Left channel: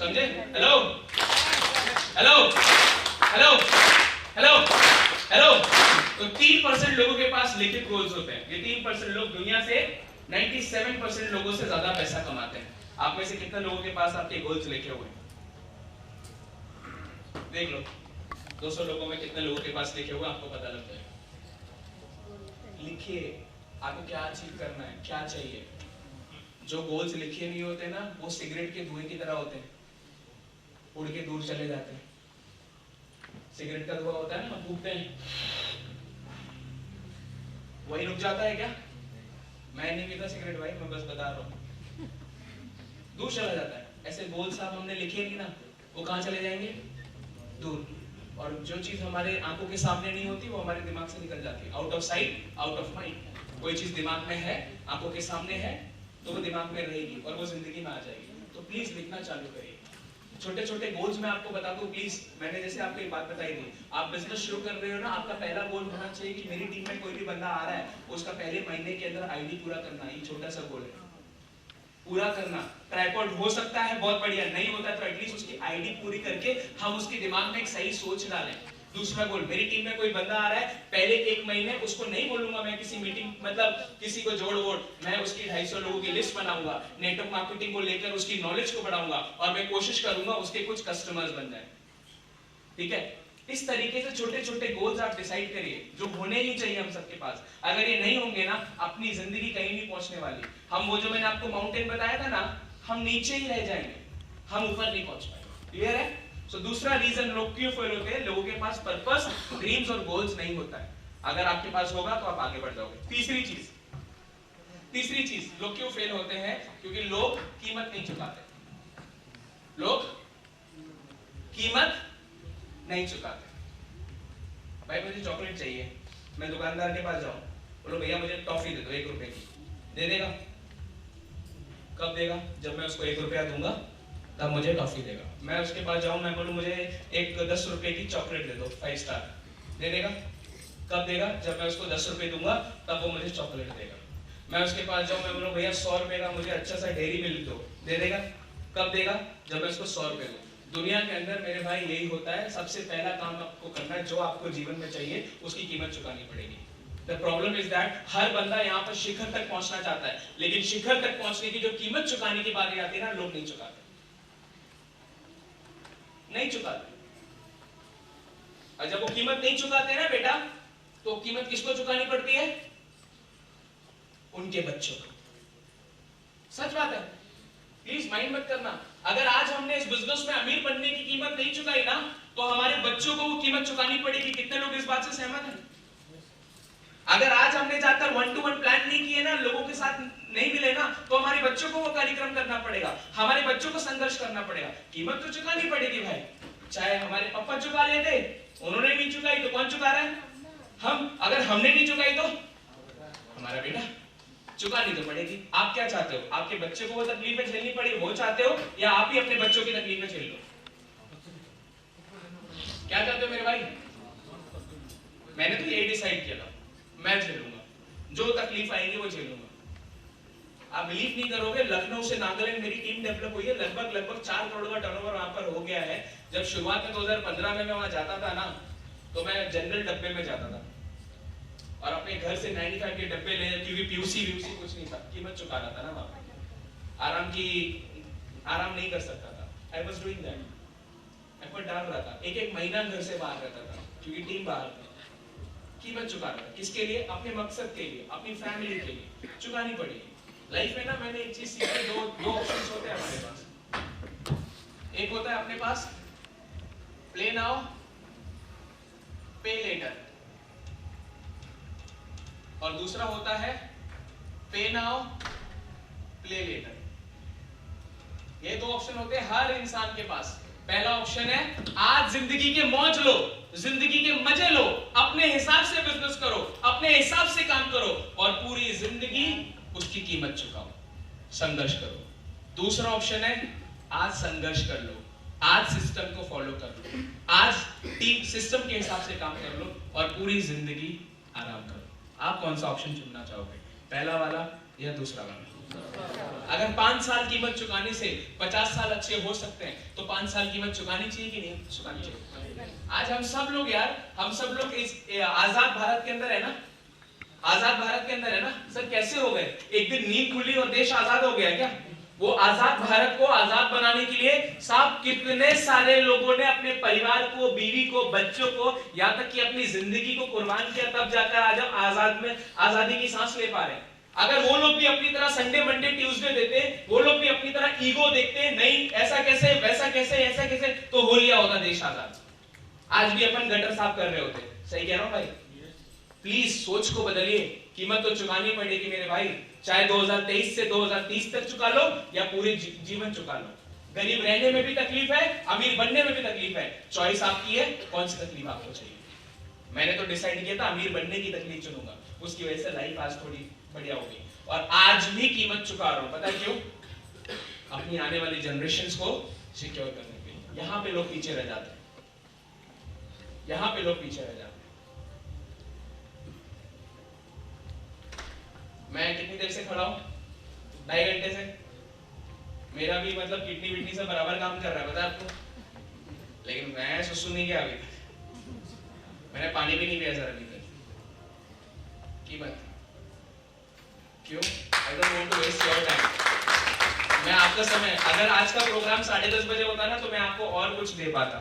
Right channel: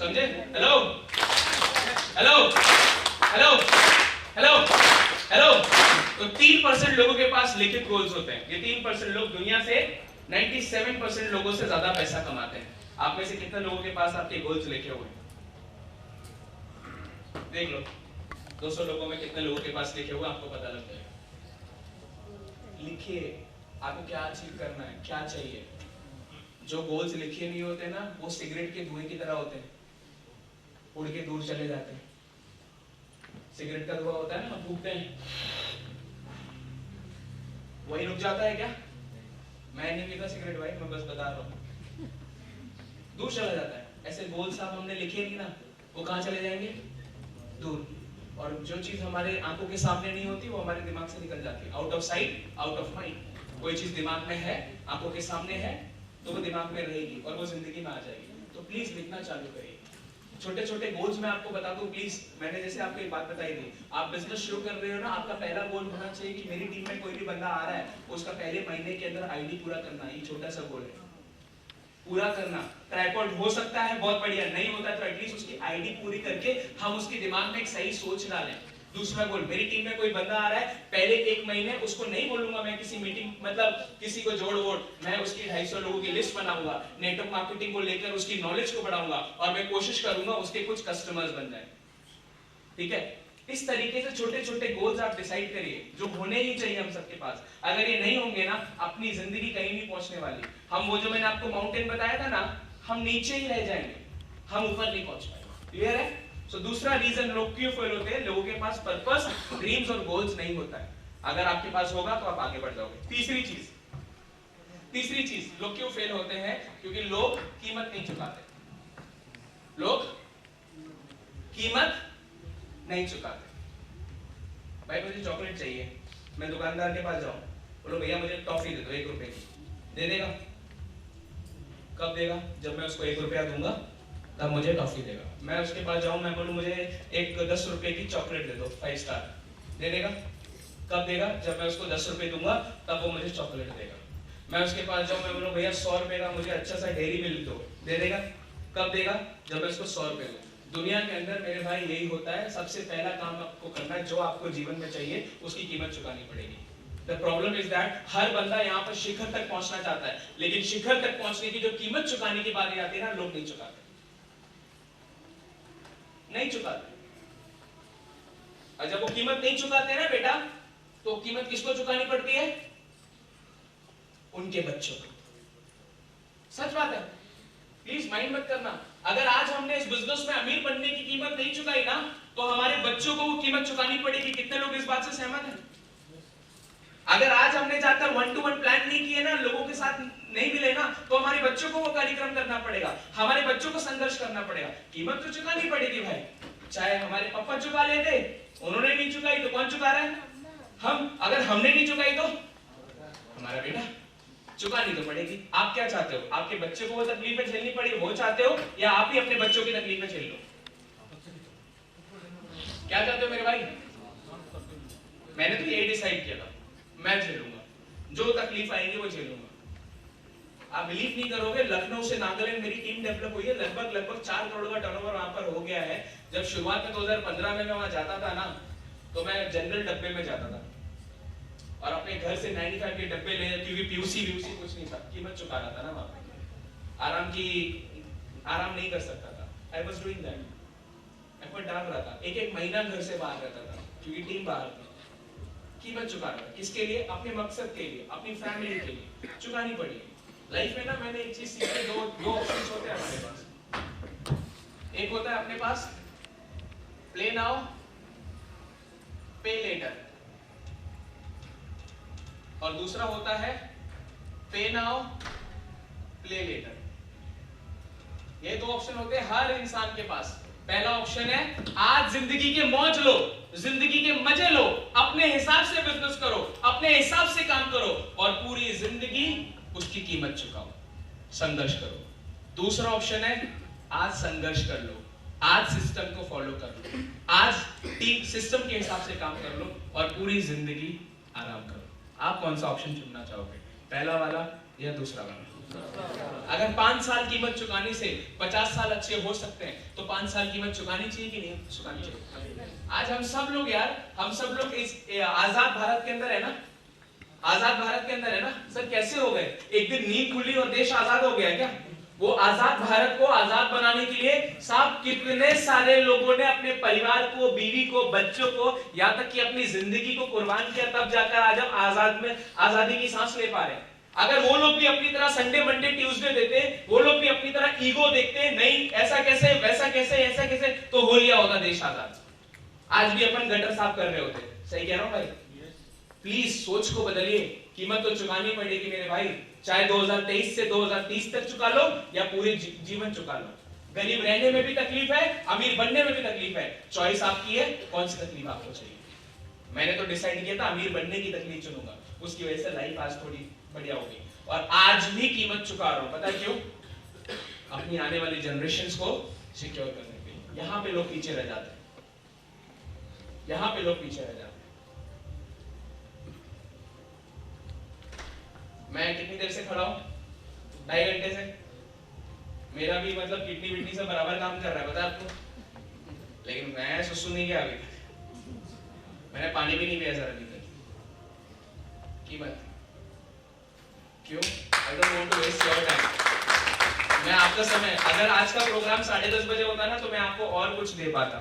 समझे? Hello hello hello hello hello. तो 3% लोगों के पास लिखित गोल्स होते हैं। ये 3% लोग दुनिया से 97% लोगों से ज्यादा पैसा कमाते हैं। आप में से कितने लोगों के पास आपके गोल्स लिखे हुए हैं? देख लो 200 लोगों में कितने लोगों के पास लिखे हुए आपको पता लग जाएगा। लिखिए आपको क्या अचीव करना है, क्या चाहिए। जो गोल्स लिखे नहीं होते ना वो सिगरेट के धुएं की तरह होते हैं, उड़ के दूर चले जाते हैं। सिगरेट का धुआं होता है ना, हम फूकते हैं, वही रुक जाता है क्या? मैं नहीं पीता सिगरेट भाई, मैं बस बता रहा हूँ, दूर चला जाता है। ऐसे गोल्स आप हमने लिखे नहीं ना, वो कहाँ चले जाएंगे? दूर। और जो चीज हमारे आंखों के सामने नहीं होती वो हमारे दिमाग से निकल जाती है। Out of sight out of mind. कोई चीज दिमाग में है, आंखों के सामने है, तो वो दिमाग में रहेगी और वो जिंदगी में आ जाएगी। तो प्लीज लिखना चालू करिए। छोटे छोटे गोल्स मैं आपको बता दूं प्लीज। मैंने जैसे आपको एक बात बताई थी, आप बिजनेस शुरू कर रहे हो ना, आपका पहला गोल होना चाहिए कि मेरी टीम में कोई भी बंदा आ रहा है उसका पहले महीने के अंदर आईडी पूरा करना। ये छोटा सा गोल है, पूरा करना। ट्राइपॉड हो सकता है बहुत बढ़िया, नहीं होता तो एटलीस्ट उसकी आईडी पूरी करके हम उसके दिमाग में एक सही सोच डालें। दूसरा गोल, मेरी टीम में कोई बंदा आ रहा है, पहले 1 महीने उसको नहीं बोलूंगा मैं किसी मीटिंग, मतलब किसी को जोड़ वोड़, मैं उसकी 250 लोगों की लिस्ट बनाऊंगा, नेटवर्क मार्केटिंग को लेकर उसकी नॉलेज को बढ़ाऊंगा और मैं कोशिश करूंगा उसके कुछ कस्टमर्स बन जाए। ठीक है? इस तरीके से छोटे छोटे गोल्स आप डिसाइड करिए जो होने ही चाहिए हम सबके पास। अगर ये नहीं होंगे ना, अपनी जिंदगी कहीं नहीं पहुंचने वाली। हम वो जो मैंने आपको माउंटेन बताया था ना, हम नीचे ही रह जाएंगे, हम ऊपर नहीं पहुंच पाएंगे। क्लियर है? सो दूसरा रीजन लोग क्यों फेल होते हैं, लोगों के पास पर्पस, ड्रीम्स और गोल्स नहीं होता है। अगर आपके पास होगा तो आप आगे बढ़ जाओगे। तीसरी चीज लोग क्यों फेल होते हैं, क्योंकि लोग कीमत नहीं चुकाते। लोग कीमत नहीं चुकाते। भाई मुझे चॉकलेट चाहिए, मैं दुकानदार के पास जाऊं, बोलो भैया मुझे टॉफी दे दो 1 रुपए की, दे देगा? कब देगा? जब मैं उसको 1 रुपया दूंगा तब मुझे टॉफी देगा। मैं उसके पास जाऊं, मैं बोलूं मुझे एक 10 रुपए की चॉकलेट दे दो 5 स्टार, दे देगा? कब देगा? जब मैं उसको 10 रुपए दूंगा तब वो मुझे चॉकलेट देगा। मैं उसके पास जाऊं, मैं बोलूं भैया 100 रुपए का मुझे अच्छा सा डेयरी मिल्क दो, दे देगा? कब देगा? जब मैं उसको 100 रुपए दूं। दुनिया के अंदर मेरे भाई यही होता है, सबसे पहला काम आपको करना है, जो आपको जीवन में चाहिए उसकी कीमत चुकानी पड़ेगी। The problem is that हर बंदा यहाँ पर शिखर तक पहुंचना चाहता है, लेकिन शिखर तक पहुंचने की जो कीमत चुकाने की बारी आती है ना, लोग नहीं चुकाते, नहीं चुकाते। और जब वो कीमत नहीं चुकाते ना बेटा, तो कीमत किसको चुकानी पड़ती है? उनके बच्चों को। सच बात है, प्लीज माइंड मत करना। अगर आज हमने इस बिजनेस में अमीर बनने की कीमत नहीं चुकाई ना, तो हमारे बच्चों को वो कीमत चुकानी पड़ेगी। कितने लोग इस बात से सहमत हैं? अगर आज हमने जाकर 1-to-1 प्लान नहीं किए ना, लोगों के साथ नहीं मिले ना, तो हमारे बच्चों को वो कार्यक्रम करना पड़ेगा, हमारे बच्चों को संघर्ष करना पड़ेगा। कीमत तो चुकानी पड़ेगी भाई। चाहे हमारे पापा चुका लेते, उन्होंने नहीं चुकाई तो कौन चुका रहा है? हम। अगर हमने नहीं चुकाई तो हमारा बेटा। चुकानी तो पड़ेगी। आप क्या चाहते हो? आपके बच्चे को वो तकलीफें झेलनी पड़ी, वो चाहते हो, या आप ही अपने बच्चों की तकलीफें झेल लो? क्या चाहते हो मेरे भाई? मैंने तो यही डिसाइड किया था, मैं झेलूंगा, जो तकलीफ आएगी वो झेलूंगा। आप बिलीव नहीं करोगे, लखनऊ से नागालैंड मेरी टीम डेवलप हुई है, लगभग 4 करोड़ का टर्नओवर वहां पर हो गया है। जब शुरुआत में 2015 में मैं वहां जाता था ना, तो मैं जनरल डब्बे में जाता था और अपने घर से 95 के डब्बे ले, क्योंकि पीयूसी कुछ नहीं था, कीमत चुका रहा था ना वहां पे, आराम नहीं कर सकता था। I was doing that, effort डाल रहा था, एक महीना घर से बाहर रहता था क्योंकि टीम बाहर थी। कीमत चुका रहा था, किसके लिए? अपने मकसद के लिए, अपनी फैमिली के लिए। चुकानी पड़ी। लाइफ में ना मैंने एक चीज सीखी, दो ऑप्शंस होते हैं हमारे पास। एक होता है अपने पास प्ले नाउ पे लेटर, और दूसरा होता है पे नाउ प्ले लेटर। ये 2 ऑप्शन होते हैं हर इंसान के पास। पहला ऑप्शन है आज जिंदगी के मौज लो, जिंदगी के मजे लो, अपने हिसाब से बिजनेस करो, अपने हिसाब से काम करो और पूरी जिंदगी उसकी कीमत चुकाओ, संघर्ष करो। दूसरा ऑप्शन है आज संघर्ष कर लो, आज सिस्टम को फॉलो कर लो, आज टीम सिस्टम के हिसाब से काम कर लो और पूरी जिंदगी आराम करो। आप कौन सा ऑप्शन चुनना चाहोगे, पहला वाला या दूसरा वाला? अगर 5 साल कीमत चुकाने से 50 साल अच्छे हो सकते हैं तो 5 साल कीमत चुकानी चाहिए कि नहीं चुकानी चाहिए? आज हम सब लोग यार, हम सब लोग इस आजाद भारत के अंदर है ना, आजाद भारत के अंदर है ना सर। कैसे हो गए? एक दिन नींद खुली और देश आजाद हो गया क्या? वो आजाद भारत को आजाद बनाने के लिए साहब कितने सारे लोगों ने अपने परिवार को, बीवी को, बच्चों को, यहाँ तक कि अपनी जिंदगी को कुर्बान किया, तब जाकर आज हम आजादी की सांस ले पा रहे हैं। अगर वो लोग भी अपनी तरह संडे मंडे ट्यूसडे देते, वो लोग भी अपनी तरह ईगो देखते, नहीं ऐसा कैसे, वैसा कैसे, ऐसा कैसे, तो हो लिया होता देश आजाद। आज भी अपन गटर साफ कर रहे होते। सही कह रहा हूं भाई? प्लीज सोच को बदलिए। कीमत तो चुकानी पड़ेगी मेरे भाई, चाहे 2023 से 2030 तक चुका लो या पूरे जीवन चुका लो। गरीब रहने में भी तकलीफ है, अमीर बनने में भी तकलीफ है। चॉइस आपकी है, कौन सी तकलीफ आपको चाहिए। मैंने तो डिसाइड किया था अमीर बनने की तकलीफ चुनूंगा, उसकी वजह से लाइफ आज थोड़ी बढ़िया होगी और आज भी कीमत चुका रहा हूं। पता क्यों? अपनी आने वाली जनरेशंस को सिक्योर करने के लिए। यहां पे लोग पीछे रह जाते हैं, यहां पे लोग पीछे रह जाते हैं। मैं कितनी देर से खड़ा हूं? 2.5 घंटे से। मेरा भी मतलब किडनी विडनी से बराबर काम कर रहा है, पता है आपको? लेकिन मैं सुसु नहीं किया अभी तक, मैंने पानी भी नहीं पिया सर अभी तक। कीमत क्यों? I don't want to waste your time। मैं आपका समय, अगर आज का प्रोग्राम 10:30 बजे होता ना तो मैं आपको और कुछ दे पाता,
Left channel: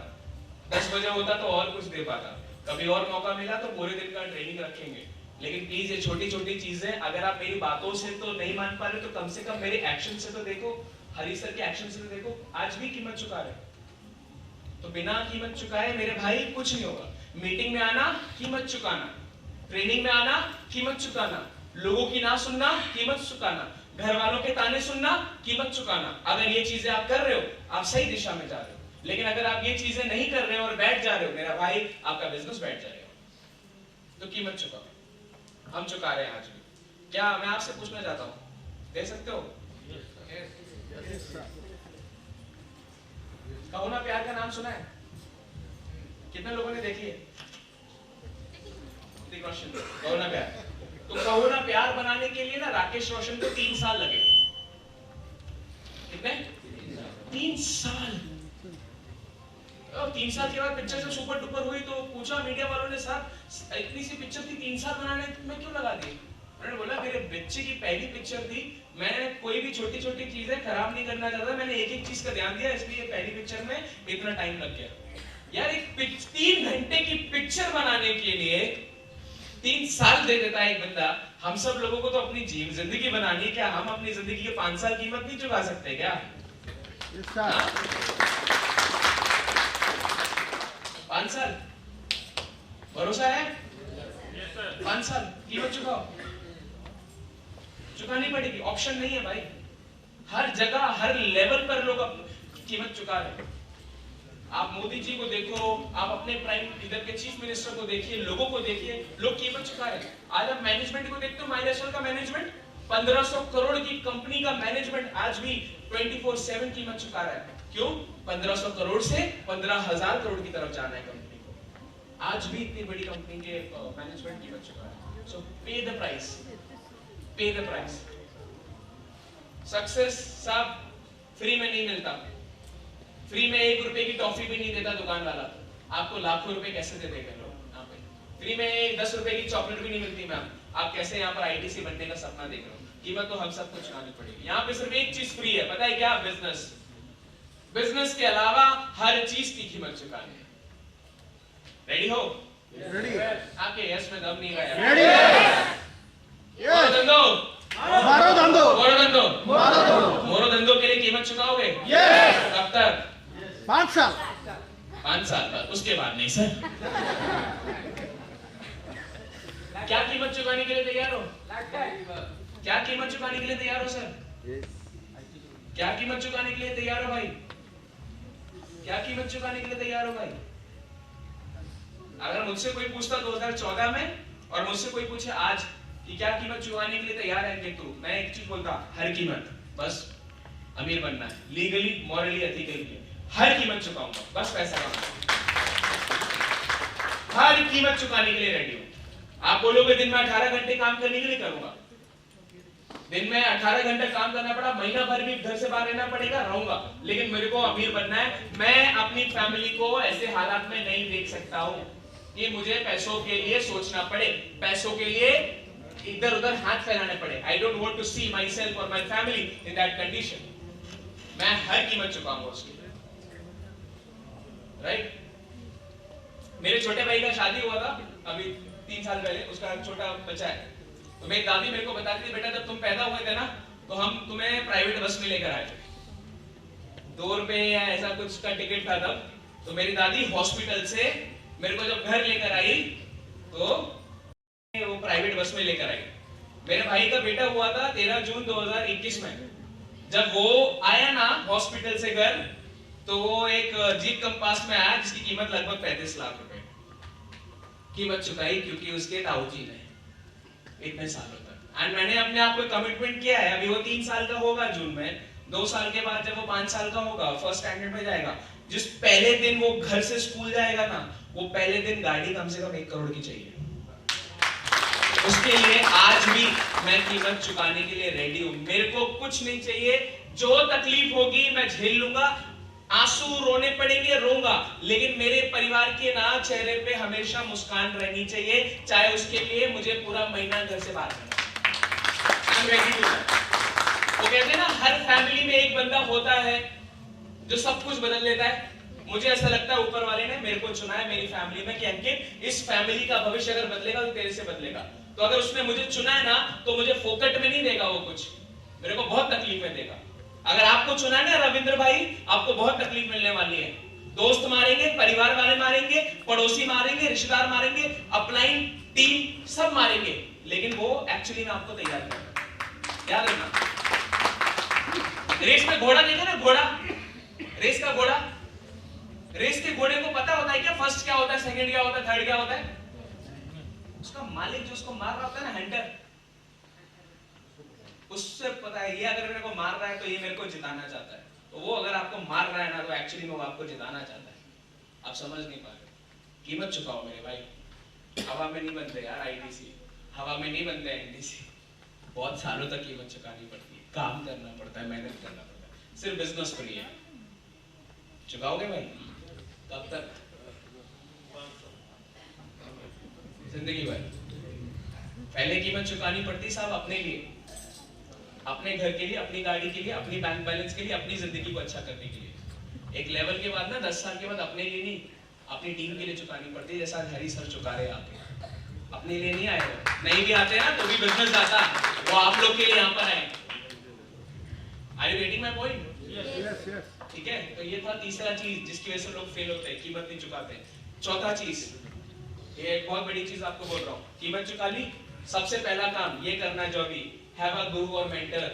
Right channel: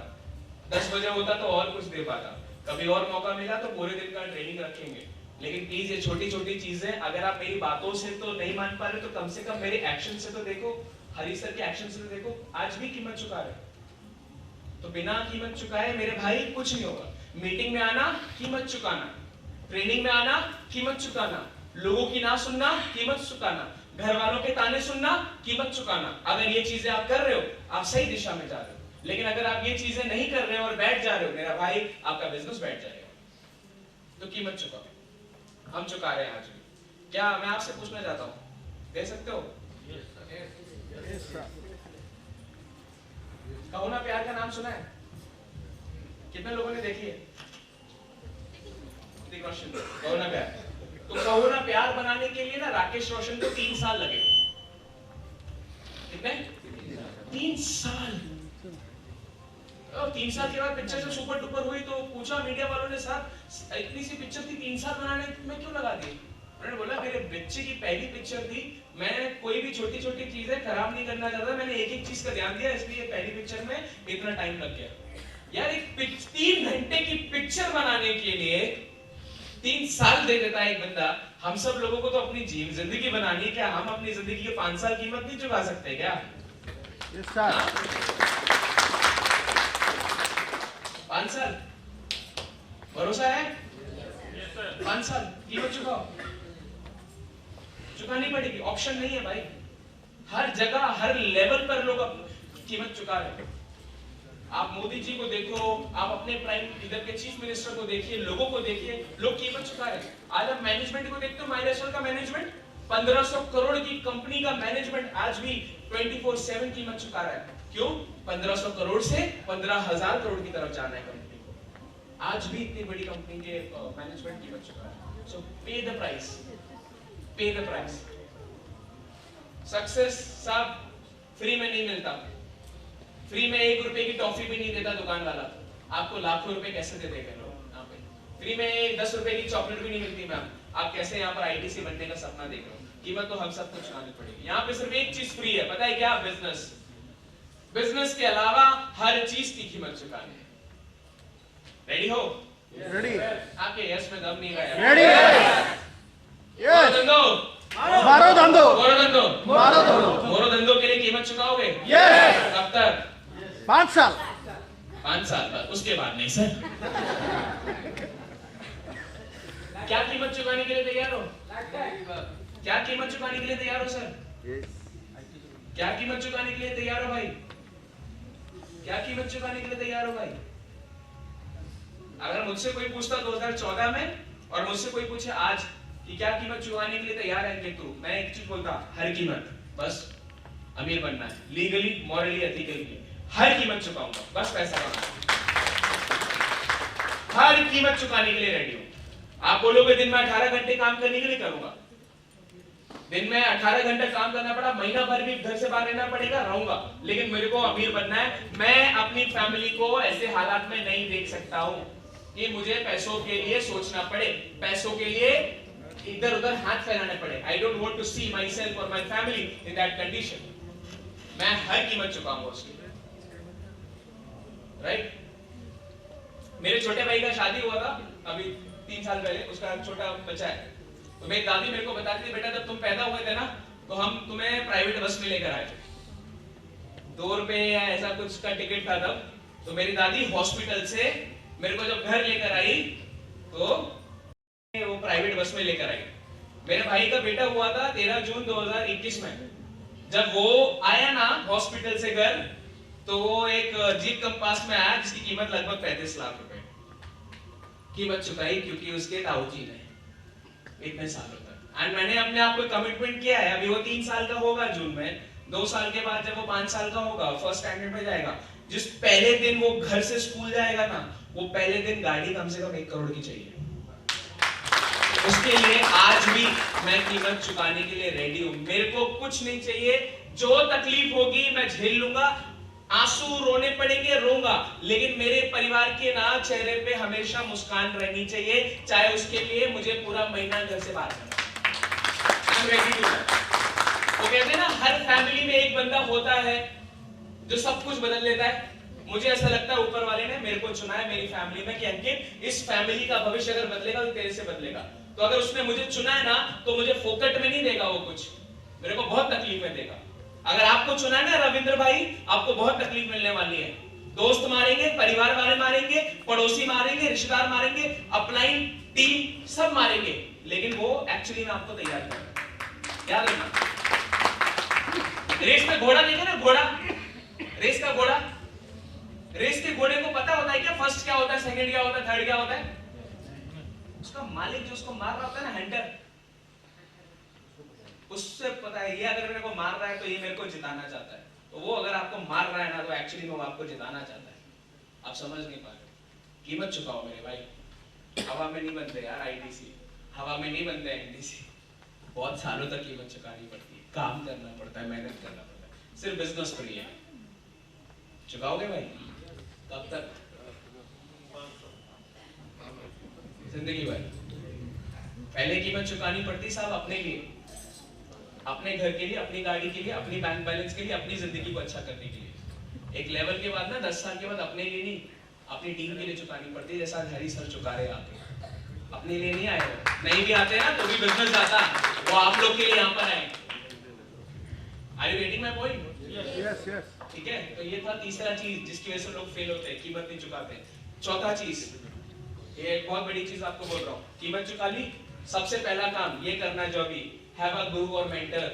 10 बजे होता तो और कुछ दे पाता। कभी और मौका मिला तो पूरे दिन का ट्रेनिंग रखेंगे। लेकिन प्लीज ये छोटी छोटी चीजें अगर आप मेरी बातों से तो नहीं मान पा रहे तो कम से कम मेरे एक्शन से तो देखो, हरी सर के एक्शन से तो देखो। आज भी कीमत चुका रहे तो बिना कीमत चुकाए मेरे भाई कुछ नहीं होगा। मीटिंग में आना, कीमत चुकाना, ट्रेनिंग में आना, कीमत चुकाना, लोगों की ना सुनना, कीमत चुकाना, घर वालों के ताने सुनना, कीमत चुकाना। अगर ये चीजें आप कर रहे हो, आप सही दिशा में जा रहे हो। लेकिन अगर आप ये चीजें नहीं कर रहे हो और बैठ जा रहे हो मेरा भाई, आपका बिजनेस बैठ जाएगा। तो कीमत चुकाओ। हम चुका रहे हैं आज भी। क्या मैं आपसे पूछना चाहता हूं, दे सकते हो? कहो ना प्यार का नाम सुना है? कितने लोगों ने देखी है? कहो ना प्यार। तो कहो ना प्यार बनाने के लिए ना राकेश रोशन को 3 साल लगे। कितने? 3 साल। और 3 साल के बाद पिक्चर जब सुपर डुपर हुई तो पूछा मीडिया वालों ने, साहब इतनी सी पिक्चर थी 3 साल बनाने में क्यों लगा दी? उन्होंने बोला मेरे बच्चे की पहली पिक्चर थी, मैं कोई भी छोटी छोटी चीजें खराब नहीं करना चाहता, मैंने एक एक चीज का ध्यान दिया, इसलिए पहली पिक्चर में इतना टाइम लग गया। यार एक 3 घंटे की पिक्चर बनाने के लिए 3 साल दे देता है एक बंदा। हम सब लोगों को तो अपनी जिंदगी बनानी है, क्या हम अपनी जिंदगी के 5 साल कीमत नहीं चुका सकते क्या? 5 साल भरोसा है? 5 साल कीमत चुकाओ। चुकानी पड़ेगी, ऑप्शन नहीं है भाई। हर जगह हर लेवल पर लोग कीमत चुका रहे हैं। आप मोदी जी को देखो, आप अपने प्राइम इधर के चीफ मिनिस्टर को देखिए, लोगों को देखिए, लोग कीमत चुका रहे हैं। आज आप मैनेजमेंट को देखते हो, माइलेस्टोन का मैनेजमेंट 1500 करोड़ की कंपनी का मैनेजमेंट आज भी 24/7 कीमत चुका रहा है। क्यों? 1500 करोड़ से 15,000 करोड़ की तरफ जाना है कंपनी को। आज भी इतनी बड़ी कंपनी के मैनेजमेंट कीमत चुका रहा है। सो पे द प्राइस, पे द प्राइस। सक्सेस साहब फ्री में नहीं मिलता। फ्री में 1 रुपए की टॉफी भी नहीं देता दुकान वाला, आपको लाखों रुपए कैसे दे देगा लोग यहाँ पे? फ्री में 10 रुपए की चॉकलेट भी नहीं मिलती मैम, आप कैसे यहाँ पर आईटीसी बनने का सपना देख रहे हो? कीमत तो हम सबको चुकानी पड़ेगी। यहाँ पे सिर्फ एक चीज फ्री है, पता है क्या? बिजनेस। बिजनेस के अलावा हर चीज की कीमत चुकानी है। रेडी हो? रेडी। आपके यस में दम नहीं गया। रेडी। मोरो धंधो, मारो धंधो, मोरो धंधो, मारो धंधो। मोरो धंधो के लिए कीमत चुकाओगे? यस। कब तक? 5 साल। 5 साल बाद, उसके बाद नहीं सर। क्या कीमत चुकाने के लिए तैयार हो? क्या कीमत चुकाने के लिए तैयार हो सर? क्या कीमत चुकाने के लिए तैयार हो भाई? क्या कीमत चुकाने के लिए तैयार हो भाई? अगर मुझसे कोई पूछता 2014 में और मुझसे कोई पूछे आज कि क्या कीमत चुकाने के लिए तैयार है तू, मैं एक चीज बोलता, हर कीमत। बस अमीर बनना है, लीगली, मॉरली, एथिकली, हर कीमत चुकाऊंगा, बस पैसा कमाऊंगा। हर कीमत चुकाने के लिए रेडी हूं। आप बोलोगे दिन में 18 घंटे काम करने के लिए करूंगा, दिन में 18 घंटे काम करना पड़ा, महीना भर भी घर से बाहर रहना पड़ेगा, रहूंगा, लेकिन मेरे को अमीर बनना है। मैं अपनी फैमिली को ऐसे हालात में नहीं देख सकता हूँ कि मुझे पैसों के लिए सोचना पड़े, पैसों के लिए इधर उधर हाथ फैलाने पड़े। I don't want to see myself और my family in that condition. मैं हर कीमत चुकाऊंगा उसकी, राइट? मेरे छोटे भाई का शादी हुआ था अभी 3 साल पहले, उसका छोटा बच्चा है। तो मेरी दादी मेरे को बताती थी, बेटा जब तुम पैदा हुए थे ना तो हम तुम्हें प्राइवेट बस में लेकर आए थे, 2 रुपए या ऐसा कुछ का टिकट था तब। तो मेरी दादी हॉस्पिटल से मेरे को जब घर लेकर आई तो वो प्राइवेट बस में लेकर आई। मेरे भाई का बेटा हुआ था 13 जून 2021 में। जब वो आया ना हॉस्पिटल से घर, तो वो एक जीप कंपास में आया जिसकी कीमत लगभग 35 लाख रुपए। कीमत चुकाई क्योंकि उसके ताऊजी ने इतने सालों तक। एंड मैंने अपने आप को कमिटमेंट किया है, अभी वो 3 साल का होगा जून में, 2 साल के बाद जब वो 5 साल का होगा, फर्स्ट स्टैंडर्ड में जाएगा, जिस पहले दिन वो घर से स्कूल जाएगा ना, वो पहले दिन गाड़ी कम से कम 1 करोड़ की चाहिए। उसके लिए आज भी मैं कीमत चुकाने के लिए रेडी हूं। मेरे को कुछ नहीं चाहिए, जो तकलीफ होगी मैं झेल लूंगा, आंसू रोने पड़ेंगे रोऊंगा, लेकिन मेरे परिवार के ना चेहरे पे हमेशा मुस्कान रहनी चाहिए, चाहे उसके लिए मुझे पूरा महीना घर से बाहर रहना। I'm ready to that। वो कहते हैं ना, हर फैमिली में एक बंदा होता है जो सब कुछ बदल लेता है। मुझे ऐसा लगता है ऊपर वाले ने मेरे को चुना है मेरी फैमिली में कि अंकित, इस फैमिली का भविष्य अगर बदलेगा तो तेरे से बदलेगा। तो अगर उसने मुझे चुना है ना, तो मुझे फोकट में नहीं देगा वो कुछ, मेरे को बहुत तकलीफ में देगा। अगर आपको चुना है ना रविंद्र भाई, आपको बहुत तकलीफ मिलने वाली है। दोस्त मारेंगे, परिवार वाले मारेंगे, पड़ोसी मारेंगे, रिश्तेदार मारेंगे, अपलाइन टीम सब मारेंगे, लेकिन वो एक्चुअली में आपको तैयार करेगा। याद रखना, रेस में घोड़ा देखे ना, घोड़ा, रेस का घोड़ा, रेस के घोड़े को पता होता है क्या फर्स्ट क्या होता है, सेकंड क्या होता है, थर्ड क्या होता है? उसका मालिक जो उसको मार रहा होता है ना, हंटर, उससे पता है ये अगर मेरे को मार रहा है तो ये मेरे को जिताना चाहता है। तो वो अगर आपको मार रहा है ना, तो एक्चुअली में वो आपको जिताना चाहता है। आप समझ नहीं पा रहे। कीमत चुकाओ मेरे भाई। हवा में नहीं बनते यार आईटीसी, हवा में नहीं बनते एनटीसी। बहुत सालों तक कीमत चुकानी पड़ती है, काम करना पड़ता है, मेहनत करना पड़ता है। सिर्फ बिजनेस फ्री है। चुकाओगे भाई? कब तक? जिंदगी भर। पहले कीमत चुकानी पड़ती साहब अपने लिए, अपने घर के लिए, अपनी गाड़ी के लिए, अपनी बैंक बैलेंस के लिए, अपनी जिंदगी को अच्छा करने के लिए। एक लेवल के बाद ना 10 साल के बाद अपने लिए नहीं, अपनी टीम के लिए चुकानी पड़ती है। जैसा हरी सर चुका रहे आके, अपने लिए नहीं आए, नहीं भी आते ना तो भी बिजनेस जाता, वो आप लोग के लिए यहाँ पर आए। Are you getting my point? Yes yes. ठीक है, तो ये था तीसरा चीज जिसकी वजह से लोग फेल होते हैं, कीमत नहीं चुकाते। चौथा चीज, ये एक बहुत बड़ी चीज आपको बोल रहा हूँ, कीमत चुका ली, सबसे पहला काम ये करना जो भी, हैव अ गुरु और मेंटर।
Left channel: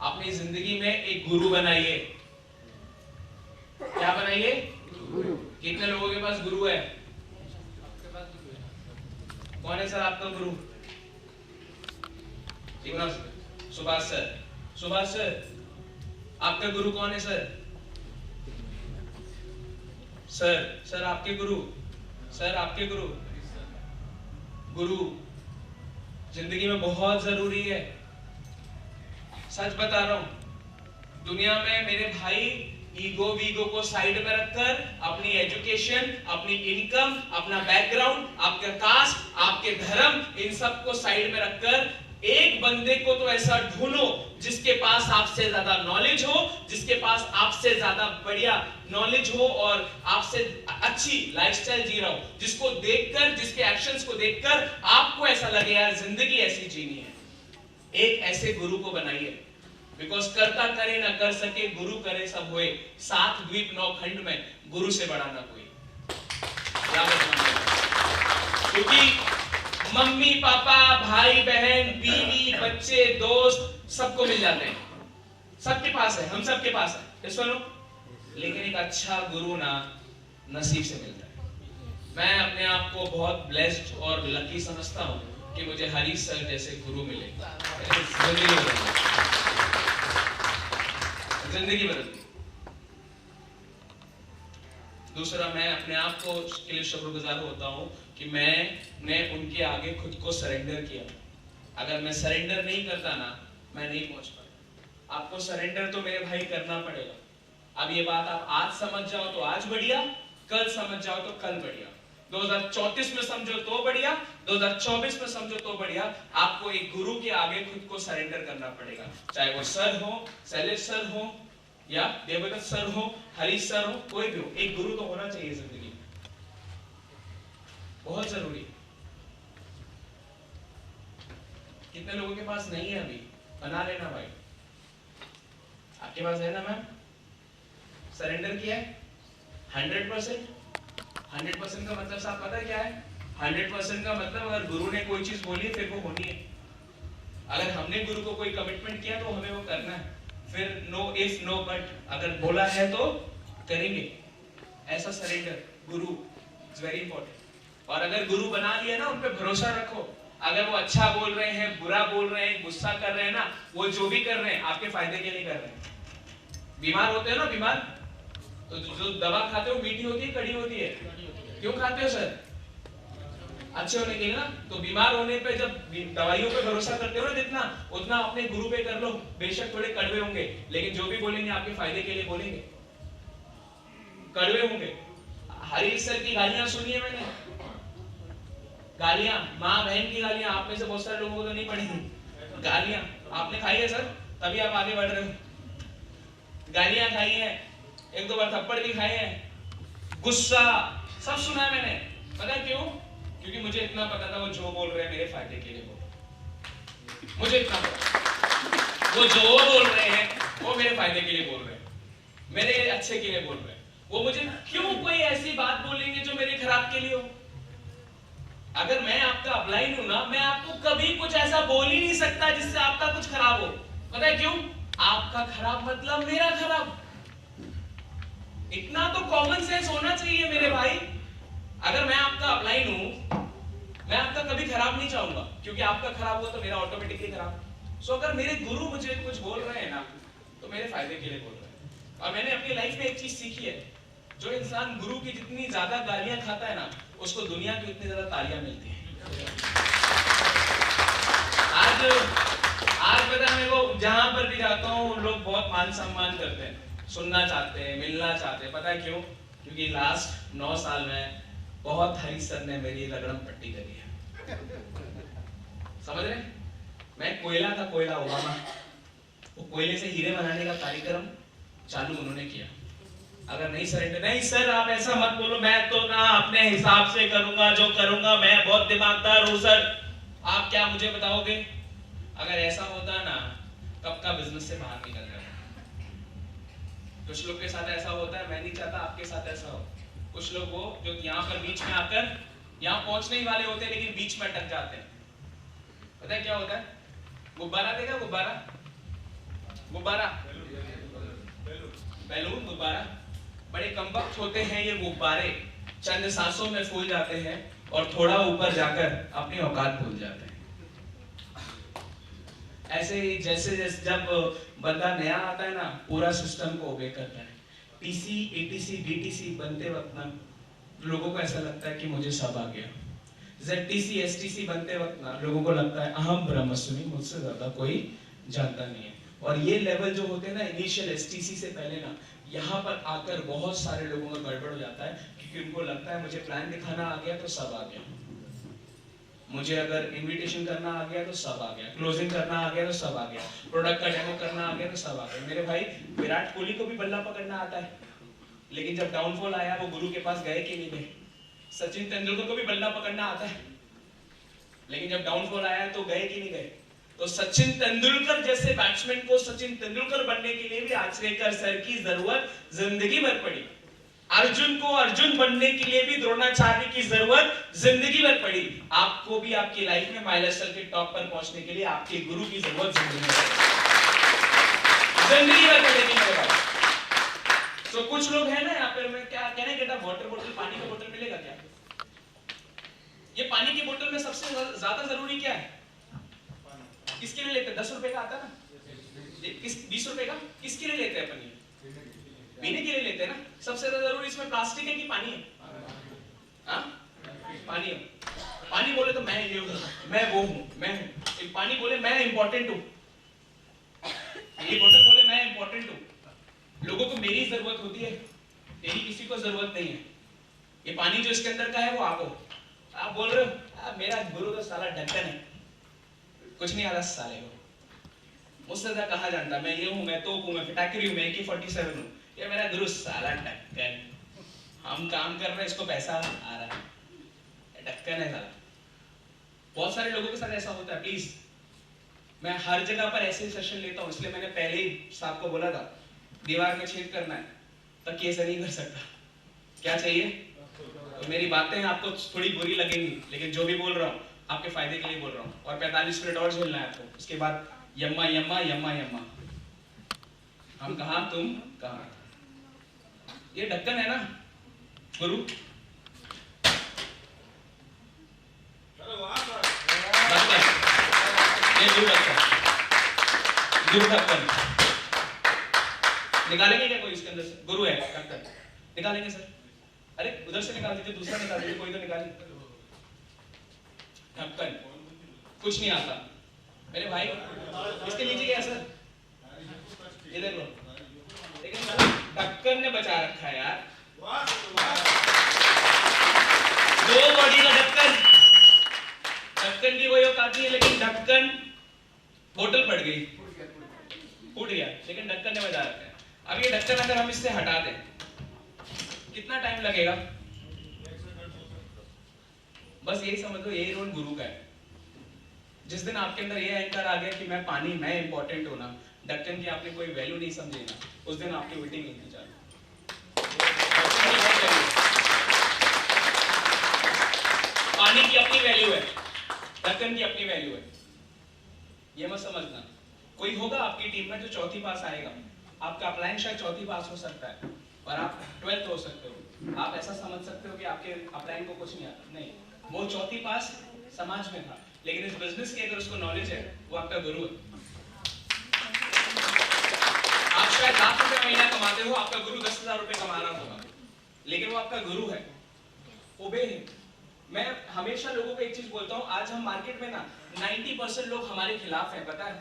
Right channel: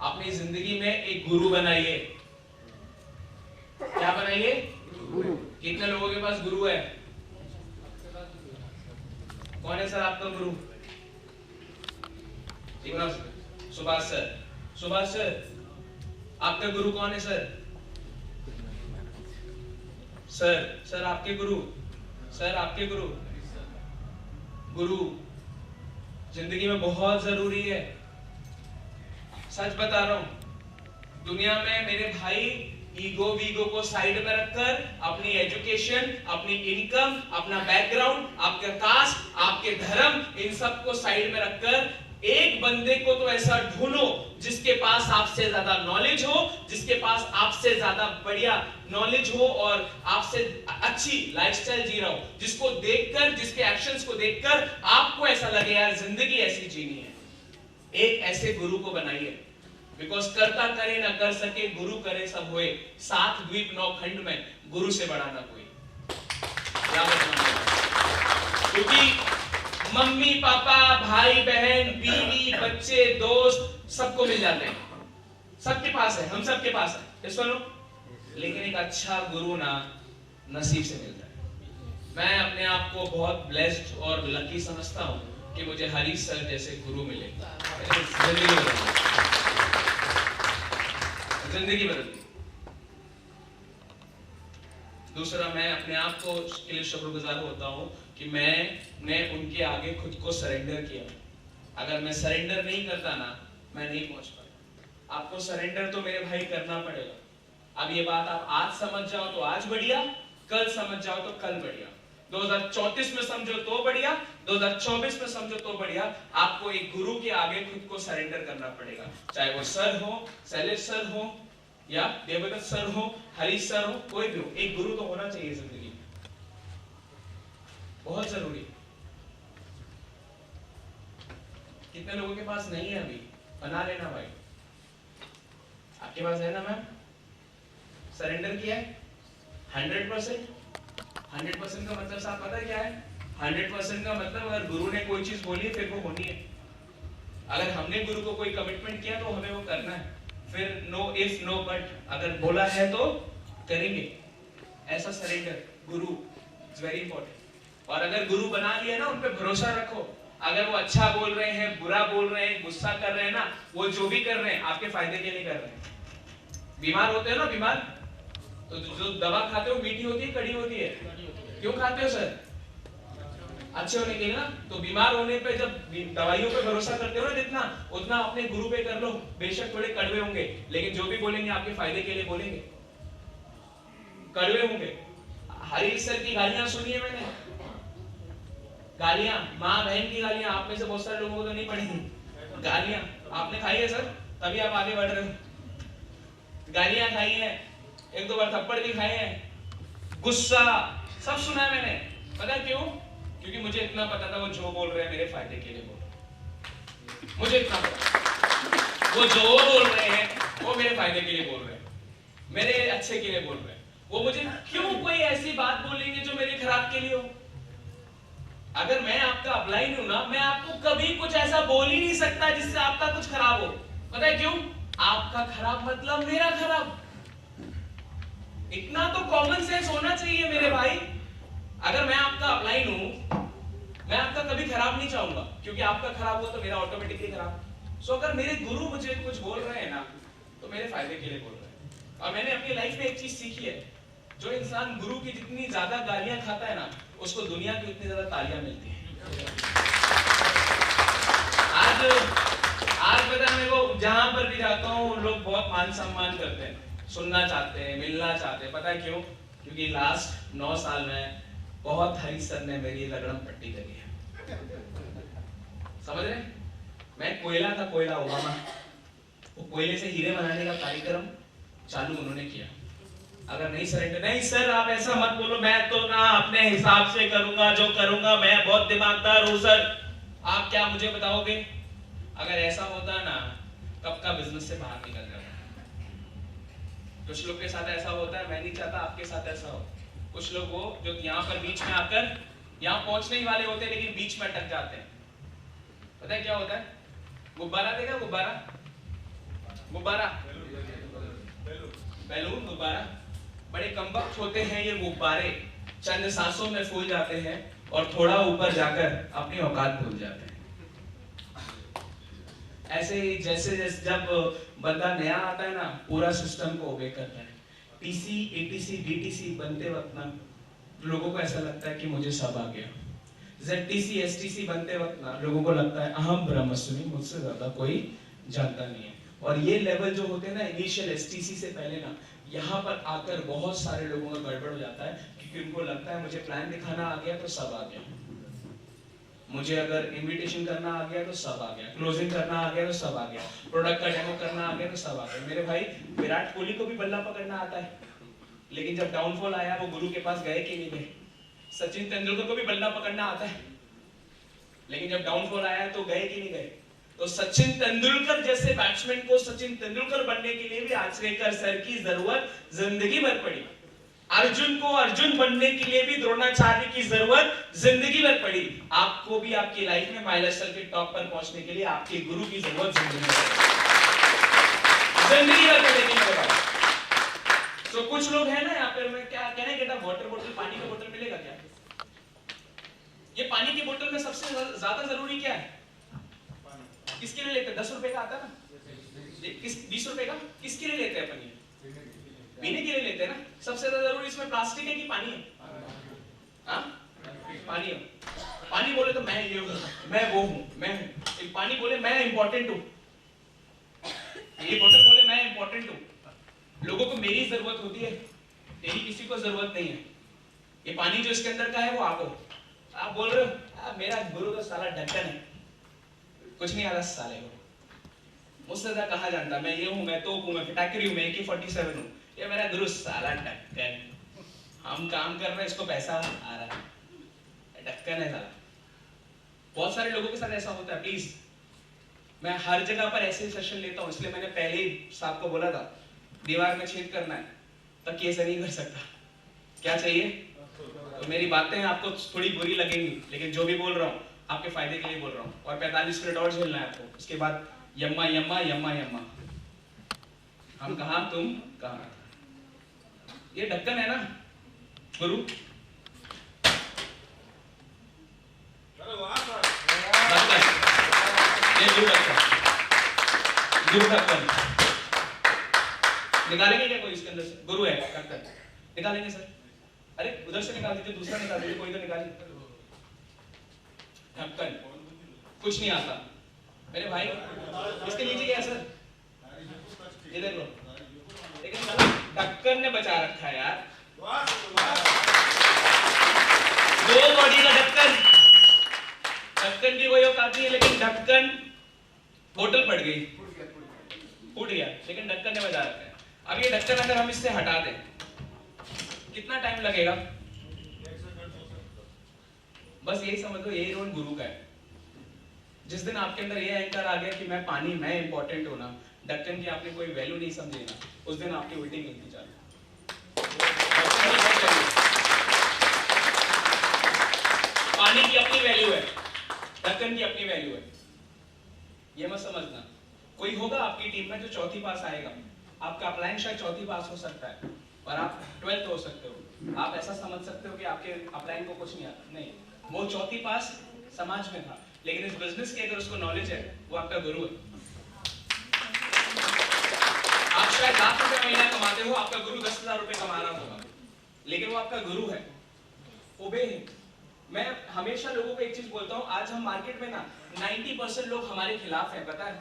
अपनी जिंदगी में एक गुरु बनाइए। क्या बनाइए? गुरु। कितने लोगों के पास गुरु है? कौन है सर आपका गुरु? सुभाष सर। सुभाष सर, आपका गुरु कौन है सर? सर आपके गुरु, सर आपके गुरु। गुरु जिंदगी में बहुत जरूरी है, सच बता रहा हूं। दुनिया में मेरे भाई ईगो वीगो को साइड में रखकर अपनी एजुकेशन, अपनी इनकम, अपना बैकग्राउंड, आपका कास्ट, आपके धर्म, इन सब को साइड में रखकर एक बंदे को तो ऐसा ढूंढो जिसके पास आपसे ज्यादा नॉलेज हो, जिसके पास आपसे ज्यादा बढ़िया नॉलेज हो और आपसे अच्छी लाइफस्टाइल जी रहा हो, जिसको देखकर, जिसके एक्शंस को देखकर आपको ऐसा लगे यार जिंदगी ऐसी जीनी है। एक ऐसे गुरु को बनाइए, बिकॉज करता करे ना कर सके, गुरु करे सब होए। 7 द्वीप 9 खंड में गुरु से बड़ा ना कोई। क्योंकि मम्मी पापा, भाई बहन, बीवी, बच्चे, दोस्त सबको मिल जाते हैं, सबके पास है, हम सबके पास है, सुनो, लेकिन एक अच्छा गुरु ना नसीब से मिलता है। मैं अपने आप को बहुत ब्लेस्ड और लकी समझता हूं कि मुझे हरी सर जैसे गुरु मिले। जिंदगी बदलती। दूसरा, मैं अपने आप को के लिए शुक्रगुजार होता हूं कि मैंने उनके आगे खुद को सरेंडर किया। अगर मैं सरेंडर नहीं करता ना, मैं नहीं पहुंच पाया। आपको सरेंडर तो मेरे भाई करना पड़ेगा। अब ये बात आप आज समझ जाओ तो आज बढ़िया, कल समझ जाओ तो कल बढ़िया, 2034 में समझो तो बढ़िया, 2024 में समझो तो बढ़िया। आपको एक गुरु के आगे खुद को सरेंडर करना पड़ेगा, चाहे वो सर हो, शैलेश सर हो, या देवदत्त सर हो, हरीश सर हो, कोई भी हो, एक गुरु तो होना चाहिए जिंदगी में, बहुत जरूरी। कितने लोगों के पास नहीं है अभी? बना लेना भाई। आपके पास है ना मैम? सरेंडर किया है 100%। 100% का मतलब साहब पता है क्या है? 100% का मतलब अगर गुरु ने कोई चीज बोली फिर वो होनी है। अगर हमने गुरु को कोई कमिटमेंट किया तो हमें वो करना है। फिर नो इफ नो बट, अगर बोला है तो करेंगे। ऐसा surrender Guru is very important. और अगर गुरु बना लिया ना, उन पे भरोसा रखो। अगर वो अच्छा बोल रहे हैं, बुरा बोल रहे हैं, गुस्सा कर रहे हैं ना, वो जो भी कर रहे हैं आपके फायदे के लिए कर रहे हैं। बीमार होते हो ना, बीमार तो जो दवा खाते हो मीठी होती है कड़ी होती है? क्यों खाते हो सर? अच्छे होने के लिए ना। तो बीमार होने पे जब दवाइयों पे भरोसा करते हो ना जितना, उतना अपने गुरु पे कर लो। बेशक थोड़े कड़वे होंगे, लेकिन जो भी बोलेंगे आपके फायदे के लिए बोलेंगे। कड़वे होंगे। हरीश सर की गालियां सुनी है मैंने, गालियां, माँ बहन की गालियां। आप में से बहुत सारे लोगों को तो नहीं पड़ी गालियां, आपने खाई है सर, तभी आप आगे बढ़ रहे हो। गालियां खाई है, एक दो बार थप्पड़ भी खाए हैं, गुस्सा सब सुना है मैंने। पता है क्यों? क्योंकि मुझे इतना पता था वो जो बोल रहे हैं मेरे फायदे के लिए बोल रहे हैं। मुझे इतना पता, वो जो बोल रहे हैं वो मेरे फायदे के लिए बोल रहे हैं, मेरे अच्छे के लिए बोल रहे हैं। वो मुझे क्यों कोई ऐसी बात बोलेंगे जो मेरे खराब के लिए हो? अगर मैं आपका अपलाइन हूं ना, मैं आपको कभी कुछ ऐसा बोल ही नहीं सकता जिससे आपका कुछ खराब हो। पता है क्यों? आपका खराब मतलब मेरा खराब। इतना तो कॉमन सेंस होना चाहिए मेरे भाई। अगर मैं आपका अपलाइन हूं, मैं आपका कभी खराब नहीं चाहूंगा, क्योंकि आपका खराब हुआ तो मेरा ऑटोमेटिकली खराब। सो अगर मेरे गुरु मुझे कुछ बोल रहे हैं ना, तो मेरे फायदे के लिए बोल रहे हैं। और मैंने अपनी लाइफ में एक चीज सीखी है, जो इंसान गुरु की जितनी ज्यादा गालियां खाता है ना, उसको दुनिया की उतनी ज्यादा तालियां मिलती है। आज पता है मेरे को, जहां पर भी जाता हूँ लोग बहुत मान सम्मान करते हैं, सुनना चाहते हैं, मिलना चाहते हैं। पता है क्यों? क्योंकि लास्ट 9 साल में बहुत हरीश सर ने मेरी रगड़म पट्टी करी है। समझ रहे? मैं कोयला था, कोयला ओबामा, वो कोयले से हीरे बनाने का कार्यक्रम चालू उन्होंने किया। अगर नहीं सरेंडर, नहीं सर आप ऐसा मत बोलो, मैं तो ना अपने हिसाब से करूंगा जो करूंगा, मैं बहुत दिमागदार हूं सर, आप क्या मुझे बताओगे? अगर ऐसा होता ना, कब का बिजनेस से बाहर निकल जाता। कुछ लोग के साथ ऐसा होता है, मैं नहीं चाहता आपके साथ ऐसा हो। कुछ लोग वो जो यहाँ पर बीच में आकर यहाँ पहुंचने ही वाले होते हैं, लेकिन बीच में अटक जाते हैं। पता है क्या होता है? गुब्बारा देखा, गुब्बारा, गुब्बारा, बैलून, गुब्बारा, बड़े कमबख्त होते हैं ये गुब्बारे, चंद सांसों में फूल जाते हैं और थोड़ा ऊपर जाकर अपनी औकात भूल जाते हैं। ऐसे ही जैसे जब बंदा नया आता है ना, पूरा सिस्टम को ओबे करता है। टीसी, एटीसी, बीटीसी बनते वक्त ना लोगों को ऐसा लगता है कि मुझे सब आ गया। जेडटीसी, एसटीसी बनते वक्त ना लोगों को लगता है अहम ब्रह्मस्मि, मुझसे ज्यादा कोई जानता नहीं है। और ये लेवल जो होते हैं ना, इनिशियल एसटीसी से पहले ना, यहाँ पर आकर बहुत सारे लोगों का गड़बड़ हो जाता है, क्योंकि उनको लगता है मुझे प्लान दिखाना आ गया तो सब आ गया, मुझे अगर इनविटेशन करना आ गया तो सब आ गया, क्लोजिंग करना आ गया तो सब आ गया, प्रोडक्ट का डेमो करना आ गया तो सब आ गया। मेरे भाई विराट कोहली को भी बल्ला पकड़ना आता है, लेकिन जब डाउनफॉल आया वो गुरु के पास गए कि नहीं गए? सचिन तेंदुलकर को भी बल्ला पकड़ना आता है, लेकिन जब डाउनफॉल आया तो गए कि नहीं गए? तो सचिन तेंदुलकर जैसे बैट्समैन को सचिन तेंदुलकर बनने के लिए भी आचरेकर सर की जरूरत जिंदगी भर पड़ी। अर्जुन को अर्जुन बनने के लिए भी द्रोणाचार्य की जरूरत जिंदगी भर पड़ी। आपको भी आपकी लाइफ में माइलस्टोन के टॉप पर पहुंचने के लिए आपके गुरु की जरूरत जिंदगी भर पड़ेगी। तो कुछ लोग हैं ना यहाँ पे, मैं क्या कहना है, वाटर बोतल, पानी का बोतल मिलेगा क्या? ये पानी की बोतल में सबसे ज्यादा जरूरी क्या है? किसके लिए लेते हैं? 10 रुपए का आता है ना, 20 रुपए का किसके लिए लेते हैं अपन? पीने के लिए लेते हैं ना। सबसे ज्यादा जरूरी इसमें प्लास्टिक है कि पानी है? हाँ, पानी है। पानी बोले तो मैं ये हूँ, मैं वो हूँ, मैं हूँ। पानी बोले मैं इंपॉर्टेंट हूँ, ये बोतल बोले मैं इंपॉर्टेंट हूँ, लोगों को मेरी जरूरत होती है, तेरी किसी को जरूरत नहीं है। ये पानी जो इसके अंदर का है वो आप हो। आप बोल रहे हो मेरा गुरु तो साला ढक्कन है, कुछ नहीं आता साले को, मुझसे ज्यादा कहाँ जानता, मैं ये हूँ, मैं तोप हूँ, मैं फिटाकरी हूँ, मैं AK-47 हूँ, ये मेरा गुरु साला ढक्कन। हम काम कर रहे हैं, इसको पैसा आ रहा है, ढक्कन है साला। बहुत सारे लोगों के साथ ऐसा होता है। प्लीज, मैं हर जगह पर ऐसे सेशन लेता हूँ, इसलिए मैंने पहले ही साहब को बोला था दीवार में छेद करना है, तकिए से नहीं कर सकता। क्या चाहिए? तो मेरी बातें आपको थोड़ी बुरी लगेंगी, लेकिन जो भी बोल रहा हूँ आपके फायदे के लिए बोल रहा हूँ। और 45 मिनट और झेलना है आपको, उसके बाद यम्मा यम्मा यम्मा यम्मा, हम कहाँ तुम कहाँ। ये ढक्कन है ना गुरु, ये गुरु ढक्कन निकालेंगे क्या कोई इसके अंदर से? गुरु है ढक्कन, निकालेंगे सर? अरे उधर से निकाल दीजिए, दूसरा निकाल दीजिए, कोई तो निकालिए। ढक्कन कुछ नहीं आता मेरे भाई, इसके नीचे क्या है सर? ये देख लो, लेकिन ढक्कन ने बचा रखा है यार। दो बॉडी का ढक्कन, ढक्कन की कोई औकात नहीं है, लेकिन ढक्कन, बोतल फट गई, फूट गया, लेकिन ढक्कन ने बचा रखा है। अब ये ढक्कन अगर हम इससे हटा दें कितना टाइम लगेगा? बस यही समझ लो, यही रोल गुरु का है। जिस दिन आपके अंदर ये अहंकार आ गया कि मैं पानी, मैं इंपॉर्टेंट हूं ना, ढक्कन की आपने कोई वैल्यू नहीं समझी ना, उस दिन आपकी उल्टी गिनती चालू। पानी की अपनी वैल्यू है, ढक्कन की अपनी वैल्यू है, ये मत समझना। कोई होगा आपकी टीम में जो चौथी पास आएगा, आपका अपलाइन शायद चौथी पास हो सकता है और आप 12th हो सकते हो। आप ऐसा समझ सकते हो कि आपके अपलाइन को कुछ नहीं आता, नहीं, वो चौथी पास समाज में था, लेकिन इस बिजनेस की अगर उसको नॉलेज है, वो आपका गुरु है। आप शायद लाख रुपए महीना कमाते हो, आपका गुरु 10,000 रुपए कमा रहा होगा, लेकिन वो आपका गुरु है, ओबे है। मैं हमेशा लोगों को एक चीज बोलता हूं, आज हम मार्केट में ना 90% लोग हमारे खिलाफ हैं, पता है?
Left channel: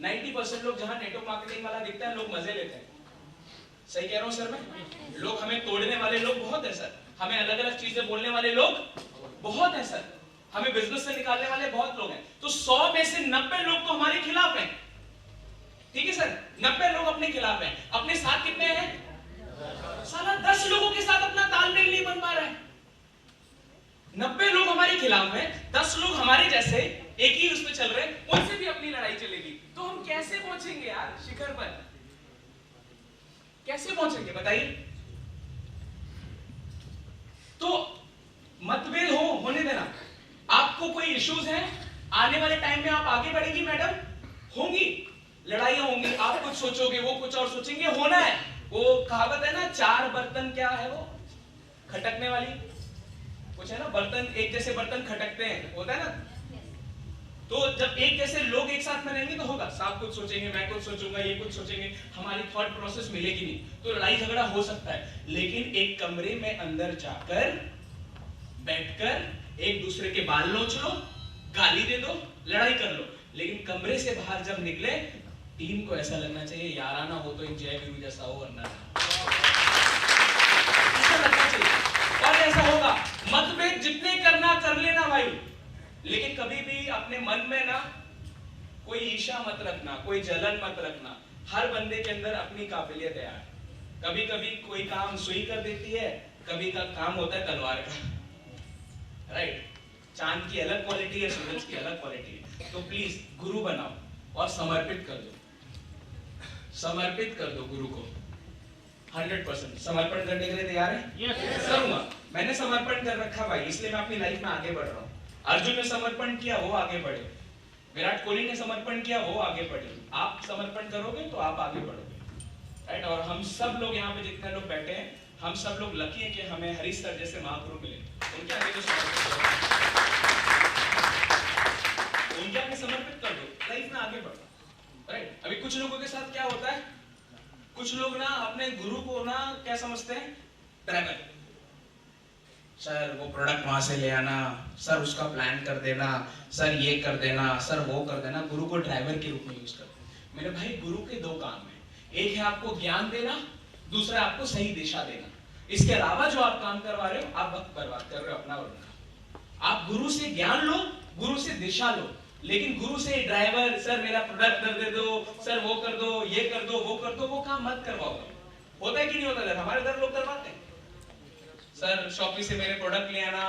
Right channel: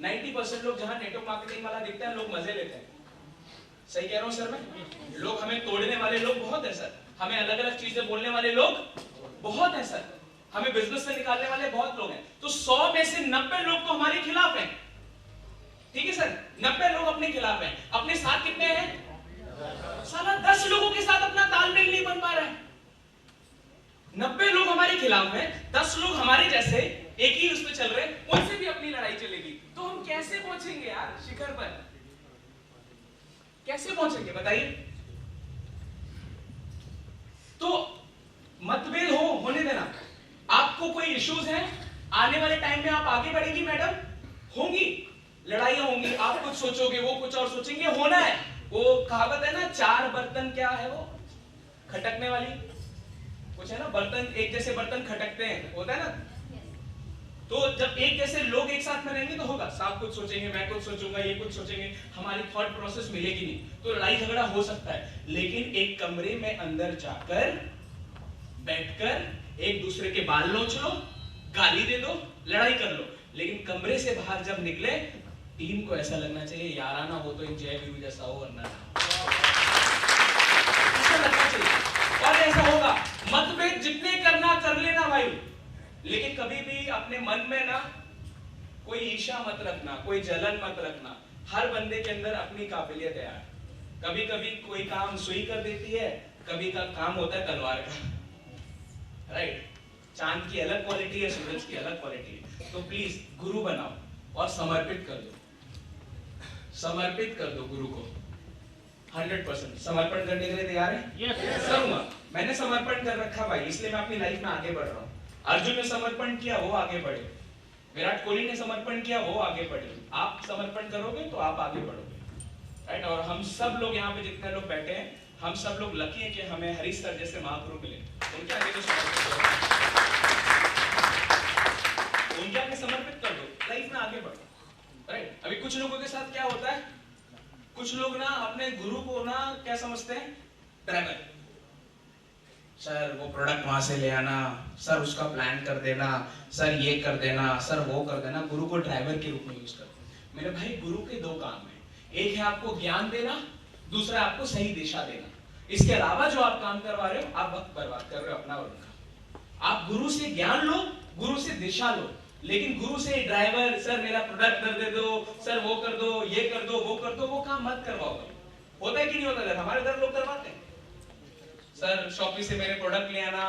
90% लोग, जहां नेटवर्क मार्केटिंग वाला दिखता है, लोग मजे लेते हैं। सही कह रहा हूं सर मैं? लोग हमें तोड़ने वाले लोग बहुत है सर, हमें अलग अलग चीजें बोलने वाले लोग बहुत है सर, हमें बिजनेस से निकालने वाले बहुत लोग हैं। तो 100 में से 90 लोग तो हमारे खिलाफ हैं, ठीक है सर? 90 लोग अपने खिलाफ हैं, अपने साथ कितने हैं? साला 10 लोगों के साथ अपना तालमेल नहीं बन पा रहा है। 90 लोग हमारे खिलाफ हैं, 10 लोग हमारे जैसे एक ही उस पे चल रहे हैं, उनसे भी अपनी लड़ाई चलेगी, तो हम कैसे पहुंचेंगे यार शिखर पर? कैसे पहुंचेंगे बताइए? तो मतभेद होने देना। आपको कोई इश्यूज हैं, आने वाले टाइम में आप आगे बढ़ेंगी मैडम, होंगी लड़ाइयां होंगी, आप कुछ सोचोगे, वो कुछ और सोचेंगे, होना है। वो कहावत है ना, 4 बर्तन क्या है वो खटकने वाली, कुछ है ना, बर्तन एक जैसे बर्तन खटकते हैं, होता है ना। तो जब एक जैसे लोग एक साथ में रहेंगे तो होगा, साहब कुछ सोचेंगे, मैं कुछ सोचूंगा, ये कुछ सोचेंगे, हमारी थॉट प्रोसेस मिलेगी नहीं, तो लड़ाई झगड़ा हो सकता है। लेकिन एक कमरे में अंदर जाकर बैठकर एक दूसरे के बाल नोच लो, गाली दे दो, लड़ाई कर लो, लेकिन कमरे से बाहर जब निकले, टीम को ऐसा लगना चाहिए याराना हो तो एक जय गुरु जैसा हो, वरना ऐसा लगना चाहिए। और ऐसा होगा, मतभेद जितने करना कर लेना भाई, लेकिन कभी भी अपने मन में ना कोई ईर्ष्या मत रखना, कोई जलन मत रखना। हर बंदे के अंदर अपनी काबिलियत है यार। कभी कभी कोई काम सुई कर देती है, कभी का काम होता है तलवार का, राइट? चांद की अलग क्वालिटी है, सूरज की अलग क्वालिटी है। तो प्लीज गुरु बनाओ और समर्पित कर दो, समर्पित कर दो गुरु को 100%। समर्पण करने के लिए तैयार है? Yes. करूंगा, मैंने समर्पण कर रखा भाई, इसलिए मैं अपनी लाइफ में आगे बढ़ रहा हूँ। अर्जुन ने समर्पण किया, वो आगे बढ़े। विराट कोहली ने समर्पण किया, वो आगे बढ़े। आप समर्पण करोगे तो आप आगे बढ़ोगे, राइट? और हम सब लोग यहाँ पे जितने लोग बैठे हैं, हम सब लोग लकी हैं कि हमें हरीश सर जैसे महागुरु मिले। उनके आगे तो समर्पित करो, उनके आगे समर्पित कर दो, लाइफ में आगे बढ़ो, राइट? अभी कुछ लोगों के साथ क्या होता है, कुछ लोग ना अपने गुरु को ना क्या समझते हैं, ड्राइवर। सर वो प्रोडक्ट वहां से ले आना, सर उसका प्लान कर देना, सर ये कर देना, सर वो कर देना। गुरु को ड्राइवर के रूप में यूज करते हैं। मेरे भाई गुरु के दो काम है, एक है आपको ज्ञान देना, दूसरा आपको सही दिशा देना। इसके अलावा जो आप काम करवा रहे हो, आप वक्त बर्बाद कर रहे हो अपना और उनका। आप गुरु से ज्ञान लो, गुरु से दिशा लो, लेकिन गुरु से ड्राइवर सर मेरा प्रोडक्ट कर दे दो, सर वो कर दो, ये कर दो, वो कर दो, वो काम मत करवाओ। होता है कि नहीं होता? सर हमारे इधर लोग करवाते हैं, सर शॉपी से मेरे प्रोडक्ट ले आना,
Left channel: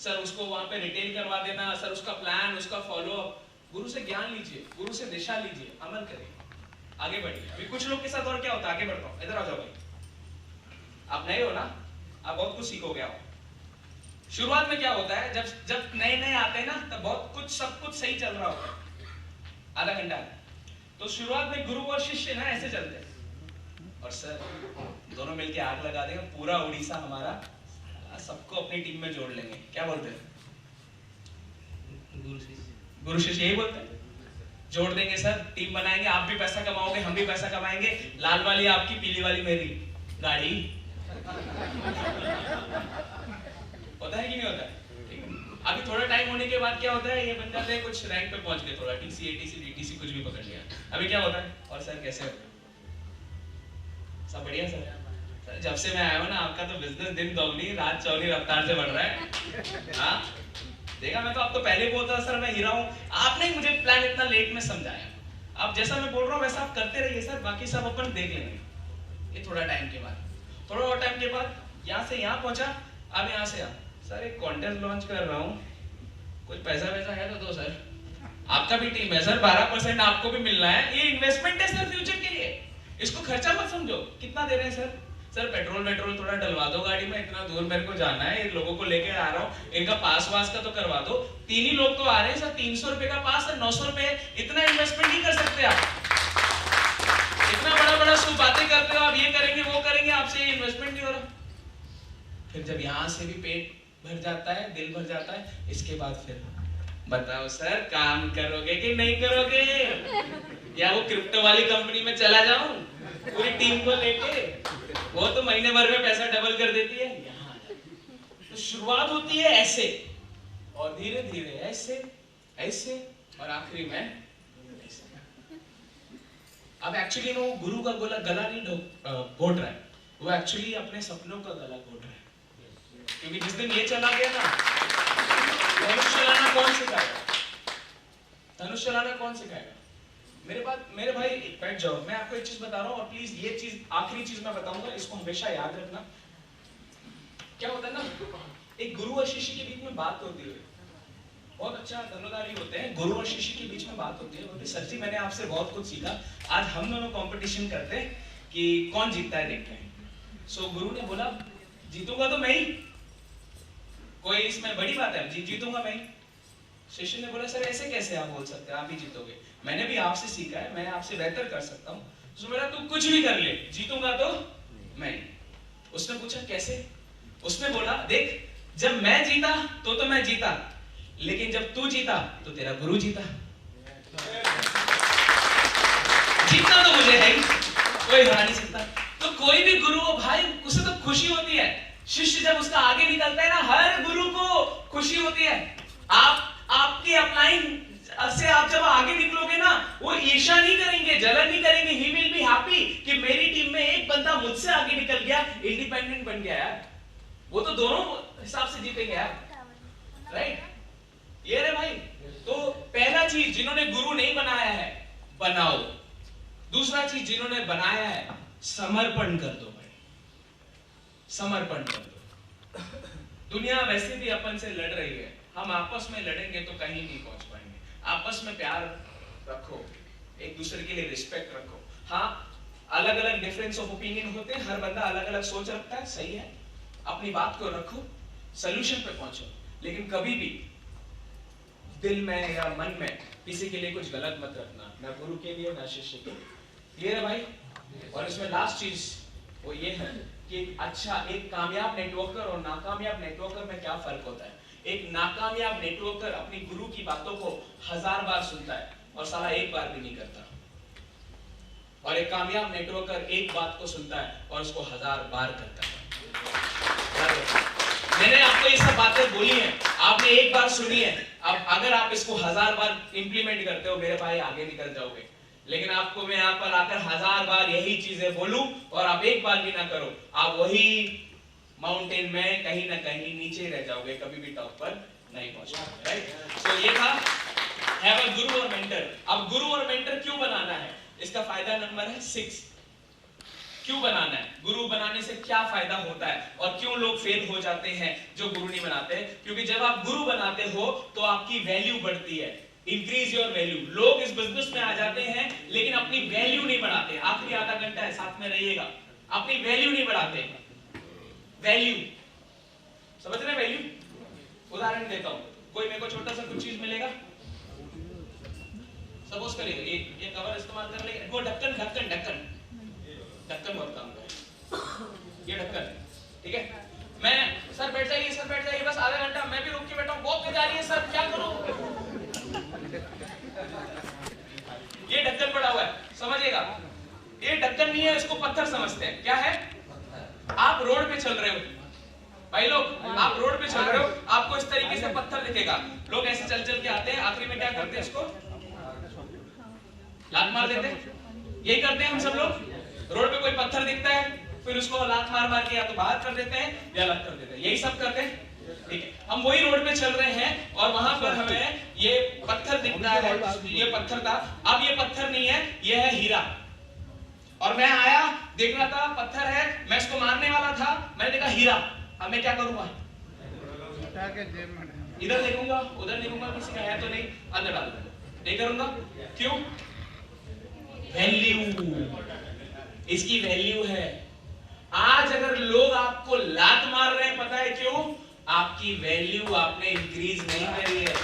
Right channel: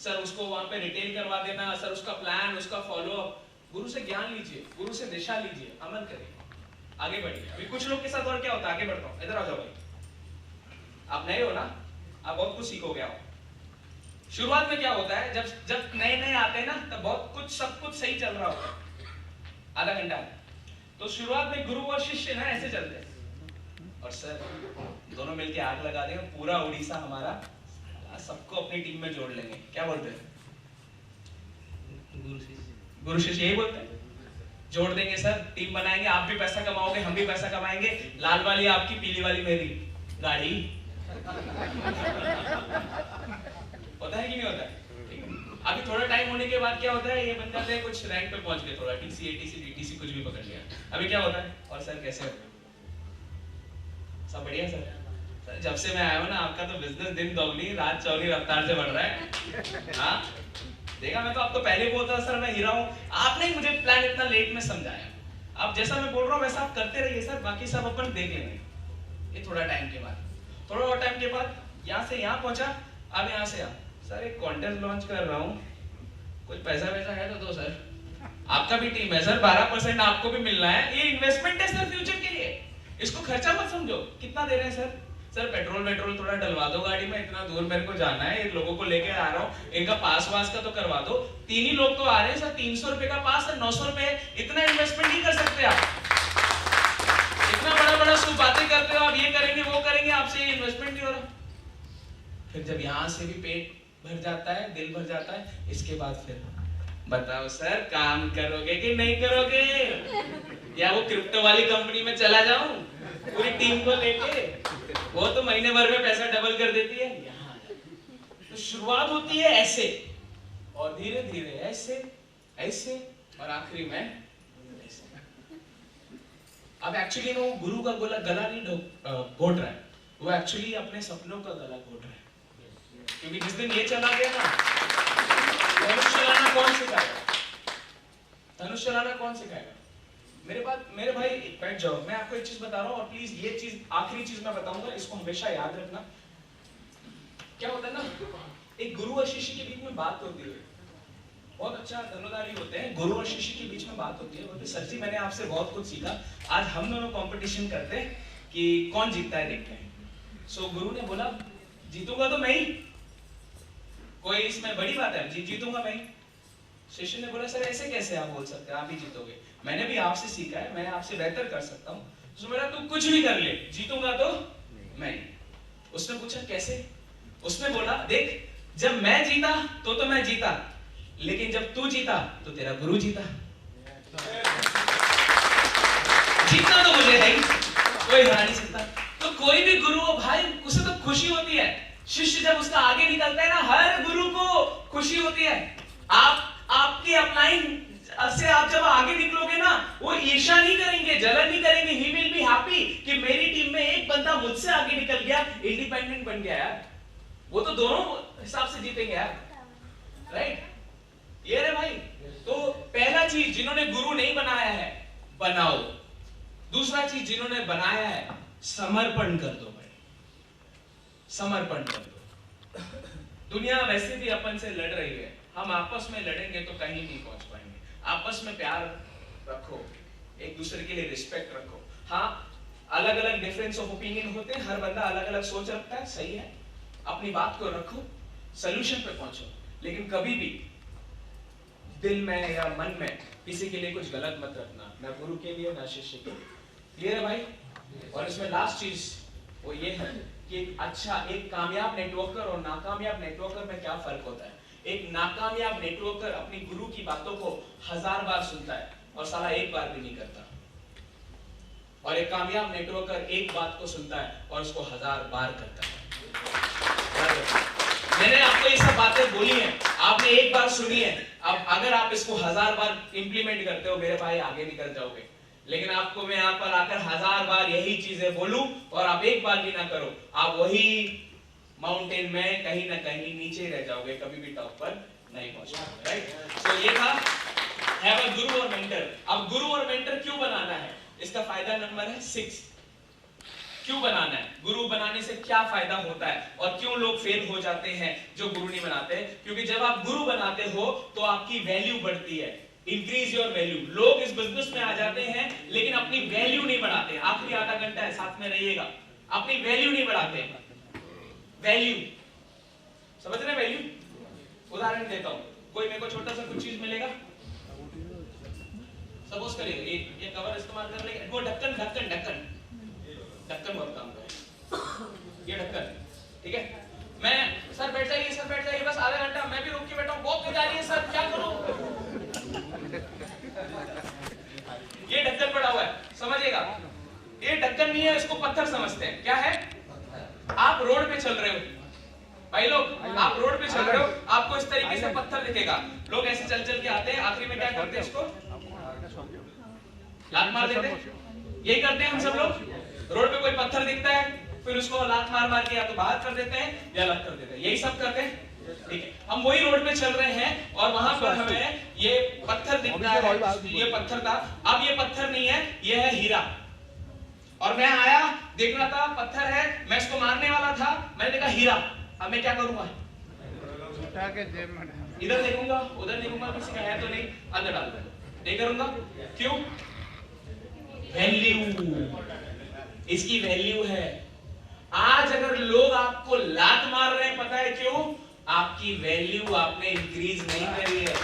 सर उसको वहां पे रिटेल करवा देना, सर उसका प्लान, उसका फॉलो अप। गुरु से ज्ञान लीजिए, गुरु से दिशा लीजिए, अमल करिए, आगे बढ़िए। अभी कुछ लोग के साथ और क्या होता है, आगे बढ़ता हूं, इधर आ जाओ भाई। आप नए हो ना, आप बहुत कुछ सीखोगे। आओ। शुरुआत में क्या होता है, जब नए नए आते हैं ना, तब बहुत कुछ सब कुछ सही चल रहा होता है, आधा घंटा। तो शुरुआत में गुरु और शिष्य ना ऐसे चलते हैं, और सर दोनों मिलके आग लगा देंगे, पूरा उड़ीसा हमारा, सबको अपनी टीम में जोड़ लेंगे। क्या बोलते हैं? गुरु शिष्य यही बोलते हैं, जोड़ देंगे सर, टीम बनाएंगे, आप भी पैसा कमाओगे, हम भी पैसा कमाएंगे, लाल वाली आपकी, पीली वाली मेरी गाड़ी। होता है कि नहीं होता है? अभी थोड़ा टाइम होने के बाद क्या होता है, ये बन जाते हैं कुछ रैंक पे पहुंच गए, थोड़ा टीसी एटीसी डीटीसी कुछ भी पकड़ लिया। अभी क्या होता है, और सर कैसे हो? सब बढ़िया सर। सर जब से मैं आया हूं ना, आपका तो बिजनेस दिन दोगुनी रात चौगुनी रफ्तार से बढ़ रहा है। हाँ देखा, मैं तो आपको पहले बोलता था सर मैं हीरा हूं, आपने ही मुझे प्लान इतना लेट में समझाया। आप जैसा मैं बोल रहा हूं वैसा आप करते रहिए सर, बाकी सब अपन देख लेंगे। ये थोड़ा टाइम के बाद, थोड़ा और टाइम के बाद यहाँ से यहाँ पहुंचा, अब यहाँ से यहाँ, सर एक कॉन्टेस्ट लॉन्च कर रहा हूँ, कुछ पैसा वैसा है तो दो सर। आपका भी टीम है सर, 12% आपको भी मिलना है, ये इन्वेस्टमेंट है सर फ्यूचर के लिए, इसको खर्चा मत समझो। कितना दे रहे हैं सर? सर पेट्रोल वेट्रोल थोड़ा डलवा दो गाड़ी में, इतना दूर मेरे को जाना है, लोगों को लेकर आ रहा हूँ, इनका पास वास का तो करवा दो। 3 ही लोग तो आ रहे हैं सर, 300 रुपए का पास है, 900 रुपए, इतना इन्वेस्टमेंट नहीं कर सकते आप। इतना बड़ा बड़ा सब बातें करते हो आप, ये करेंगे वो करेंगे, आपसे ये इन्वेस्टमेंट नहीं हो रहा। फिर जब यहाँ से भी पेट भर जाता है, दिल भर जाता है, इसके बाद फिर बताओ सर काम करोगे कि नहीं करोगे, या वो क्रिप्टो वाली कंपनी में चला जाऊं पूरी टीम को लेके, वो तो महीने भर में पैसा डबल कर देती है। यहाँ तो शुरुआत होती है ऐसे, और धीरे धीरे ऐसे ऐसे, और आखिरी में ऐसे। अब एक्चुअली वो गुरु का गला नहीं घोट रहा है, वो एक्चुअली अपने सपनों का गला घोट रहा है। क्योंकि जिस दिन ये चला गया ना, धनुष चलाना कौन सिखाएगा? धनुष चलाना कौन सिखाएगा? मेरे भाई बैठ जाओ, मैं आपको एक चीज बता रहा हूँ, और प्लीज ये चीज आखिरी चीज मैं बताऊंगा, इसको हमेशा याद रखना। क्या होता है ना, एक गुरु और शिष्य के बीच में बात होती है, बहुत अच्छा धनुधारी होते हैं, गुरु और शिष्य के बीच में बात होती है, बोलते सर जी मैंने आपसे बहुत कुछ सीखा, आज हम दोनों कंपटीशन करते हैं कि कौन जीतता है, देखते हैं। सो गुरु ने बोला जीतूंगा तो मैं ही, कोई इसमें बड़ी बात है, जीतूंगा मैं ही। शिष्य ने बोला सर ऐसे कैसे आप बोल सकते हैं, आप ही जीतोगे, मैंने भी आपसे सीखा है, मैं आपसे बेहतर कर सकता हूँ। तो मेरा तू कुछ भी कर ले, जीतूंगा तो मैं। उसने पूछा कैसे? उसने बोला देख, जब मैं जीता तो मैं जीता, लेकिन जब तू जीता तो तेरा गुरु जीता। जीतना तो मुझे है ही, कोई हरा नहीं सकता। तो कोई भी गुरु हो भाई, उसे तो खुशी होती है, शिष्य जब उसका आगे निकलता है ना, हर गुरु को खुशी होती है। आपके अपलाइन से आप जब आगे निकलोगे ना, वो ईर्ष्या नहीं करेंगे, जलन नहीं करेंगे, ही विल बी हैप्पी कि मेरी टीम में एक बंदा मुझसे आगे निकल गया, इंडिपेंडेंट बन गया यार। वो तो दोनों हिसाब से जीतेंगे यार, राइट? ये रे भाई। तो पहला चीज जिन्होंने गुरु नहीं बनाया है, बनाओ। दूसरा चीज जिन्होंने बनाया है, समर्पण कर दो भाई, समर्पण कर दो। दुनिया वैसे भी अपन से लड़ रही है, हम आपस में लड़ेंगे तो कहीं नहीं पहुंच पाएंगे। आपस में प्यार रखो, एक दूसरे के लिए रिस्पेक्ट रखो। हाँ, अलग अलग डिफरेंस ऑफ ओपिनियन होते हैं, हर बंदा अलग अलग सोच रखता है, सही है, अपनी बात को रखो, सॉल्यूशन पे पहुंचो, लेकिन कभी भी दिल में या मन में किसी के लिए कुछ गलत मत रखना, ना गुरु के लिए ना शिष्य के लिए। ये है भाई। और इसमें लास्ट चीज वो ये है कि एक कामयाब नेटवर्कर और नाकामयाब नेटवर्कर में क्या फर्क होता है। एक नाकामयाब नेटवर्कर अपनी गुरु की बातों को 1000 बार सुनता है और साला एक बार भी नहीं करता, और एक कामयाब नेटवर्कर एक बात को सुनता है और उसको 1000 बार करता है। मैंने आपको ये सब बातें बोली हैं, आपने एक बार सुनी है, अब अगर आप इसको 1000 बार इंप्लीमेंट करते हो मेरे भाई, आगे निकल जाओगे। लेकिन आपको मैं यहाँ पर आकर 1000 बार यही चीजें बोलूं और आप एक बार भी ना करो, आप वही माउंटेन में कहीं ना कहीं नीचे रह जाओगे, कभी भी टॉप पर नहीं पहुंच पाओगे, राइट। सो ये था हैव अ गुरु और मेंटर। अब गुरु और मेंटर क्यों बनाना है, इसका फायदा नंबर है 6। क्यों बनाना है, गुरु बनाने से क्या फायदा होता है और क्यों लोग फेल हो जाते हैं जो गुरु नहीं बनाते। क्योंकि जब आप गुरु बनाते हो तो आपकी वैल्यू बढ़ती है, इंक्रीज योर वैल्यू। लोग इस बिजनेस में आ जाते हैं लेकिन अपनी वैल्यू नहीं बढ़ाते। आखिरी आधा घंटा है, साथ में रहिएगा, अपनी वैल्यू नहीं बढ़ाते। वैल्यू समझ रहे हैं, वैल्यू। उदाहरण देता हूं, कोई मेरे को छोटा सा कुछ चीज मिलेगा, सपोज करिए ये कवर इस्तेमाल कर लेंगे, वो ढक्कन ढक्कन ढक्कन ढक्कन बहुत काम का है, ये ढक्कन, ठीक है। मैं सर बैठ जाइए बस आधा घंटा, मैं भी रुक के बैठा हूं, बहुत तेज आ रही है सर, क्या करूं। ये ढक्कन पड़ा हुआ है, समझिएगा, ये ढक्कन नहीं है, इसको पत्थर समझते हैं। क्या है, आप रोड पे चल रहे हो भाई लोग, आप रोड पे चल रहे हो, आपको इस तरीके से पत्थर दिखेगा, लोग ऐसे चल चल के आते हैं, आखिरी में क्या करते हैं, इसको लात मार देते हैं। यही करते हैं हम सब लोग, रोड पे कोई पत्थर दिखता है फिर उसको लात मार मार के या तो बाहर कर देते हैं या अलग कर देते हैं, यही सब करते हैं, ठीक है। हम वही रोड पे चल रहे हैं और वहां पर हमें ये पत्थर दिखता है, ये पत्थर था, अब ये पत्थर नहीं है, ये है हीरा। और मैं आया, देख रहा था पत्थर है, मैं इसको मारने वाला था, मैंने देखा हीरा, अब मैं क्या करूंगा, इधर देखूंगा उधर देखूंगा, किसी का है तो नहीं, अंदर डाल दूंगा, नहीं करूंगा। क्यों, वैल्यू, इसकी वैल्यू है। आज अगर लोग आपको लात मार रहे हैं, पता है क्यों, आपकी वैल्यू आपने इंक्रीज नहीं करी है।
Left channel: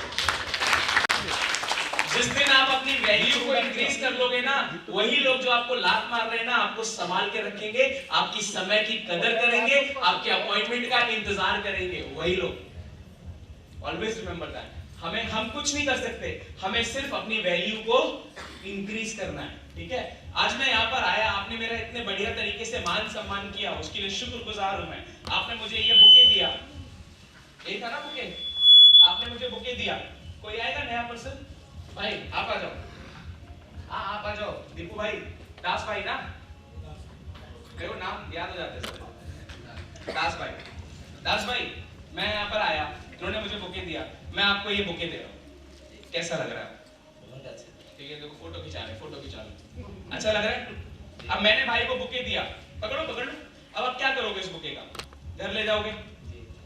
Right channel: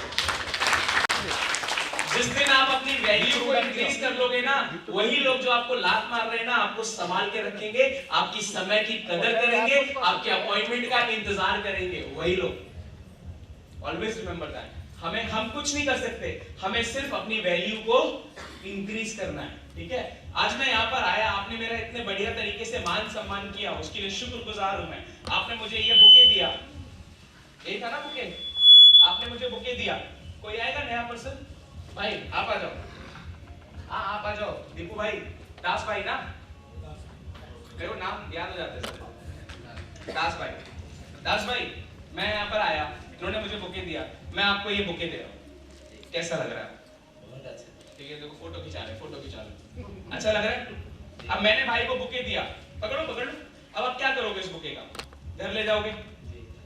जिस दिन आप अपनी वैल्यू को इंक्रीज कर लोगे ना, वही लोग जो आपको लात मार रहे हैं ना, आपको संभाल के रखेंगे, आपकी समय की कदर करेंगे, आपके अपॉइंटमेंट का इंतजार करेंगे, वही लोग। Always remember that. हम कुछ नहीं कर सकते, हमें सिर्फ अपनी वैल्यू को इंक्रीज करना है, ठीक है। आज मैं यहाँ पर आया, आपने मेरा इतने बढ़िया तरीके से मान सम्मान किया, उसके लिए शुक्रगुजार हूं मैं। आपने मुझे ये बुके दिया, यही था ना बुके, आपने मुझे बुके दिया। कोई आएगा नया पर्सन, भाई आप आ जाओ, हाँ आप आ जाओ, दीपू भाई, दास भाई ना, मेरे को नाम याद हो जाते सर, दास भाई, मैं यहाँ पर आया, इन्होंने मुझे बुके दिया, मैं आपको ये बुके दे रहा हूँ, कैसा लग रहा है, ठीक है, देखो फोटो खिंचा रहे, अच्छा लग रहा है। अब मैंने भाई को बुके दिया, पकड़ो, अब आप क्या करोगे इस बुके का, घर ले जाओगे,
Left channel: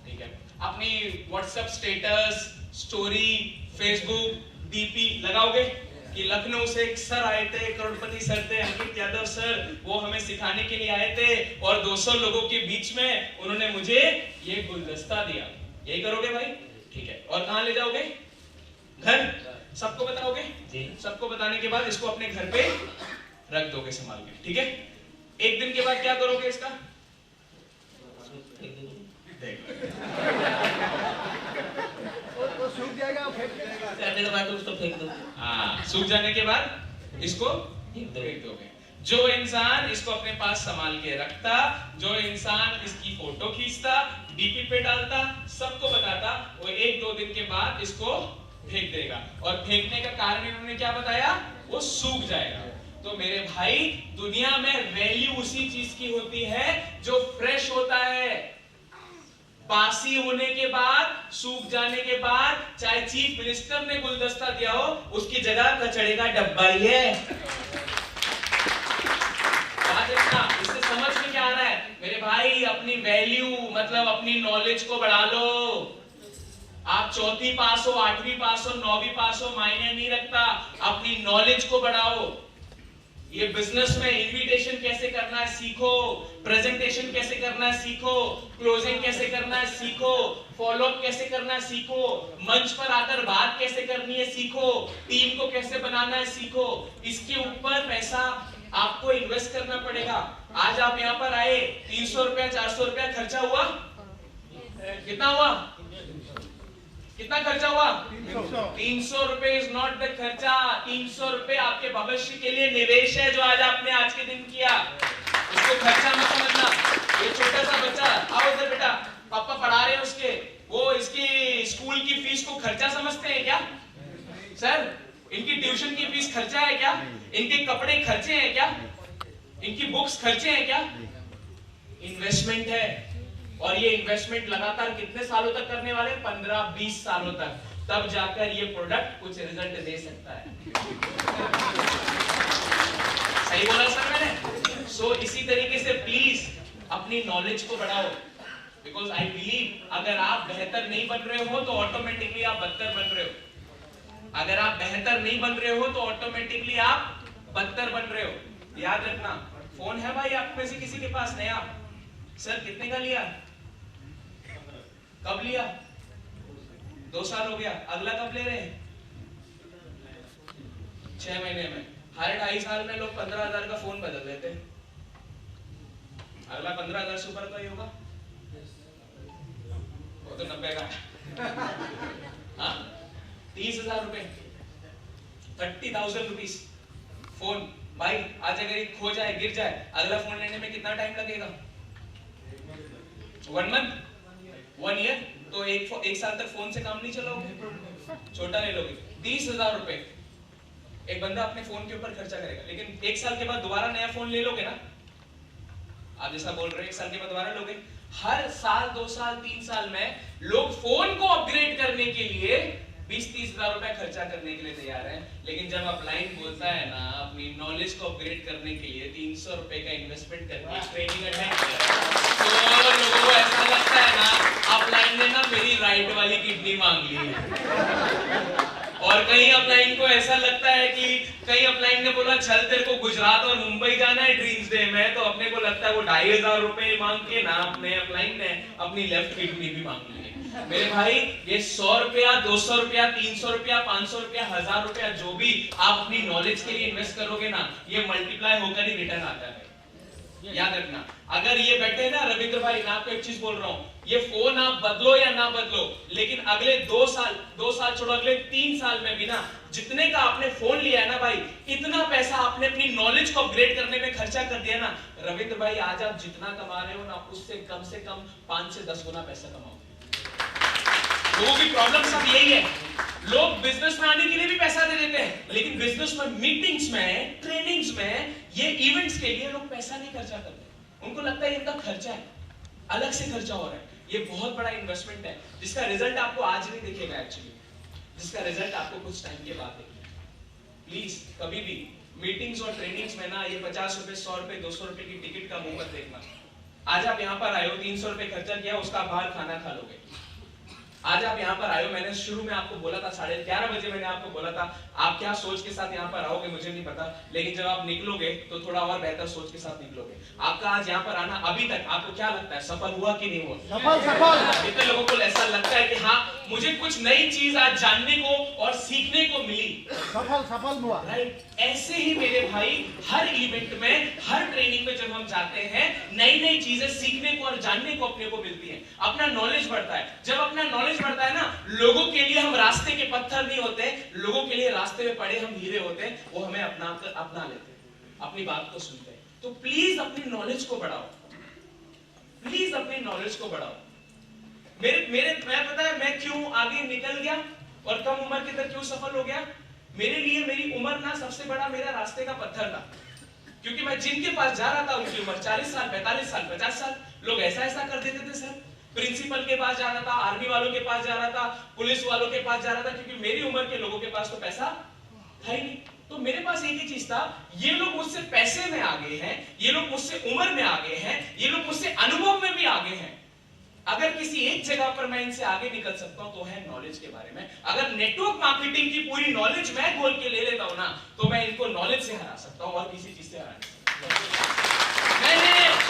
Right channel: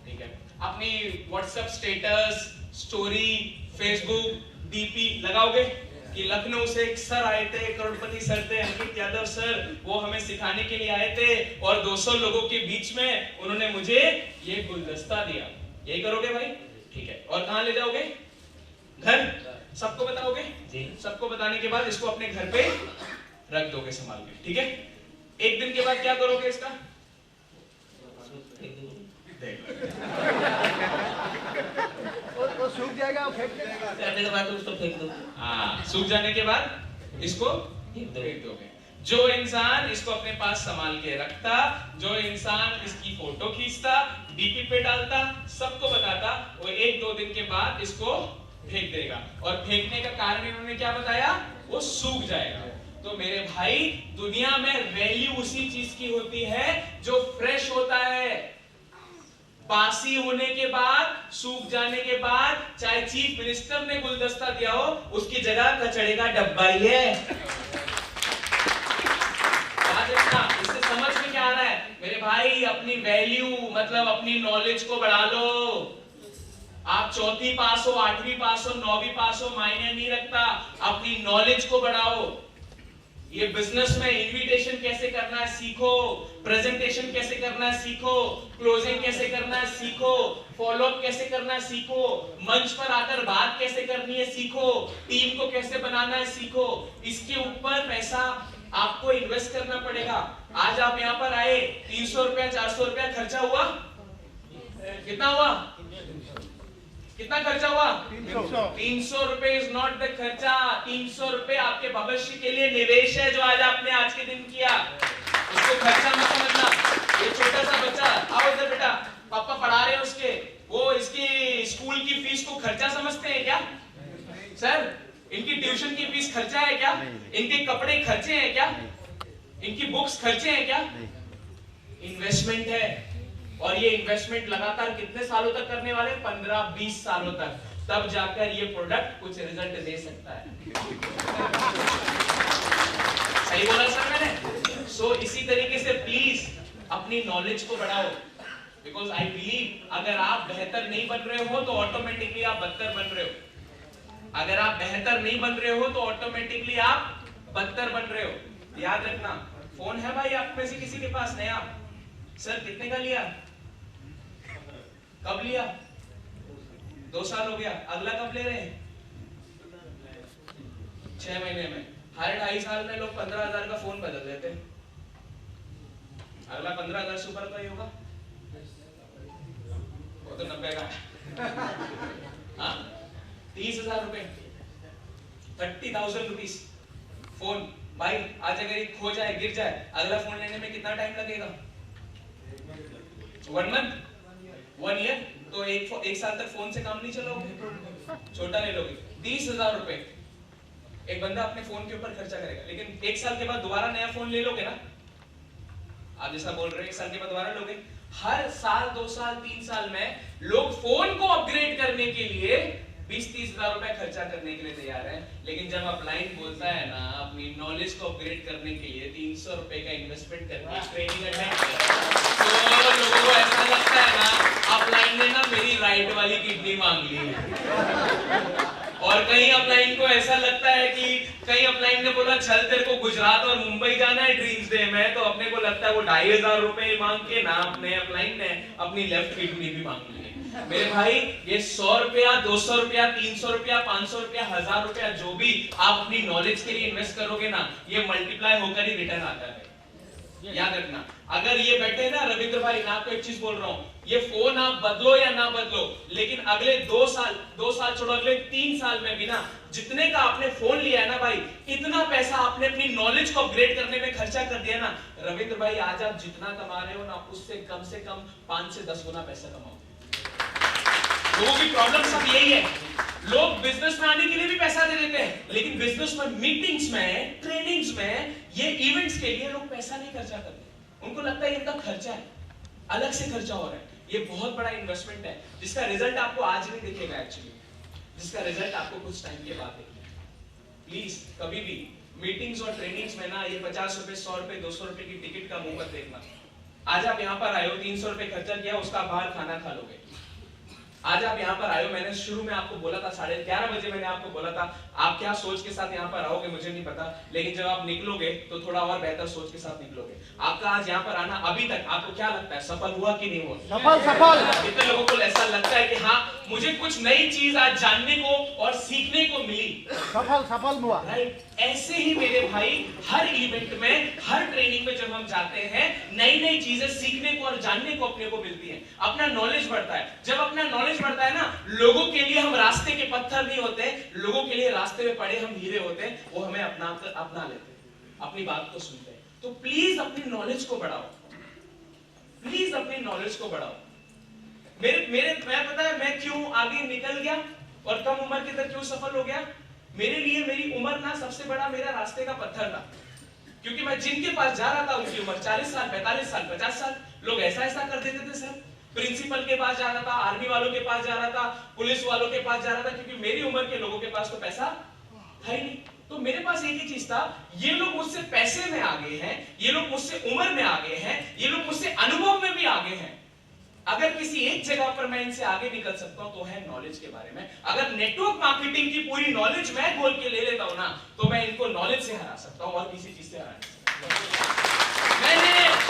ठीक है, अपनी WhatsApp status, story, Facebook, DP लगाओगे कि लखनऊ से एक सर आए थे, करोड़पति सर थे, अंकित यादव सर, वो हमें सिखाने के लिए आए थे और 200 लोगों के बीच में उन्होंने मुझे ये गुलदस्ता दिया, यही करोगे भाई, ठीक है। और कहाँ ले जाओगे, घर, सबको बताओगे जी, सबको बताने के बाद इसको अपने घर पे रख दोगे संभाल के, ठीक है। एक दिन के बाद क्या करोगे इसका, वो सूख जाएगा, फेंक देगा, उसको फेंक दो। हाँ, सूख जाने के बाद इसको फेंक दोगे। जो इंसान इसको अपने पास संभाल के रखता, जो इंसान इसकी फोटो खींचता, डीपी पे डालता, सबको बताता, वो 1-2 दिन के बाद इसको फेंक देगा। और फेंकने का कारण इन्होंने क्या बताया, वो सूख जाएगा। तो मेरे भाई, दुनिया में वैल्यू उसी चीज की होती है जो फ्रेश होता है। बासी होने के बाद, सूख जाने के बाद, चाहे चीफ मिनिस्टर ने गुलदस्ता दिया हो, उसकी जगह कचड़े का डब्बा ही है। इससे समझ में क्या आ रहा है मेरे भाई, अपनी वैल्यू मतलब अपनी नॉलेज को बढ़ा लो। आप 4वीं पास हो, 8वीं पास हो, 9वीं पास हो, मायने नहीं रखता, अपनी नॉलेज को बढ़ाओ। ये बिजनेस में इनविटेशन कैसे करना है सीखो, प्रेजेंटेशन कैसे करना है सीखो, क्लोजिंग कैसे करना है सीखो, फॉलोअप कैसे करना है सीखो, मंच पर आकर बात कैसे करनी है सीखो, टीम को कैसे बनाना है सीखो। इसके ऊपर पैसा आपको इन्वेस्ट करना पड़ेगा। आज आप यहाँ पर आए, 300 रुपया 400 रुपया खर्चा हुआ, कितना हुआ, कितना खर्चा हुआ, 300 रुपए इज नॉट द खर्चा। 300 रुपए आपके भविष्य के लिए निवेश है जो आज आपने आज के दिन किया, उसको खर्चा मत समझना। ये छोटा सा बच्चा, आओ इधर बेटा, पापा पढ़ा रहे हैं उसके, वो इसकी स्कूल की फीस को खर्चा समझते हैं क्या सर? इनकी ट्यूशन की फीस खर्चा है क्या? इनके कपड़े खर्चे हैं क्या? इनकी बुक्स खर्चे हैं क्या? इन्वेस्टमेंट है। और ये इन्वेस्टमेंट लगातार कितने सालों तक करने वाले? 15-20 सालों तक। तब जाकर ये प्रोडक्ट कुछ रिजल्ट दे सकता है। सही बोला सर मैंने? सो इसी तरीके से प्लीज अपनी नॉलेज को बढ़ाओ, बिकॉज आई बिलीव अगर आप बेहतर नहीं बन रहे हो तो ऑटोमेटिकली आप बदतर बन रहे हो। अगर आप बेहतर नहीं बन रहे हो तो ऑटोमेटिकली आप बदतर बन रहे हो। याद रखना। फोन है भाई आप में से किसी के पास नया? सर कितने का लिया? कब लिया? 2 साल हो गया। अगला कब ले रहे हैं? 6 महीने में। हर 2.5 साल में लोग 15,000 का फोन बदल देते हैं। अगला 15,000 से ऊपर का ही होगा। वो तो 90 का हाँ 30,000 रुपए, 30,000 रुपीज फोन। भाई आज अगर ये खो जाए, गिर जाए, अगला फोन लेने में कितना टाइम लगेगा? 1 मंथ, 1 ईयर। तो एक साल तक फोन से काम नहीं चलाओगे, छोटा ले लोगे। 30,000 रुपए एक बंदा अपने फोन के ऊपर खर्चा करेगा, लेकिन 1 साल के बाद दोबारा नया फोन ले लोगे ना? आप जैसा बोल रहे हैं 1 साल के बाद दोबारा लोगे। हर साल 2 साल 3 साल में लोग फोन को अपग्रेड करने के लिए 20-30 हजार रुपए खर्चा करने के लिए तैयार है। लेकिन जब अपलाइन बोलता है ना अपनी नॉलेज को अपग्रेड करने के लिए 300 रुपए का इन्वेस्टमेंट करके ट्रेनिंग अटेंड किया, तो लोगों को ऐसा लगता है ना अपलाइन ने ना मेरी राइट वाली किडनी मांग ली है। और कहीं अपलाइन को ऐसा लगता है कि कहीं अपलाइन ने बोला चल तेरे को गुजरात और मुंबई जाना है ड्रीम्स डे में, तो अपने को लगता है वो 2,500 रुपए मांग के ना अपने अपलाइन ने अपनी लेफ्ट किडनी भी मांग ली है। मेरे भाई ये 100 रुपया, 200 रुपया, 300 रुपया, 500 रुपया, 1000 रुपया जो भी आप अपनी नॉलेज के लिए इन्वेस्ट करोगे ना, ये मल्टीप्लाई होकर ही रिटर्न आता है। याद रखना। अगर ये बैठे ना रविंद्र भाई, मैं आपको एक चीज बोल रहा हूँ, ये फोन आप बदलो या ना बदलो, लेकिन अगले 2 साल छोड़ो, अगले 3 साल में भी ना जितने का आपने फोन लिया है ना भाई, इतना पैसा आपने अपनी नॉलेज को अपग्रेड करने में खर्चा कर दिया ना रविंद्र भाई, आज आप जितना कमा रहे हो ना उससे कम 5 से 10 गुना पैसा कमाओगे। लोगों की प्रॉब्लम सब यही है, लोग बिजनेस में आने के लिए भी पैसा दे देते हैं, लेकिन बिजनेस में, मीटिंग्स में, ट्रेनिंग्स में, ये इवेंट्स के लिए लोग पैसा नहीं खर्चा करते। उनको लगता है इनका खर्चा है, अलग से खर्चा हो रहा है। ये बहुत बड़ा इन्वेस्टमेंट है जिसका रिजल्ट आपको आज नहीं दिखेगा एक्चुअली, जिसका रिजल्ट आपको कुछ टाइम के बाद दिखेगा। प्लीज कभी भी मीटिंग्स और ट्रेनिंग्स में ना ये 50 रुपए, 100 रुपए, 200 रुपए की टिकट का मुंह मत देखना। आज आप यहाँ पर आए हो, 300 रुपए खर्चा किया, उसका बाहर खाना खा लोगे। आज आप यहाँ पर आए हो, मैंने शुरू में आपको बोला था 11:30 बजे मैंने आपको बोला था, आप क्या सोच के साथ यहाँ पर आओगे मुझे नहीं पता, लेकिन जब आप निकलोगे तो थोड़ा और बेहतर सोच के साथ निकलोगे। आपका आज यहाँ पर आना अभी तक आपको क्या लगता है, सफल हुआ कि नहीं हुआ? सफल। कितने लोगों को ऐसा लगता है कि हाँ मुझे कुछ नई चीज आज जानने को और सीखने को मिली, सफल हुआ। राइट? ऐसे ही मेरे भाई हर इवेंट में, हर ट्रेनिंग में जब हम जाते हैं, नई चीजें सीखने को और जानने को अपने को मिलती हैं, अपना नॉलेज बढ़ता है। जब अपना नॉलेज बढ़ता है ना, लोगों के लिए हम रास्ते के पत्थर नहीं होते, लोगों के लिए रास्ते में पड़े हम हीरे होते हैं, वो हमें अपना लेते हैं, अपनी बात को सुनते हैं। तो प्लीज अपनी नॉलेज को बढ़ाओ, प्लीज अपनी नॉलेज को बढ़ाओ। मैं पता है मैं क्यों आगे निकल गया और कम उम्र के तक क्यों सफल हो गया? मेरे लिए मेरी उम्र ना सबसे बड़ा मेरा रास्ते का पत्थर था, क्योंकि मैं जिनके पास जा रहा था उनकी उम्र 40 साल, 45 साल, 50 साल। लोग ऐसा कर देते थे सर। प्रिंसिपल के पास जा रहा था, आर्मी वालों के पास जा रहा था, पुलिस वालों के पास जा रहा था, क्योंकि मेरी उम्र के लोगों के पास तो पैसा था ही नहीं। तो मेरे पास एक ही चीज था, ये लोग मुझसे पैसे में आगे हैं, ये लोग मुझसे उम्र में आगे हैं, ये लोग मुझसे अनुभव में भी आगे हैं। अगर किसी एक जगह पर मैं इनसे आगे निकल सकता हूं तो है नॉलेज के बारे में। अगर नेटवर्क मार्केटिंग की पूरी नॉलेज मैं खोल के ले लेता हूं ना, तो मैं इनको नॉलेज से हरा सकता हूं और किसी चीज से हरा नहीं सकता।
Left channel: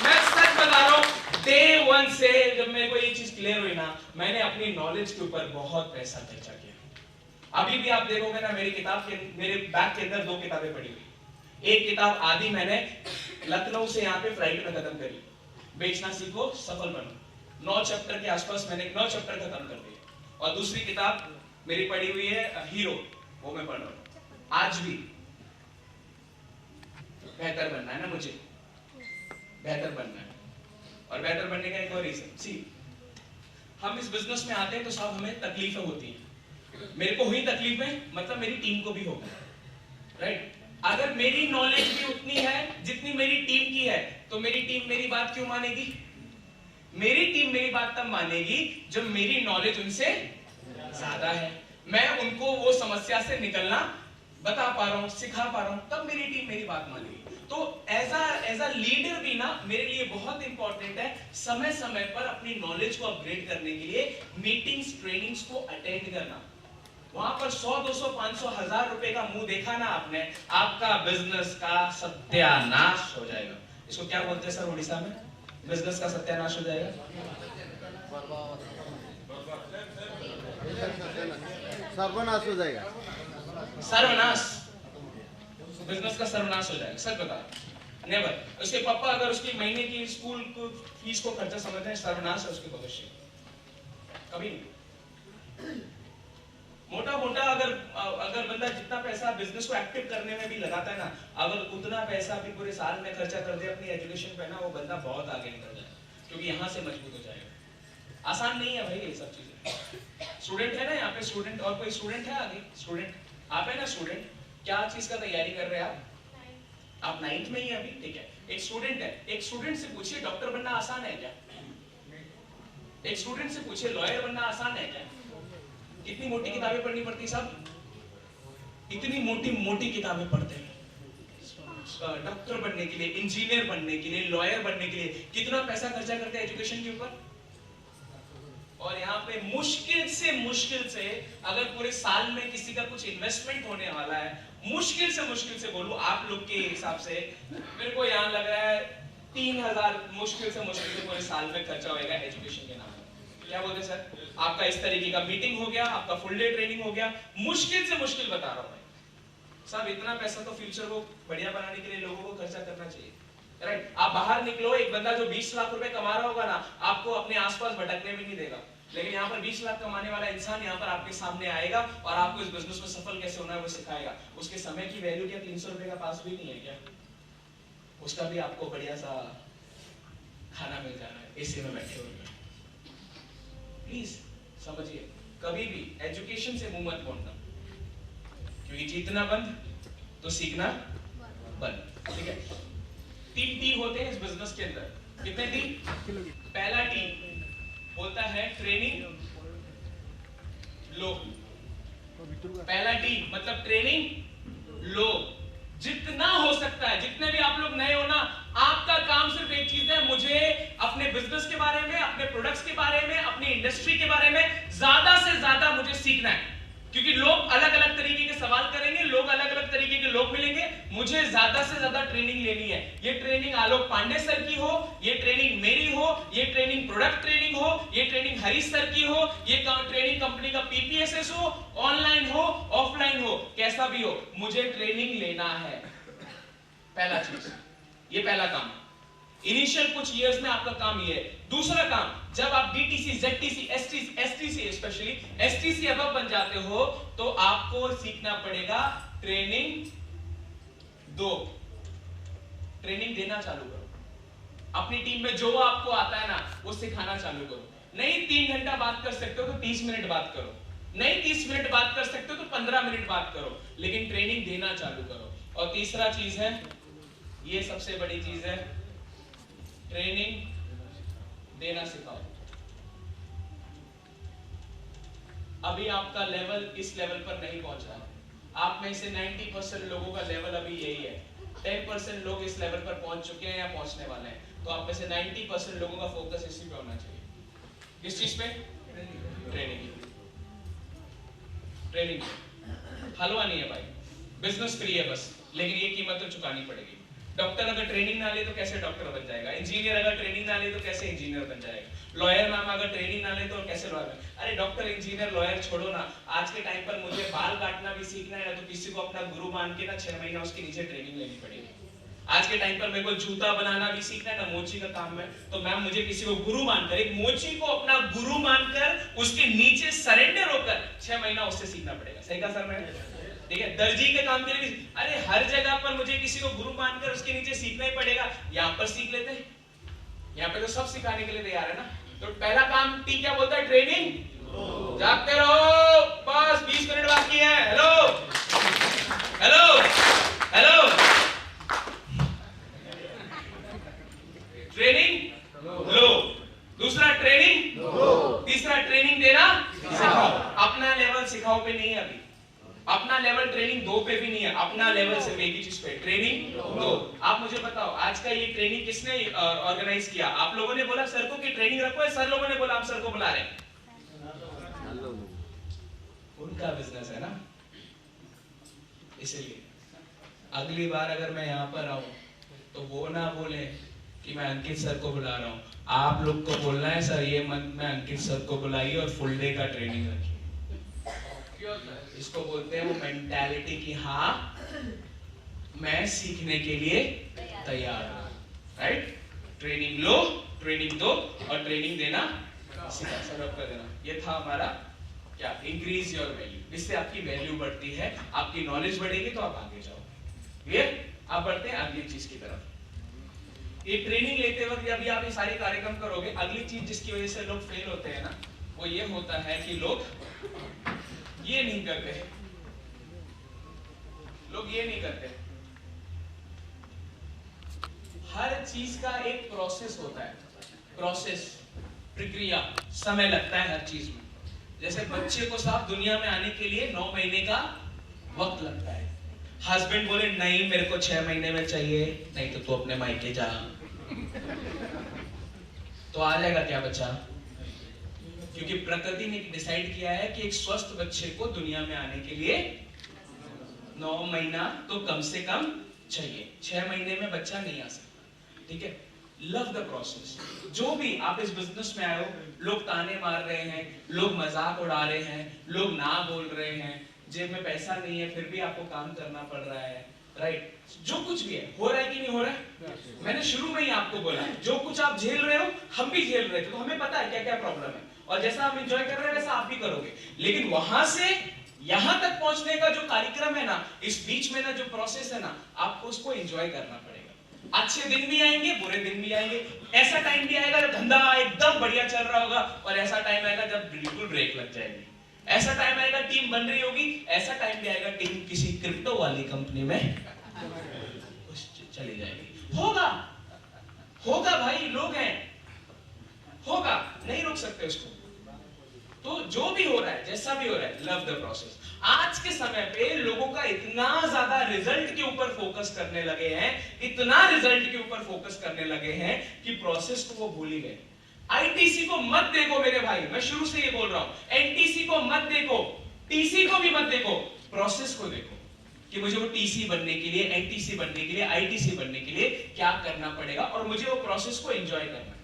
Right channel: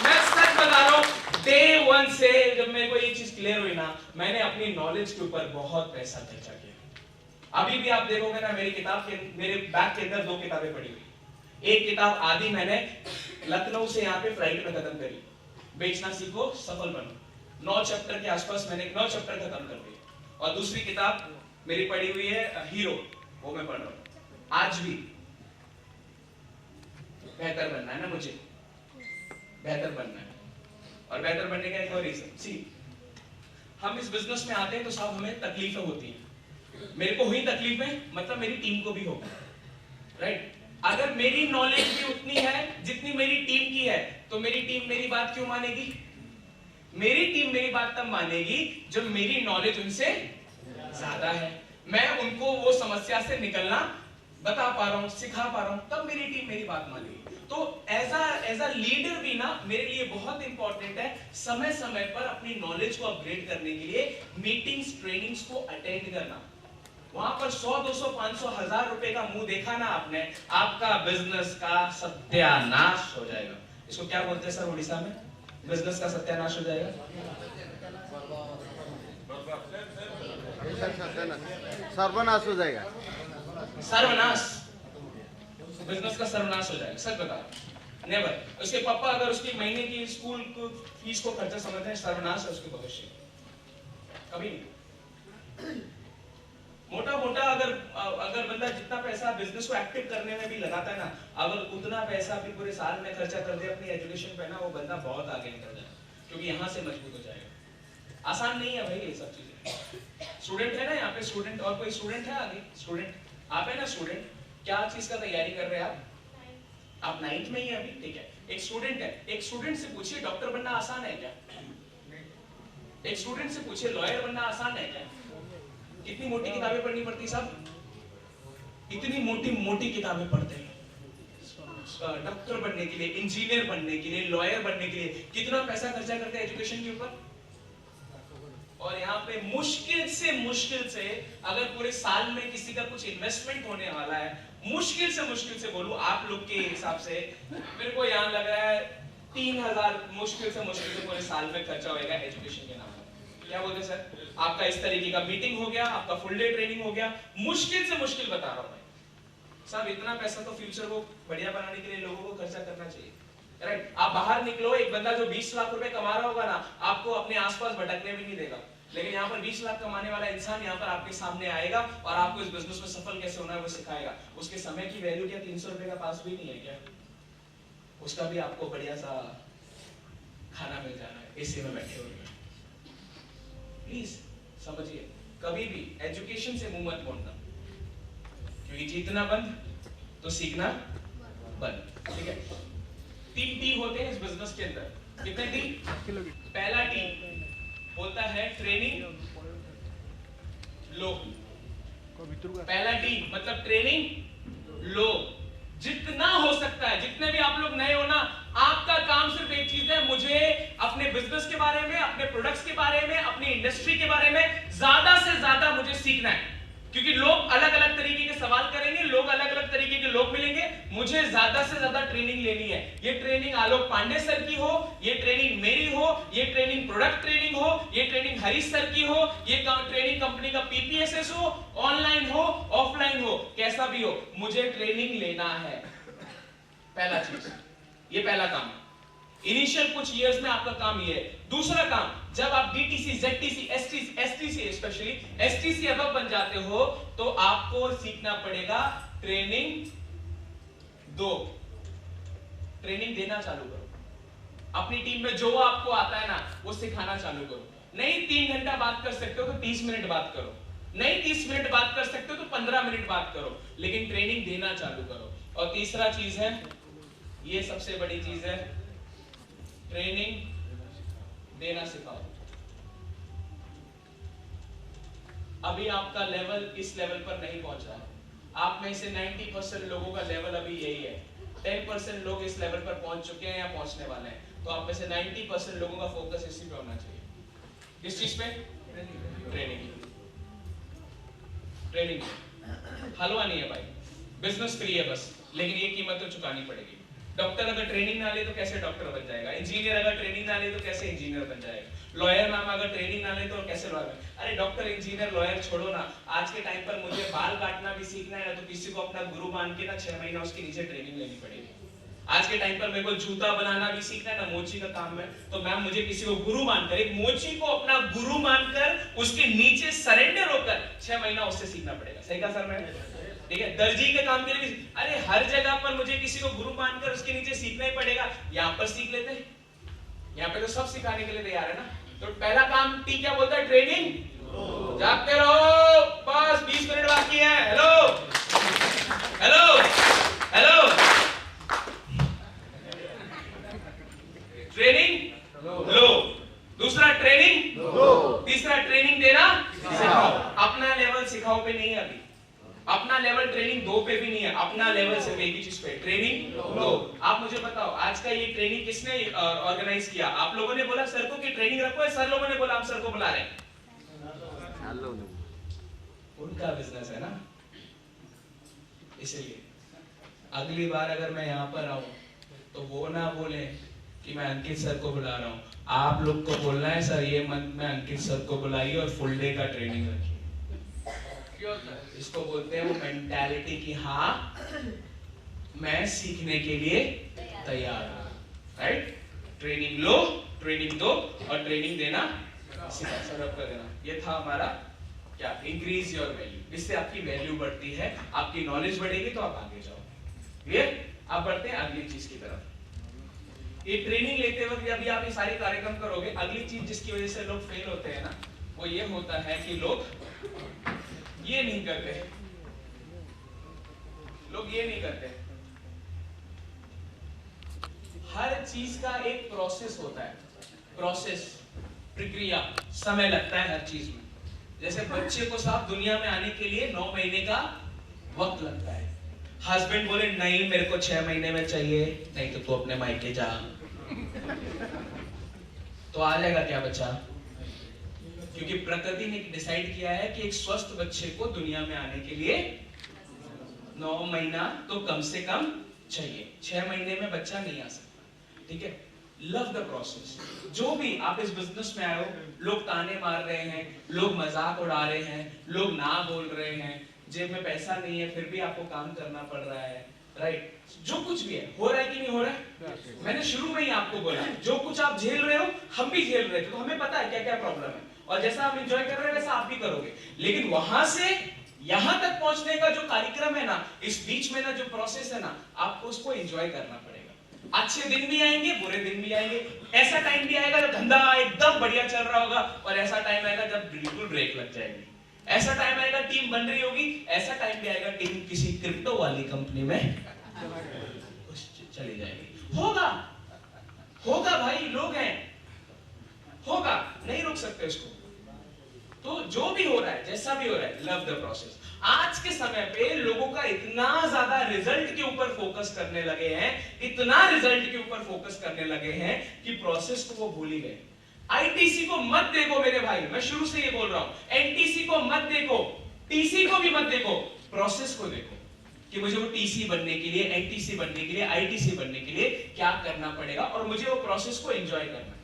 मैं सच बता रहा हूं, डे 1 से जब मेरे को ये चीज क्लियर हुई ना, मैंने अपनी नॉलेज के ऊपर बहुत पैसा खर्चा किया। अभी भी आप देखोगे ना मेरी किताब के, मेरे बैग के अंदर 2 किताबें पड़ी हुई। एक किताब आदि मैंने लखनऊ से यहाँ पे फ्लाइट में खत्म करी, बेचना सीखो सफल बनो। 9 चैप्टर के आसपास मैंने 9 चैप्टर खत्म कर दिए। और दूसरी किताब मेरी पड़ी हुई है हीरो, वो मैं पढ़ रहा हूँ। आज भी बेहतर बनना है ना, मुझे बेहतर बनना है, और बेहतर बनने का एक और रीजन, सी हम इस बिजनेस में आते हैं तो सब हमें तकलीफें होती हैं। मेरे को हुई तकलीफें, मतलब मेरी टीम को भी होगा, राइट? अगर मेरी नॉलेज भी उतनी है जितनी मेरी टीम की है, तो मेरी टीम मेरी बात क्यों मानेगी? मेरी टीम मेरी बात तब मानेगी जब मेरी नॉलेज उनसे ज्यादा है, मैं उनको वो समस्या से निकलना बता पा रहा हूं, सिखा पा रहा हूं, तब मेरी टीम मेरी बात मानेगी। तो एज अ लीडर भी ना मेरे लिए बहुत इंपॉर्टेंट है समय समय पर अपनी नॉलेज को अपग्रेड करने के लिए मीटिंग्स, ट्रेनिंग्स को अटेंड करना। वहां पर 100, 200, 500, 1000 रुपए का मुंह देखा ना आपने, आपका बिजनेस का सत्यानाश हो जाएगा। इसको क्या बोलते हैं सर उड़ीसा में? बिजनेस का सत्यानाश हो जाएगा, सर्वनाश हो जाएगा, सर्वनाश, बिजनेस का सर्वनाश हो जाएगा। सच बता, नेवर। उसके पापा अगर उसकी महीने की स्कूल को फीस को खर्चा समझते हैं, सर्वनाश है उसके भविष्य, कभी नहीं। मोटा मोटा अगर बंदा जितना पैसा बिजनेस को एक्टिव करने में भी लगाता है ना, अगर उतना पैसा भी पूरे साल में खर्चा कर दे अपनी एजुकेशन पे ना, वो बंदा बहुत आगे निकल जाए, क्योंकि यहाँ से मजबूत हो जाएगा। आसान नहीं है भाई ये सब चीजें। स्टूडेंट है ना यहाँ पे, स्टूडेंट, और कोई स्टूडेंट है आगे? स्टूडेंट आप है ना? स्टूडेंट क्या चीज का तैयारी कर रहे हैं आप 9th में ही अभी, ठीक है। एक स्टूडेंट है, एक स्टूडेंट से पूछिए डॉक्टर बनना आसान है क्या? एक स्टूडेंट से पूछिए लॉयर बनना आसान है क्या? कितनी मोटी किताबें पढ़नी पड़ती सब, इतनी मोटी मोटी किताबें पढ़ते हैं डॉक्टर बनने के लिए, इंजीनियर बनने के लिए, लॉयर बनने के लिए। कितना पैसा खर्चा करते हैं एजुकेशन के ऊपर। और यहाँ पे मुश्किल से अगर पूरे साल में किसी का कुछ इन्वेस्टमेंट होने वाला है, मुश्किल से बोलूं आप लोग के हिसाब से, मेरे को यहाँ लग रहा है 3000 मुश्किल से पूरे साल में खर्चा होगा एजुकेशन के नाम पर। क्या बोलते सर? आपका इस तरीके का मीटिंग हो गया, आपका फुल डे ट्रेनिंग हो गया, मुश्किल से बता रहा हूं भाई साहब। इतना पैसा तो फ्यूचर को बढ़िया बनाने के लिए लोगों को खर्चा करना चाहिए, राइट? आप बाहर निकलो, एक बंदा जो 20 लाख रुपए कमा रहा होगा ना, आपको अपने आसपास भटकने भी नहीं देगा। लेकिन यहाँ पर 20 लाख कमाने वाला इंसान यहाँ पर आपके सामने आएगा और आपको इस बिजनेस में सफल कैसे होना है वो सिखाएगा। उसके समय की वैल्यू क्या 300 रुपए का पास भी नहीं है क्या? उसका भी आपको बढ़िया सा खाना मिल जाना है एसी में बैठे हुए। प्लीज समझिए, कभी भी एजुकेशन से मुंह मत मोड़ना, क्योंकि जीतना बंद तो सीखना बंद, ठीक है? 3 टी होते हैं इस बिजनेस के अंदर। कितने टी? पहला टी होता है ट्रेनिंग लो। पहला टी मतलब ट्रेनिंग लो, जितना हो सकता है। जितने भी आप लोग नए हो ना, आपका काम सिर्फ एक चीज है, मुझे अपने बिजनेस के बारे में, अपने प्रोडक्ट्स के बारे में, अपनी इंडस्ट्री के बारे में ज्यादा से ज्यादा मुझे सीखना है। क्योंकि लोग अलग अलग तरीके के सवाल करेंगे, लोग अलग अलग तरीके के लोग मिलेंगे, मुझे ज्यादा से ज्यादा ट्रेनिंग लेनी है। ये ट्रेनिंग आलोक पांडे सर की हो, ये ट्रेनिंग मेरी हो, ये ट्रेनिंग प्रोडक्ट ट्रेनिंग हो, ये ट्रेनिंग हरीश सर की हो, ये ट्रेनिंग कंपनी का पीपीएसएस हो, ऑनलाइन हो, ऑफलाइन हो, कैसा भी हो, मुझे ट्रेनिंग लेना है। पहला चीज, ये पहला काम। इनिशियल कुछ इयर्स में आपका काम ये है। दूसरा काम, जब आप DTC, ZTC, STC, specially STC above बन जाते हो, तो आपको सीखना पड़ेगा ट्रेनिंग दो। ट्रेनिंग देना चालू करो। अपनी टीम में जो आपको आता है ना, वो सिखाना चालू करो। नहीं 3 घंटा बात कर सकते हो तो 30 मिनट बात करो, नहीं 30 मिनट बात कर सकते हो तो 15 मिनट बात करो, लेकिन ट्रेनिंग देना चालू करो। और तीसरा चीज है, ये सबसे बड़ी चीज है, ट्रेनिंग देना सिखाओ। अभी आपका लेवल इस लेवल पर नहीं पहुंचा है। आप में से 90% लोगों का लेवल अभी यही है। 10% लोग इस लेवल पर पहुंच चुके हैं या पहुंचने वाले हैं। तो आप में से 90% लोगों का फोकस इसी पे होना चाहिए। किस चीज पे? ट्रेनिंग। ट्रेनिंग हलवा नहीं है भाई, बिजनेस फ्री है बस, लेकिन ये कीमत तो चुकानी पड़ेगी। डॉक्टर अगर ट्रेनिंग ना ले तो कैसे डॉक्टर बन जाएगा? इंजीनियर अगर ट्रेनिंग ना ले तो कैसे इंजीनियर बन जाएगा? लॉयर मैम अगर ट्रेनिंग ना ले तो कैसे लॉयर? अरे डॉक्टर, इंजीनियर, लॉयर छोड़ो ना, आज के टाइम पर मुझे बाल काटना भी सीखना है ना, तो किसी को अपना गुरु मान के ना 6 महीना उसके नीचे ट्रेनिंग लेनी पड़ेगी। आज के टाइम पर मेरे को जूता बनाना भी सीखना है ना, मोची का काम है, तो मैम मुझे किसी को गुरु मानकर, एक मोची को अपना गुरु मानकर उसके नीचे सरेंडर होकर 6 महीना उससे सीखना पड़ेगा। सही कहा सर मैंने? ठीक है, दर्जी के काम के लिए भी, अरे हर जगह पर मुझे किसी को गुरु मानकर उसके नीचे सीखना ही पड़ेगा। यहाँ पर सीख लेते हैं, यहाँ पे तो सब सिखाने के लिए तैयार है ना। तो पहला काम टी क्या बोलता है? ट्रेनिंग जागते रहो, बस 20 मिनट बाकी है। हेलो हेलो हेलो, ट्रेनिंग लो, दूसरा ट्रेनिंग लो, तीसरा ट्रेनिंग देना सिखाओ। अपना लेवल सिखाओ पे नहीं है अभी, अपना लेवल ट्रेनिंग 2 पे भी नहीं है, अपना लेवल सिर्फ एक ही चीज पे, ट्रेनिंग लो। आप मुझे बताओ, आज का ये ट्रेनिंग किसने ऑर्गेनाइज किया? आप लोगों ने बोला सर को कि ट्रेनिंग रखो, सर लोगों ने बोला आप सर को बुला रहे हैं? उनका बिजनेस है ना, इसलिए अगली बार अगर मैं यहाँ पर आऊं तो वो ना बोले कि मैं अंकित सर को बुला रहा हूँ, आप लोग को बोलना है सर ये मंथ में अंकित सर को बुलाइए और फुल डे का ट्रेनिंग रखिए। इसको बोलते हैं वो मेंटालिटी की हाँ मैं सीखने के लिए तैयार हूँ, राइट? ट्रेनिंग लो, ट्रेनिंग दो और ट्रेनिंग देना सिखा, सर्व कर देना। ये था हमारा क्या, इंक्रीज योर वैल्यू। इससे आपकी वैल्यू बढ़ती है, आपकी नॉलेज बढ़ेगी तो आप आगे जाओगे। क्लियर? आप बढ़ते हैं अगली चीज की तरफ। ये ट्रेनिंग लेते वक्त जब भी आप ये सारे कार्यक्रम करोगे, अगली चीज जिसकी वजह से लोग फेल होते हैं ना, वो ये होता है कि लोग ये नहीं करते, लोग ये नहीं करते। हर चीज का एक प्रोसेस होता है, प्रोसेस, प्रक्रिया, समय लगता है हर चीज में। जैसे बच्चे को साफ दुनिया में आने के लिए 9 महीने का वक्त लगता है। हस्बैंड बोले नहीं मेरे को 6 महीने में चाहिए, नहीं तो तू अपने मायके जा, तो आ जाएगा क्या बच्चा? क्योंकि प्रकृति ने डिसाइड किया है कि एक स्वस्थ बच्चे को दुनिया में आने के लिए 9 महीना तो कम से कम चाहिए। 6 महीने में बच्चा नहीं आ सकता, ठीक है? Love the process. जो भी आप इस बिजनेस में आए हो, लोग ताने मार रहे हैं, लोग मजाक उड़ा रहे हैं, लोग ना बोल रहे हैं, जेब में पैसा नहीं है फिर भी आपको काम करना पड़ रहा है, राइट? जो कुछ भी है, हो रहा है कि नहीं हो रहा है? मैंने शुरू में ही आपको बोला, जो कुछ आप झेल रहे हो हम भी झेल रहे थे, तो हमें पता है क्या क्या प्रॉब्लम है, और जैसा हम एंजॉय कर रहे हैं वैसा आप भी करोगे। लेकिन वहां से यहां तक पहुंचने का जो कार्यक्रम है ना, इस बीच में ना जो प्रोसेस है ना, आपको उसको एंजॉय करना पड़ेगा। अच्छे दिन भी आएंगे, बुरे दिन भी आएंगे। ऐसा टाइम भी आएगा जब धंधा एकदम बढ़िया चल रहा होगा, और ऐसा टाइम आएगा जब बिल्कुल ब्रेक लग जाएगी। ऐसा टाइम आएगा टीम बन रही होगी, ऐसा टाइम भी आएगा टीम किसी क्रिप्टो वाली कंपनी में चली जाएगी। होगा होगा भाई, लोग हैं, होगा, नहीं रोक सकते उसको। तो जो भी हो रहा है, जैसा भी हो रहा है, लव द प्रोसेस। आज के समय पे लोगों का इतना ज्यादा रिजल्ट के ऊपर फोकस करने लगे हैं, इतना रिजल्ट के ऊपर फोकस करने लगे हैं कि प्रोसेस को वो भूल ही गए। आईटीसी को मत देखो मेरे भाई, मैं शुरू से ये बोल रहा हूं, एनटीसी को मत देखो, टीसी को भी मत देखो, प्रोसेस को देखो कि मुझे वो टीसी बनने के लिए, एनटीसी बनने के लिए, आईटीसी बनने के लिए क्या करना पड़ेगा, और मुझे वो प्रोसेस को एंजॉय करना है।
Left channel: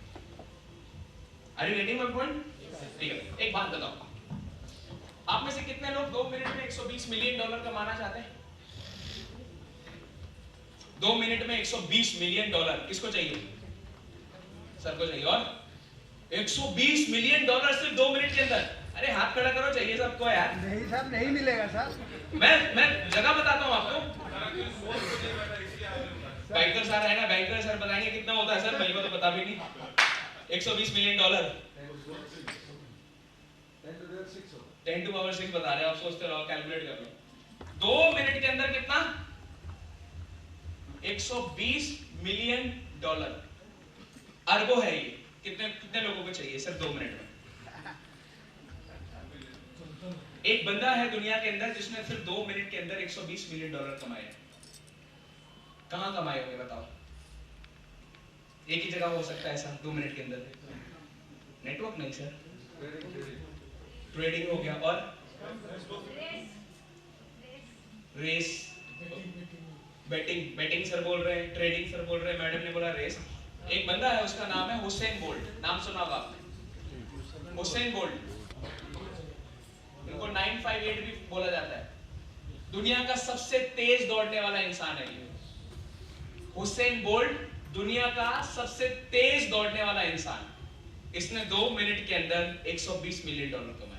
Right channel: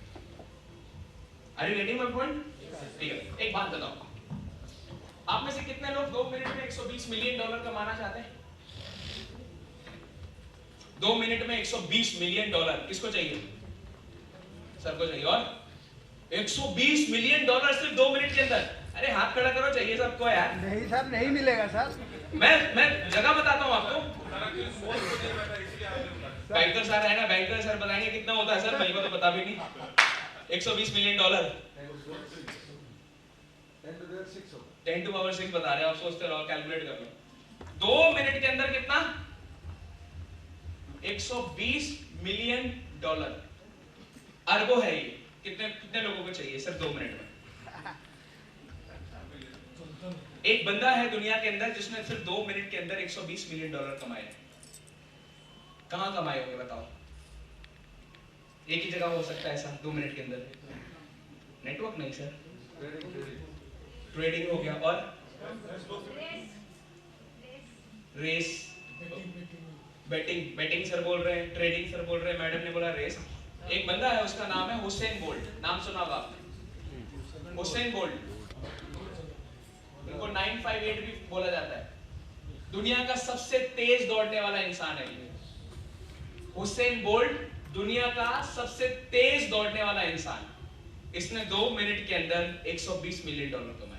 Are you getting my point? ठीक है, एक बात बताओ, आप में से कितने लोग 2 मिनट में $120 मिलियन कमाना चाहते हैं? 2 मिनट में $120 मिलियन किसको चाहिए? सर को चाहिए। और $120 मिलियन सिर्फ 2 मिनट के अंदर? अरे हाथ खड़ा करो, चाहिए सबको यार। नहीं सर, नहीं मिलेगा सर। मैं जगह बताता हूँ आपको। बैंकर सर है ना, बैंकर सर बताएंगे कितना होता है सर, मेरे को तो पता भी नहीं। $120 मिलियन 10 to power 6 बता रहे हो आप, सोचते रहो, कैलकुलेट कर लो। 2 मिनट के अंदर कितना? $120 मिलियन। अरबों है ये। कितने कितने लोगों को चाहिए सर 2 मिनट में? एक बंदा है दुनिया के अंदर जिसने सिर्फ 2 मिनट के अंदर $120 मिलियन कमाए। कहां कमाए होंगे बताओ? एक ही जगह हो सकता है ऐसा 2 मिनट के अंदर? नेटवर्क नहीं सर, ट्रेडिंग हो गया, और रेस, बैटिंग सर बोल रहे हैं, ट्रेडिंग सर बोल रहे हैं, मैडम ने बोला रेस। एक बंदा है उसका नाम है हुसैन बोल्ट, नाम सुना होगा आपने? हुसैन बोल्ट, उनको 958 भी बोला जाता है। दुनिया का सबसे तेज दौड़ने वाला इंसान है ये हुसैन बोल्ट, दुनिया का सबसे तेज दौड़ने वाला इंसान। इसने 2 मिनट के अंदर $120 मिलियन कमाए।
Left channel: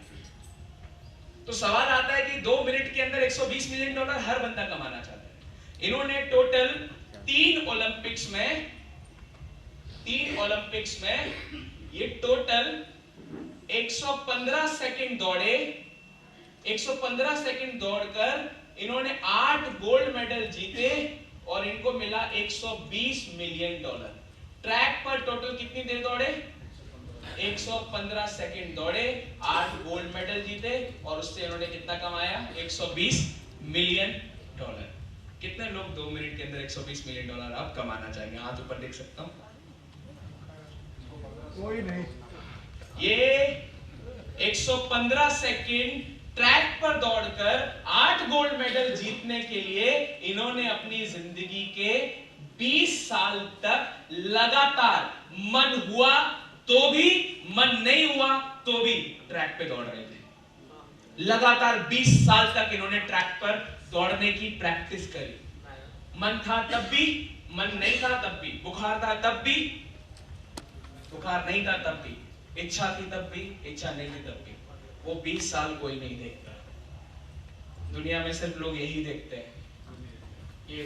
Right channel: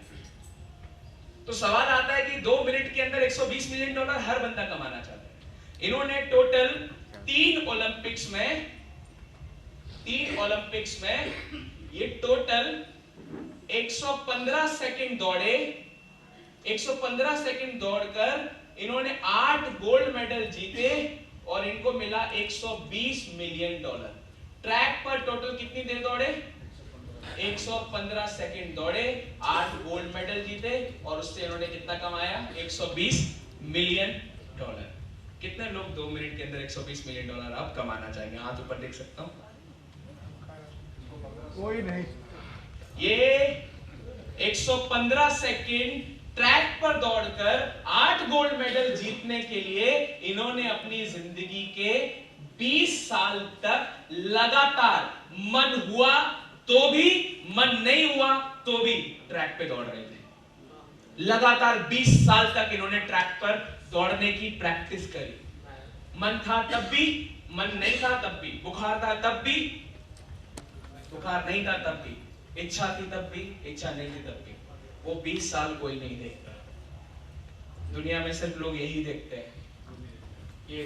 तो सवाल आता है कि 2 मिनट के अंदर $120 मिलियन हर बंदा कमाना चाहता है। इन्होंने टोटल 3 ओलंपिक्स में ये टोटल 115 सेकंड दौड़े, 115 सेकंड दौड़कर इन्होंने 8 गोल्ड मेडल जीते और इनको मिला $120 मिलियन। ट्रैक पर टोटल कितनी देर दौड़े? 115 सेकंड दौड़े, 8 गोल्ड मेडल जीते और उससे इन्होंने कितना कमाया? $120 मिलियन। कितने लोग 2 मिनट के अंदर $120 मिलियन अब कमाना चाहेंगे? हाथ ऊपर देख सकता हूं। कोई नहीं। ये 115 सेकंड ट्रैक पर दौड़कर 8 गोल्ड मेडल जीतने के लिए इन्होंने अपनी जिंदगी के 20 साल तक लगातार, मन हुआ तो भी, मन नहीं हुआ तो भी ट्रैक पे दौड़ रहे थे। लगातार 20 साल तक इन्होंने ट्रैक पर दौड़ने की प्रैक्टिस करी। मन था तब भी, मन नहीं था तब भी, बुखार था तब भी, बुखार नहीं था तब भी, इच्छा थी तब भी, इच्छा नहीं थी तब भी। वो 20 साल कोई नहीं देखता। दुनिया में सिर्फ लोग यही देखते हैं, ये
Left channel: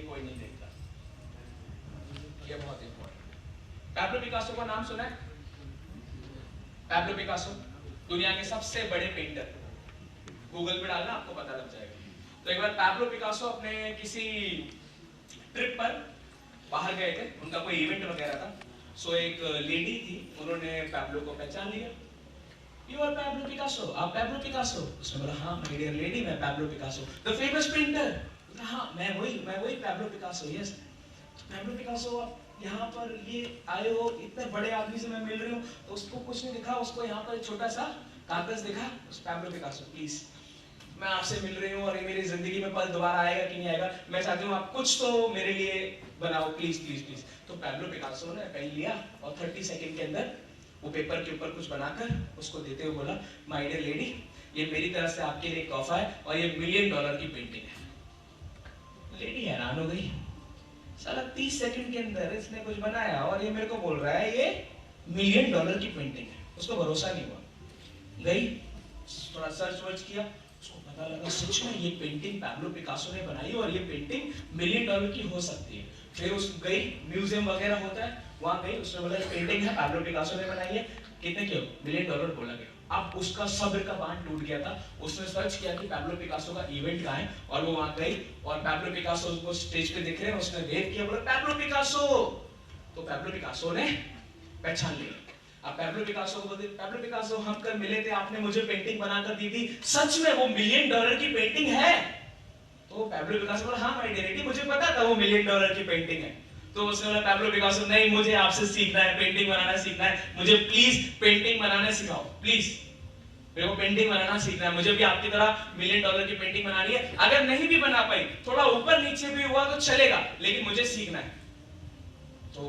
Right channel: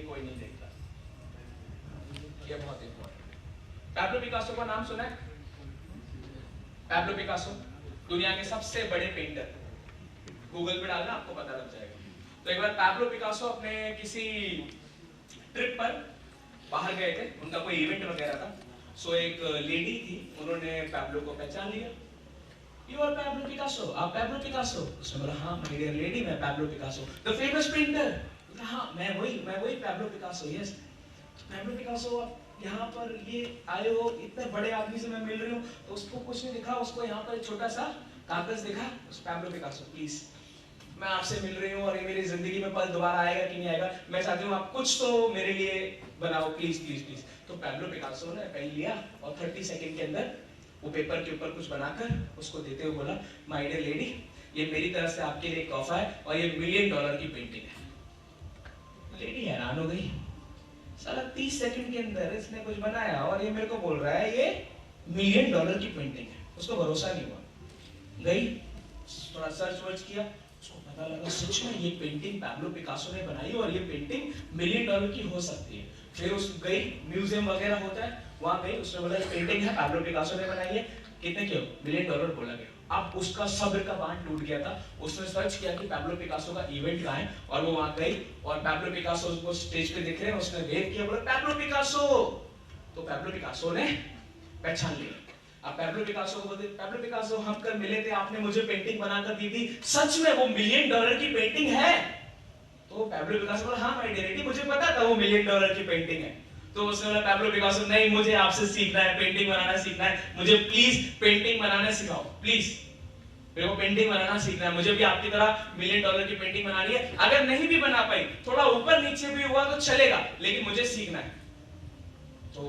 कोई नहीं देखता। ये बहुत इंपॉर्टेंट। पैब्लो पिकासो का नाम सुना है? पैब्लो पिकासो दुनिया के सबसे बड़े पेंटर। गूगल पे डालना आपको पता लग जाएगा। तो एक बार पैब्लो पिकासो अपने किसी ट्रिप पर बाहर गए थे, उनका कोई इवेंट वगैरह था। सो एक लेडी थी, उन्होंने पैब्लो को पहचान लिया। You are Pablo Picasso, आप पैब्लो पिकासो? उसने बोला हाँ my dear lady, मैं Pablo Picasso, the famous painter। हाँ मैं वही Pablo Picasso, yes. Pablo Picasso आप यहाँ पर ये आए हो, इतने बड़े आदमी से मैं मिल रही हूँ, तो उसको कुछ नहीं दिखा, उसको यहाँ पर एक छोटा सा कागज दिखा। उस पैब्लो पिकासो प्लीज मैं आपसे मिल रही हूँ और ये मेरी जिंदगी में पल दोबारा आएगा कि नहीं आएगा, मैं चाहती हूँ आप कुछ तो मेरे लिए बनाओ प्लीज प्लीज प्लीज। तो पैब्लो पिकासो ने पेन लिया और 30 सेकंड के अंदर वो पेपर के ऊपर कुछ बनाकर उसको देते हुए बोला, माय डियर लेडी, ये मेरी तरफ से आपके लिए तोहफा है और ये $1 मिलियन की पेंटिंग है। लेडी हैरान हो गई, साला 30 सेकंड के अंदर इसने कुछ बनाया और ये मेरे को बोल रहा है ये $1 मिलियन की पेंटिंग है। उसको भरोसा नहीं हुआ, गई थोड़ा सर्च वर्च किया, उसको पता लगा सच में ये पेंटिंग पैब्लो पिकासो ने बनाई और ये पेंटिंग $1 मिलियन की हो सकती है। फिर उस गई, म्यूजियम वगैरह होता है, वहां गई, उसने बोला पेंटिंग है पैब्लो पिकासो ने बनाई है, कितने की? $1 मिलियन बोला गया। अब उसका सब्र का बांध टूट गया था। उसने सर्च किया कि पैब्लो पिकासो का इवेंट कहाँ है और वो वहां गई और पैब्लो पिकासो को स्टेज पे दिख रहे हैं, उसने वेव किया, बोला पैब्लो पिकासो। तो पैब्लो पिकासो ने पहचान लिया। अब पैब्लो पिकासो को बोलते, पैब्लो पिकासो हम कल मिले थे, आपने मुझे पेंटिंग बनाकर दी थी, सच में वो $1 मिलियन की पेंटिंग है? तो पैब्लो पिकासो बोला हाँ माय डियर लेडी, मुझे पता था वो $1 मिलियन की पेंटिंग है। तो उसने बोला पैब्लो पिकासो नहीं, मुझे आपसे सीखना है, पेंटिंग बनाना सीखना है, मुझे प्लीज पेंटिंग बनाना सिखाओ, प्लीज मेरे को पेंटिंग बनाना सीखना है, मुझे भी आपकी तरह $1 मिलियन की पेंटिंग बनानी है। अगर नहीं भी बना पाई, थोड़ा ऊपर नीचे भी हुआ तो चलेगा, लेकिन मुझे सीखना है। तो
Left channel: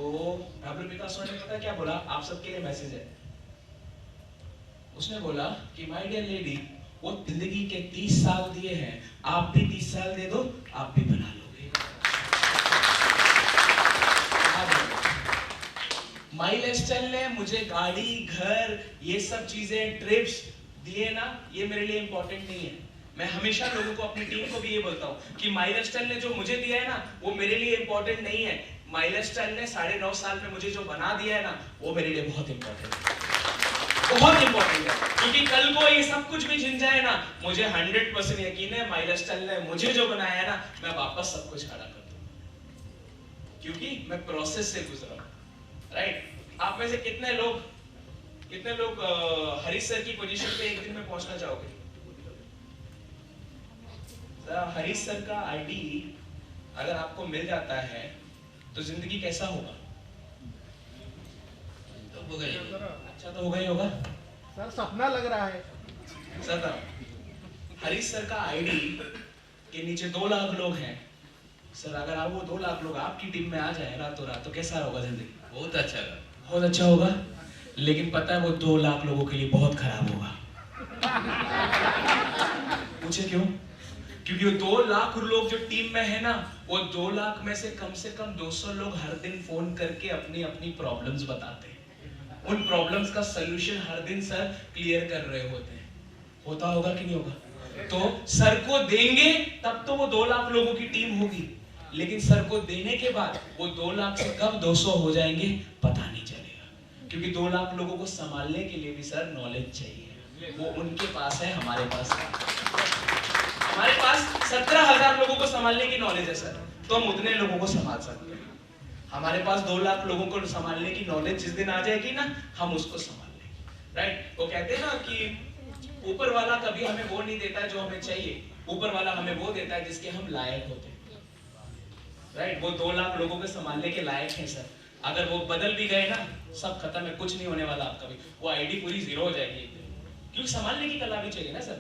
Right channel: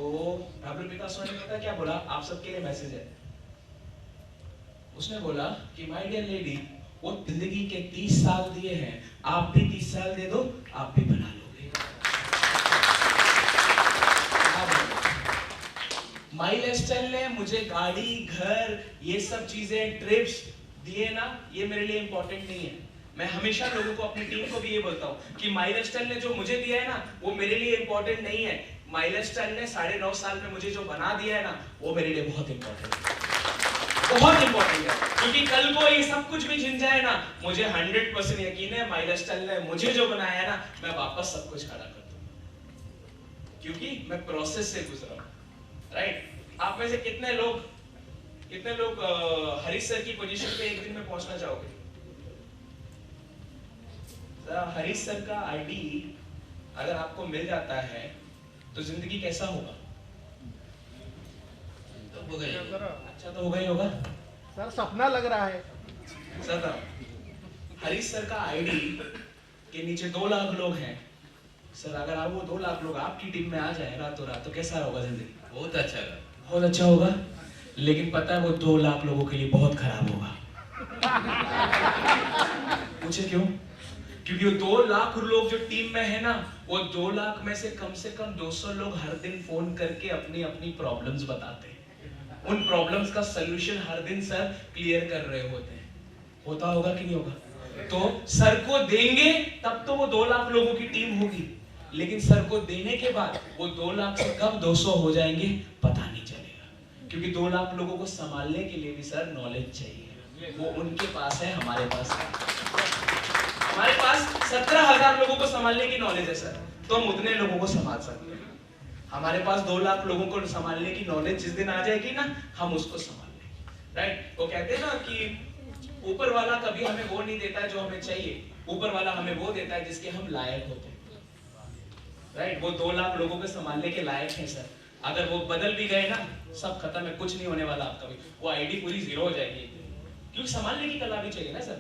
पैब्लो पिकासो ने पता क्या बोला? आप सबके लिए मैसेज है। उसने बोला कि माय डियर लेडी, वो जिंदगी के 30 साल दिए हैं, आप भी 30 साल दे दो, आप भी बना लोगे। माइलस्टाइल ने मुझे गाड़ी, घर, ये सब चीजें, ट्रिप्स दिए ना, ये मेरे लिए इंपॉर्टेंट नहीं है। मैं हमेशा लोगों को, अपनी टीम को भी ये बोलता हूँ कि माइलस्टाइल ने जो मुझे दिया है ना, वो मेरे लिए इंपॉर्टेंट नहीं है। माइलस्टाइल ने 9.5 साल में मुझे जो बना दिया है ना, वो मेरे लिए बहुत इंपॉर्टेंट है, बहुत इंपॉर्टेंट है। क्योंकि कल को ये सब कुछ भी जिन जाए ना, मुझे 100% यकीन है माइलस्टाइल ने मुझे जो बनाया है ना, मैं वापस सब कुछ खड़ा कर दूंगा, क्योंकि मैं प्रोसेस से गुजरा हूं। राइट? आप में से कितने लोग हरीश सर की पोजीशन पे एक दिन में पहुंचना चाहोगे? हरीश सर का आईडी अगर आपको मिल जाता है तो जिंदगी कैसा होगा? तो होगा ही, अच्छा तो होगा ही होगा। सर सपना लग रहा है। सर हरीश सर का आईडी के नीचे 2 लाख लोग हैं। सर अगर आप वो 2 लाख लोग आपकी टीम में आ जाए रातों रात, तो कैसा होगा जिंदगी? बहुत अच्छा होगा, बहुत अच्छा होगा। लेकिन पता है वो 2 लाख लोगों के लिए बहुत खराब होगा। पूछे क्यों? क्योंकि वो 2 लाख लोग जो टीम में है ना, वो 2 लाख में से कम 200 लोग हर दिन फोन करके अपनी अपनी प्रॉब्लम्स बताते हैं। उन प्रॉब्लम्स का सलूशन हर दिन सर क्लियर कर रहे होते हैं। होता होगा कि नहीं होगा? तो सर को देंगे तब तो वो 2 लाख लोगों की टीम होगी, लेकिन सर को देने के बाद वो 2 लाख से कब 200 हो जाएंगे पता नहीं चलेगा। क्योंकि 2 लाख लोगों को संभालने के लिए भी सर नॉलेज चाहिए। वो उनके पास है, हमारे पास है। हमारे पास 17,000 लोगों को संभालने की नॉलेज है सर, तो हम उतने लोगों को संभाल सकते हैं। हमारे पास 2 लाख लोगों को संभालने की नॉलेज जिस दिन आ जाएगी ना, हम उसको संभाल लेंगे। राइट? वो कहते हैं ना कि ऊपर वाला कभी हमें वो नहीं देता जो हमें चाहिए, ऊपर वाला हमें वो देता है जिसके हम लायक होते हैं। राइट? वो 2 लाख लोगों को संभालने के लायक हैं सर। अगर वो बदल भी गए ना, सब खत्म है, कुछ नहीं होने वाला आपका भी, वो आईडी पूरी जीरो हो जाएगी, क्योंकि संभालने की कला भी चाहिए ना सर।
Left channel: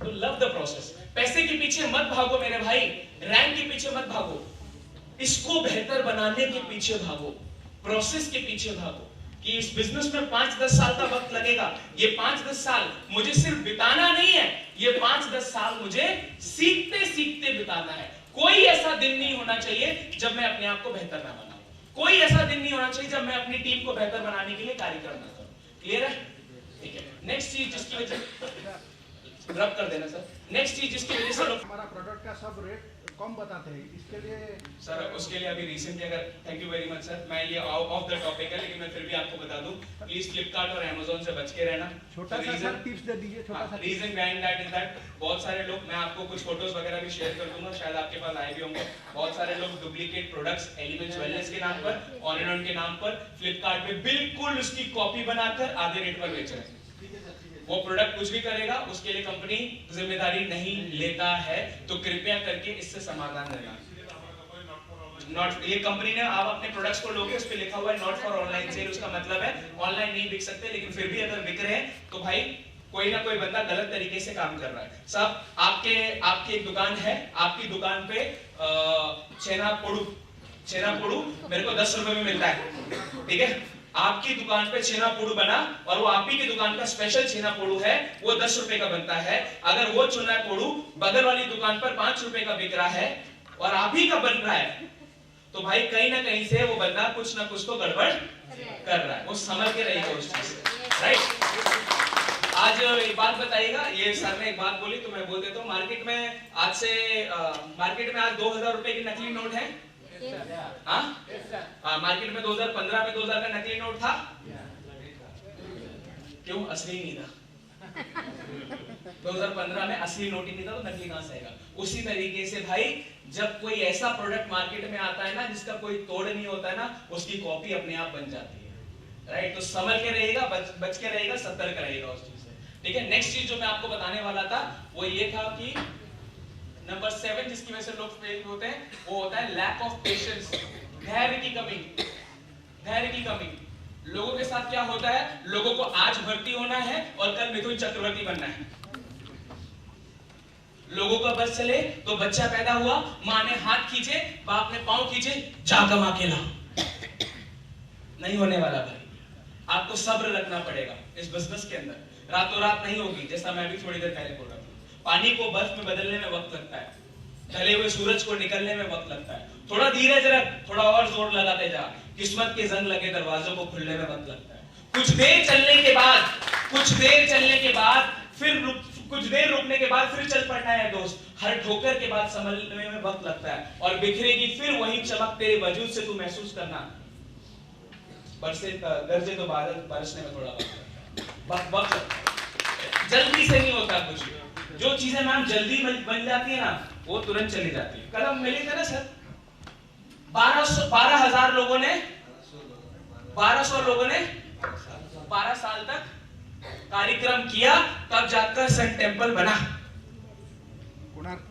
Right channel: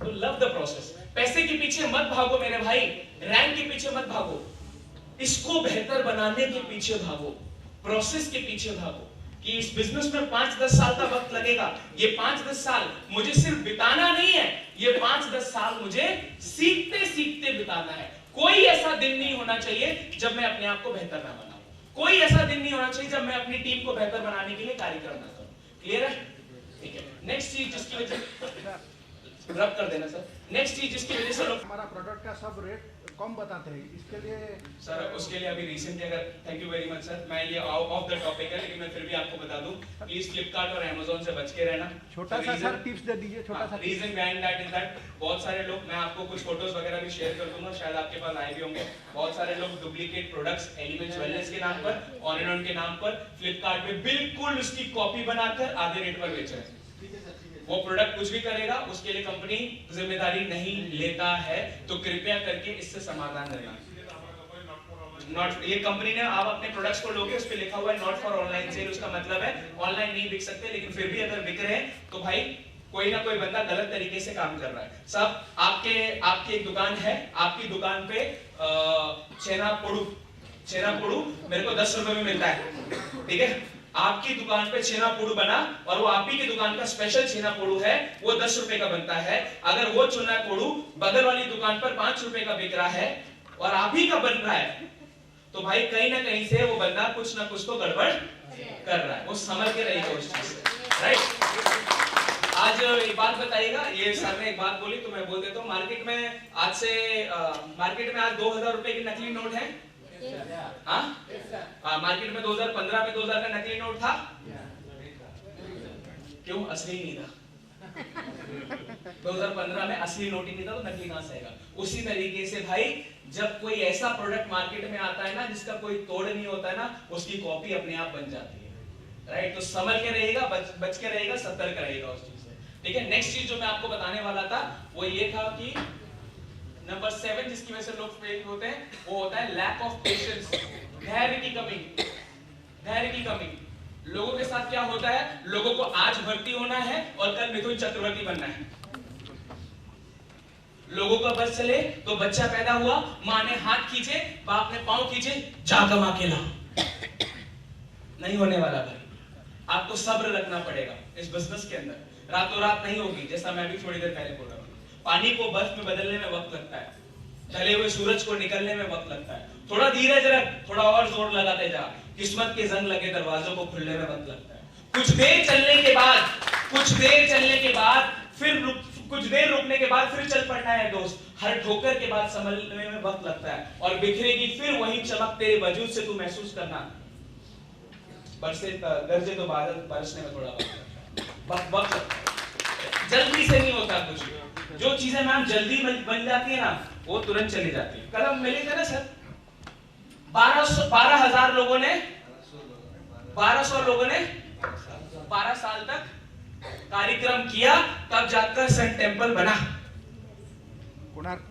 तो लव द प्रोसेस। पैसे के पीछे मत भागो मेरे भाई, रैंक के पीछे मत भागो, इसको बेहतर बनाने के पीछे भागो, प्रोसेस के पीछे भागो कि इस बिजनेस में 5-10 साल का वक्त लगेगा। ये 5-10 साल मुझे सिर्फ बिताना नहीं है, ये 5-10 साल मुझे सीखते सीखते बिताना है। कोई ऐसा दिन नहीं होना चाहिए जब मैं अपने आप को बेहतर ना बनाऊं, कोई ऐसा दिन नहीं होना चाहिए जब मैं अपनी टीम को बेहतर बनाने के लिए कार्यक्रम ना करूं। क्लियर है? ठीक है। नेक्स्ट चीज जिसकी वजह रब कर देना सर, नेक्स्ट चीज जिसकी वजह से लोग हमारा प्रोडक्ट का सब रेट कम बताते हैं, इसके लिए सर उसके लिए अभी रिसेंटली अगर, thank you very much sir, मैं ये ऑफ द टॉपिक है लेकिन मैं फिर भी आपको बता दूं, प्लीज फ्लिपकार्ट और अमेज़न से बच के रहना। छोटा सा सर टिप्स दे दीजिए, छोटा सा reason behind that is that बहुत सारे लोग, मैं आपको कुछ फोटोज वगैरह भी शेयर कर दूंगा, शायद आपके पास आए भी होंगे, बहुत सारे लोग डुप्लीकेट प्रोडक्ट्स एलिमेंट्स वेलनेस के नाम पर, ऑन एंड ऑन के नाम पर फ्लिपकार्ट पे बिल्कुल उसकी कॉपी बनाकर आधे रेट पर बेच रहे हैं। वो प्रोडक्ट कुछ भी करेगा उसके लिए कंपनी जिम्मेदारी नहीं लेता है, तो कृपया करके इससे समाधान लेना। नॉट, ये कंपनी ने आप अपने प्रोडक्ट्स को लोगे, उस पे लिखा हुआ है नॉट फॉर ऑनलाइन सेल, उसका मतलब है ऑनलाइन नहीं बिक सकते, लेकिन फिर भी अगर बिक रहे हैं तो भाई कोई ना कोई बंदा गलत तरीके से काम कर रहा है। सब आपके एक दुकान है, आपकी दुकान पे छेना पोड़ू मेरे को 10 रुपए में मिलता है, ठीक है? आपकी दुकान पे छेना पोड़ू बना और वो आप ही की दुकान का स्पेशल छेना पोड़ू है, वो 10 रुपए का बनता है। अगर वो छेना पोड़ू बगल वाली दुकान पर 5 रुपए का बिक रहा है और आप ही का बन रहा है, तो भाई कहीं ना कहीं से वो बंदा कुछ ना कुछ तो गड़बड़ कर रहा है, वो समझ के रहेगा उस चीज से। राइट? आज एक बात बताइएगा, ये सर ने एक बात बोली तो मैं बोल देता हूँ, मार्केट में आज 2000 रुपए की नकली नोट है। मार्केट में 2015 में 2000 का नकली नोट था, क्यों? असली नहीं था। 2015 में असली नोट ही नहीं था तो नकली कहां से आएगा? उसी तरीके से भाई जब कोई ऐसा प्रोडक्ट मार्केट में आता है ना जिसका कोई तोड़ नहीं होता है ना, उसकी कॉपी अपने आप बन जाती है। राइट? तो संभल के रहेगा, बच के रहेगा, सतर्क रहेगा उस चीज से। ठीक है? नेक्स्ट चीज जो मैं आपको बताने वाला था वो ये था कि नंबर 7 जिसकी वजह से लोग फेल होते हैं वो होता है लैक ऑफ पेशेंस, धैर्य की कमी। लोगों के साथ क्या होता है, लोगों को आज भर्ती होना है और कल मिथुन चक्रवर्ती बनना है। लोगों का बस चले तो बच्चा पैदा हुआ, माँ ने हाथ खींचे, बाप ने पांव खींचे, जा कमा के ला, नहीं होने वाला भाई। आपको सब्र रखना पड़ेगा इस बिजनेस के अंदर, रातों रात नहीं होगी। जैसा मैं भी थोड़ी देर पहले बोल रहा हूँ, पानी को बर्फ में बदलने में वक्त लगता है, ढले हुए सूरज को निकलने में वक्त लगता है। थोड़ा धीरज रख, थोड़ा और जोर लगाते जा, किस्मत के जंग लगे दरवाजों को खुलने में वक्त लगता है। कुछ देर चलने के बाद फिर कुछ देर रुकने के बाद फिर चल पड़ना है दोस्त। हर ठोकर के बाद संभलने में वक्त लगता है और बिखरेगी फिर वही चमक तेरे वजूद से तू महसूस करना। गरजे तो बादल बरसने में थोड़ा वक्त लगता है, जल्दी से नहीं होता कुछ। जो चीजें मैम जल्दी बन जाती है ना वो तुरंत चली जाती है। कल हम मिले थे ना सर, 1200 लोगों ने 12 साल तक कार्यक्रम किया, तब जाकर सन टेम्पल बना। कोणार्क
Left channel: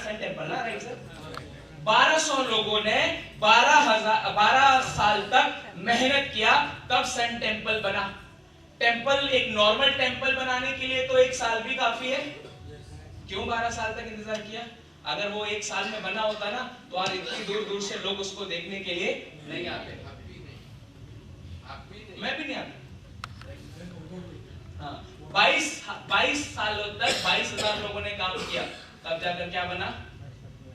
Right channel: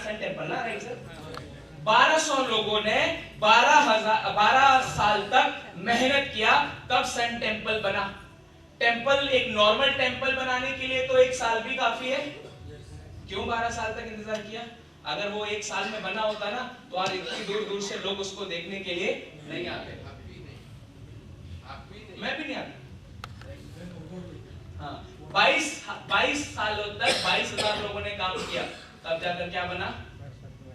सन टेम्पल ना, राइट सर? 1200 लोगों ने 12 साल तक मेहनत किया, तब सन टेम्पल बना। टेम्पल, एक नॉर्मल टेम्पल बनाने के लिए तो 1 साल भी काफी है, क्यों 12 साल तक इंतजार किया? अगर वो 1 साल में बना होता ना तो आज इतनी दूर दूर से लोग उसको देखने के लिए नहीं आते। मैं भी नहीं आता। हाँ, 22 सालों तक 22,000 लोगों ने काम किया, तब जाकर क्या बना?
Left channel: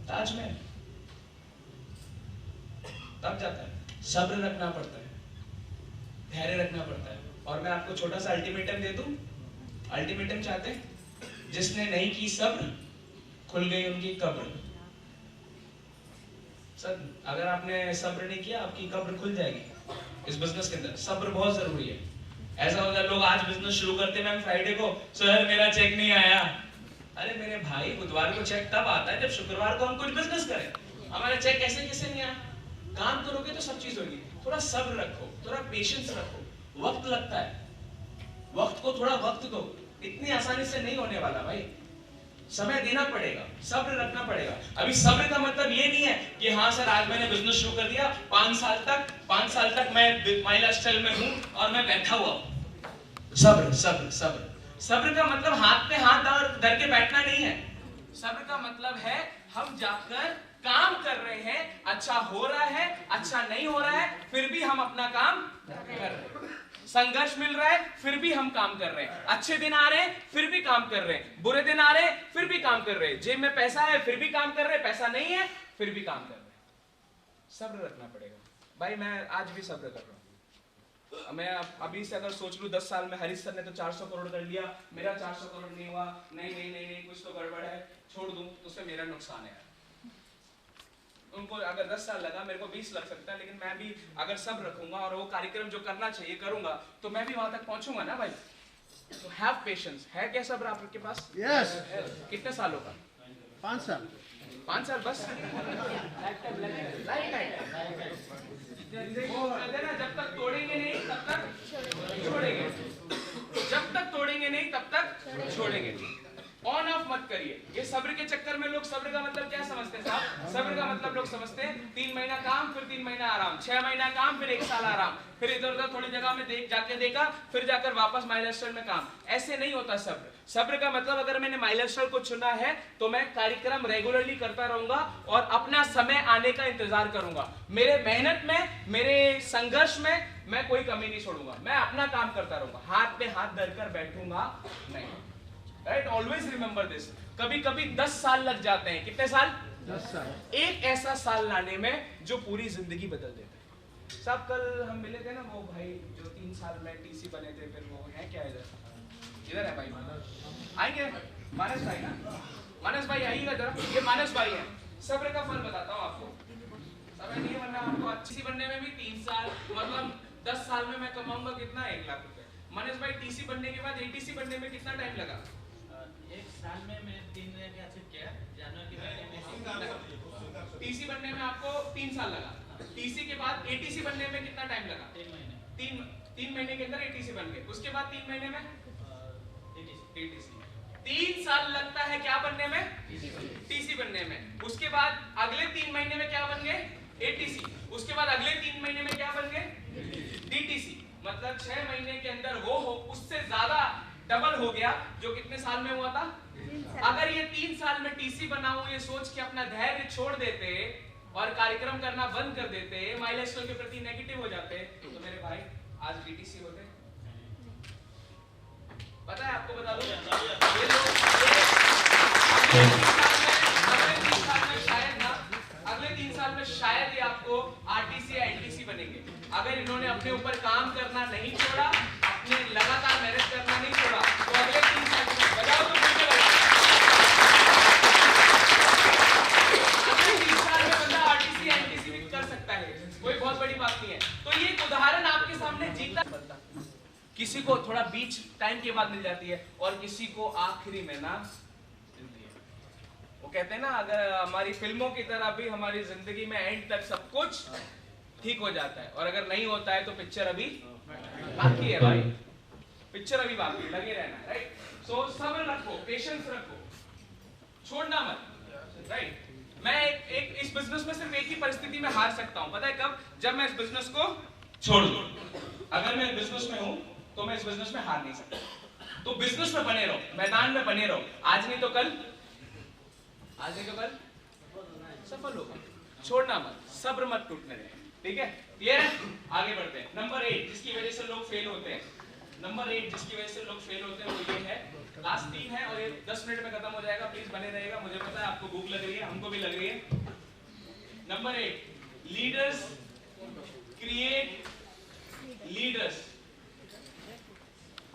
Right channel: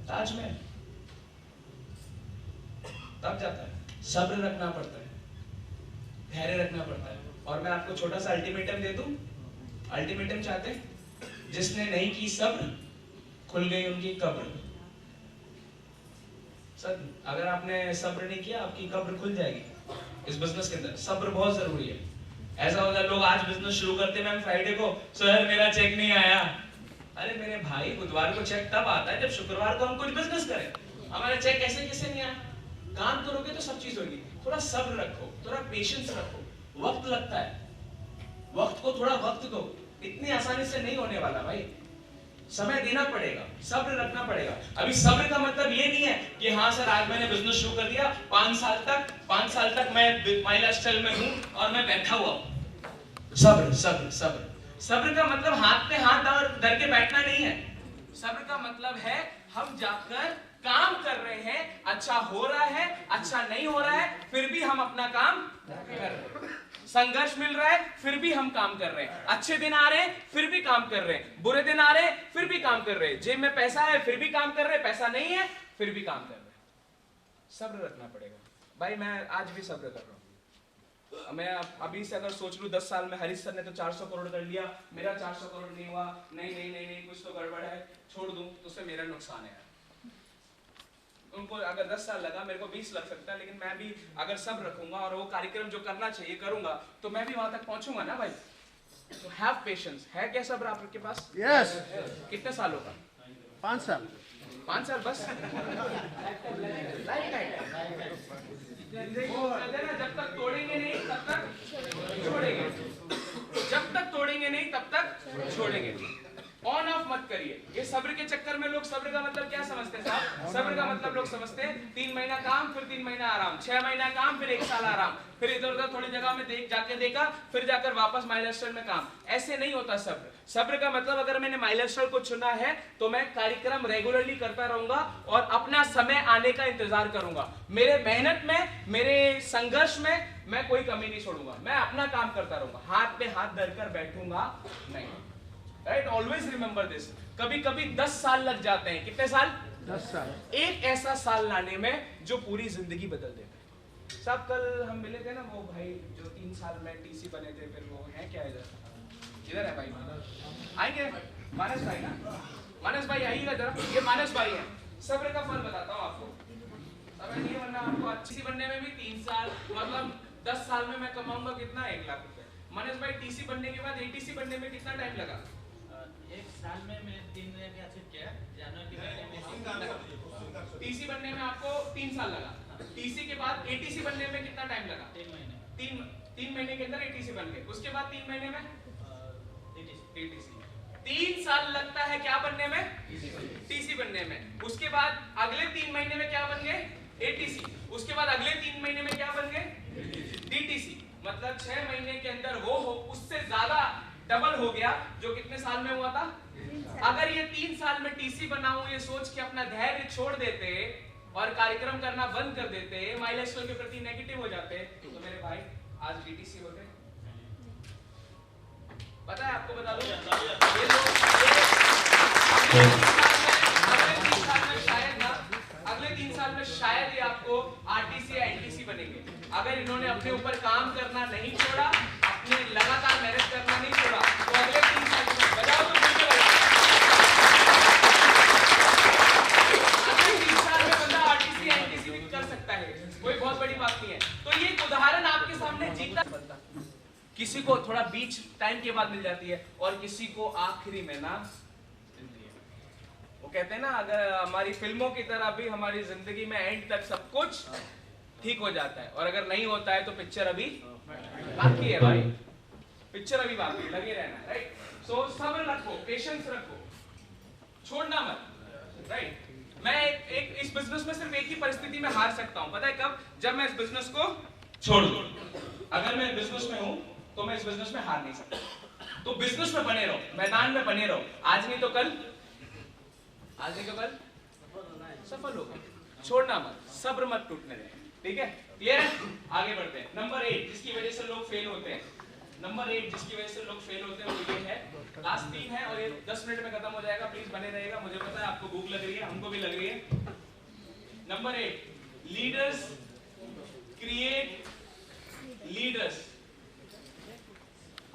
ताजमहल। तब जाता है, सब्र रखना पड़ता है, धैर्य रखना पड़ता है। और मैं आपको छोटा सा अल्टीमेटम दे दूं। अल्टीमेटम चाहते हैं? जिसने नहीं की सब्र, खुल गई उनकी कब्र। सर अगर आपने सब्र नहीं किया आपकी कब्र खुल जाएगी। इस बिजनेस के अंदर सब्र बहुत जरूरी है। ऐसा होता है लोग आज बिजनेस शुरू करते हैं फ्राइडे को, सर मेरा चेक नहीं आया। अरे मेरे भाई बुधवार को चेक तब आता है जब शुक्रवार को हम कुछ बिजनेस करें। हमारा चेक कैसे नहीं आया? काम करोगे तो सब चीज होगी। थोड़ा सब्र रखो, थोड़ा पेशेंस रखो। वक्त लगता है, वक्त को थोड़ा वक्त दो। इतनी आसानी से नहीं होने वाला भाई, समय देना पड़ेगा, सब्र रखना पड़ेगा। अभी सब्र का मतलब ये नहीं है कि हाँ सर आज मैंने बिजनेस शुरू कर दिया, 5 साल तक मैं माई लाइफस्टाइल में हूं और मैं बैठा हुआ हूं। सब्र सब्र सब्र सब्र का मतलब हाथ पे हाथ धर के बैठना नहीं है। सब्र का मतलब है हम जाकर काम कर रहे हैं, अच्छा हो रहा है, अच्छा नहीं हो रहा है, फिर भी हम अपना काम कर रहे हैं। संघर्ष मिल रहा है फिर भी हम काम कर रहे हैं। अच्छे दिन आ रहे हैं फिर भी काम कर रहे हैं, बुरे दिन आ रहे हैं फिर भी काम कर रहे हैं। जेब में पैसा है फिर भी काम कर रहे हैं, पैसा नहीं है फिर भी काम कर रहे हैं। सब्र रखना पड़ेगा भाई। मैं आज भी सब्र कर रहा हूँ। मैं अभी से अगर सोच लूं 10 साल में हरीश सर ने तो 400 करोड़ कर लिया, मेरा 400 करोड़ नहीं हुआ, नहीं कुछ तो गड़बड़ है, छोड़ दूं तो उससे मेरा नुकसान है। उनको अगर 10 साल लगा, मेरे को 20 लग सकता है, लेकिन मैं भी अगर सब रखूंगा और वो कार्यक्रम जो करना चाहिए करूंगा तो मैं भी वहां तक पहुंचूंगा ना भाई। तो हैव पेशेंस। है क्या सब्र आपके पास? यस। कितने सालों का? 5 साल। 5 साल बस? वो कहते हैं ना, जब तक तोड़ेंगे नहीं तब तक छोड़ेंगे, जब तक तोड़ेंगे नहीं तब तक छोड़ेंगे। ऑन ऑफ मत करिए। ये सब्र के चक्कर में लोग सब्र का मतलब क्या समझते हैं साहब? सब्र का मतलब लोग समझते हैं 3 महीना काम फिर 3 महीना आराम, 6 महीना काम फिर 1 साल आराम, फिर इधर उधर थोड़ी जगह में जाके देखा, फिर जाकर वापस माइलस्टोन में काम। ऐसे नहीं होता सब्र। सब्र का मतलब अगर मैंने माइलस्टोन को चुना है तो मैं कार्यक्रम रेगुलरली करता रहूंगा और अपना समय आने का इंतजार करूंगा। मेरे मेहनत में, मेरे संघर्ष में मैं कोई कमी नहीं छोड़ूंगा। मैं अपना काम करता रहूंगा, हाथ पे हाथ धरकर बैठूंगा नहीं। Right, always remember this. कभी कभी 10 साल लग जाते हैं। कितने साल? 10 साल। एक ऐसा साल लाने में जो पूरी जिंदगी बदल देता है। साहब कल हम मिले थे ना, वो भाई जो 3 साल में टीसी बने थे, फिर वो है क्या इधर है भाई? आएंगे मानस भाई ना? मानस भाई आइएगा जरा। ये मानस भाई है। सब्र का फल बताता हूँ आपको। सब्र नहीं बनना आपको, अच्छी बनने में भी 3 साल, मतलब 10 साल में मैं कमाऊंगा कितना? 1 लाख रुपए। मानस भाई टीसी बनने के बाद एटीसी बनने में कितना टाइम लगा? 1 साल में मैं 3 महीने का अचीव किया। जनवरी में टीसी बनने में आपको 3 साल लगा। टीसी के बाद एटीसी बनने में कितना टाइम लगा? 3 महीने। 3 महीने के अंदर एटीसी बन गए। उसके बाद 3 महीने में एटीसी। 3 साल लगता है क्या बनने में? टीसी बनने में। उसके बाद अगले 3 महीने में क्या बन गए? एटीसी। उसके बाद अगले 3 महीने में क्या बन गए? डीटीसी। मतलब 6 महीने के अंदर वो हो, उससे ज्यादा डबल हो गया, जो कितने साल में हुआ था? अगर ये 3 साल में टीसी बनाऊं ये सोच के अपना धैर्य छोड़ देते और कार्यक्रम करना बंद कर देते, माइलस्टोन के प्रति नेगेटिव हो जाते, तो मेरे भाई आज डीटीसी होते। पता है आपको, बता दो ये लोग अगले 3 साल में शायद ये आपको आरटीसी या एनटीसी बनेंगे। अगर इन्होंने अपने ऊपर काम करना नहीं छोड़ा, अपने लगातार मेहनत करना नहीं छोड़ा, तो अगले 3 साल में बताओ तो मुझे लगा अगले 3 साल में बंदा आरटीसी एनटीसी भी कर सकता है। कोई बहुत बड़ी बात नहीं है। तो ये एक उदाहरण आपके सामने जीता बनता। किसी को थोड़ा बीच टाइम के बाद मिल जाती है और किसी को आखिरी में ना मिलती है। वो कहते हैं ना, अगर हमारी फिल्मों की तरह भी हमारी जिंदगी में एंड तक सब कुछ ठीक हो जाता है, और अगर नहीं होता है तो पिक्चर अभी बाकी है भाई, पिक्चर अभी बाकी है, लगे रहना है। राइट, सो सब्र रखो, पेशेंस रखो, छोड़ना मत। राइट, मैं एक इस बिजनेस में सिर्फ एक ही परिस्थिति में हार सकता हूं, पता है कब? जब मैं इस बिजनेस को छोड़ दूं। अगर मैं बिजनेस में हूं तो मैं इस बिजनेस में हार नहीं सकता। तो बिजनेस में बने रहो, मैदान में बने रहो। आज नहीं तो कल, आज नहीं तो कल सफल होगा। छोड़ना मत, सब्र मत टूटने देना। ठीक है, क्लियर है? आगे बढ़ते हैं। नंबर 8 जिसकी वजह से लोग फेल होते हैं, नंबर 8 जिसकी वजह से लोग फेल होते हैं वो ये है, लास्ट 3 है और ये 10 मिनट में खत्म हो जाएगा। प्लीज बने रहिएगा, मुझे पता है आपको भूख लग रही है, हमको भी लग रही है। Number 8, leaders create leaders.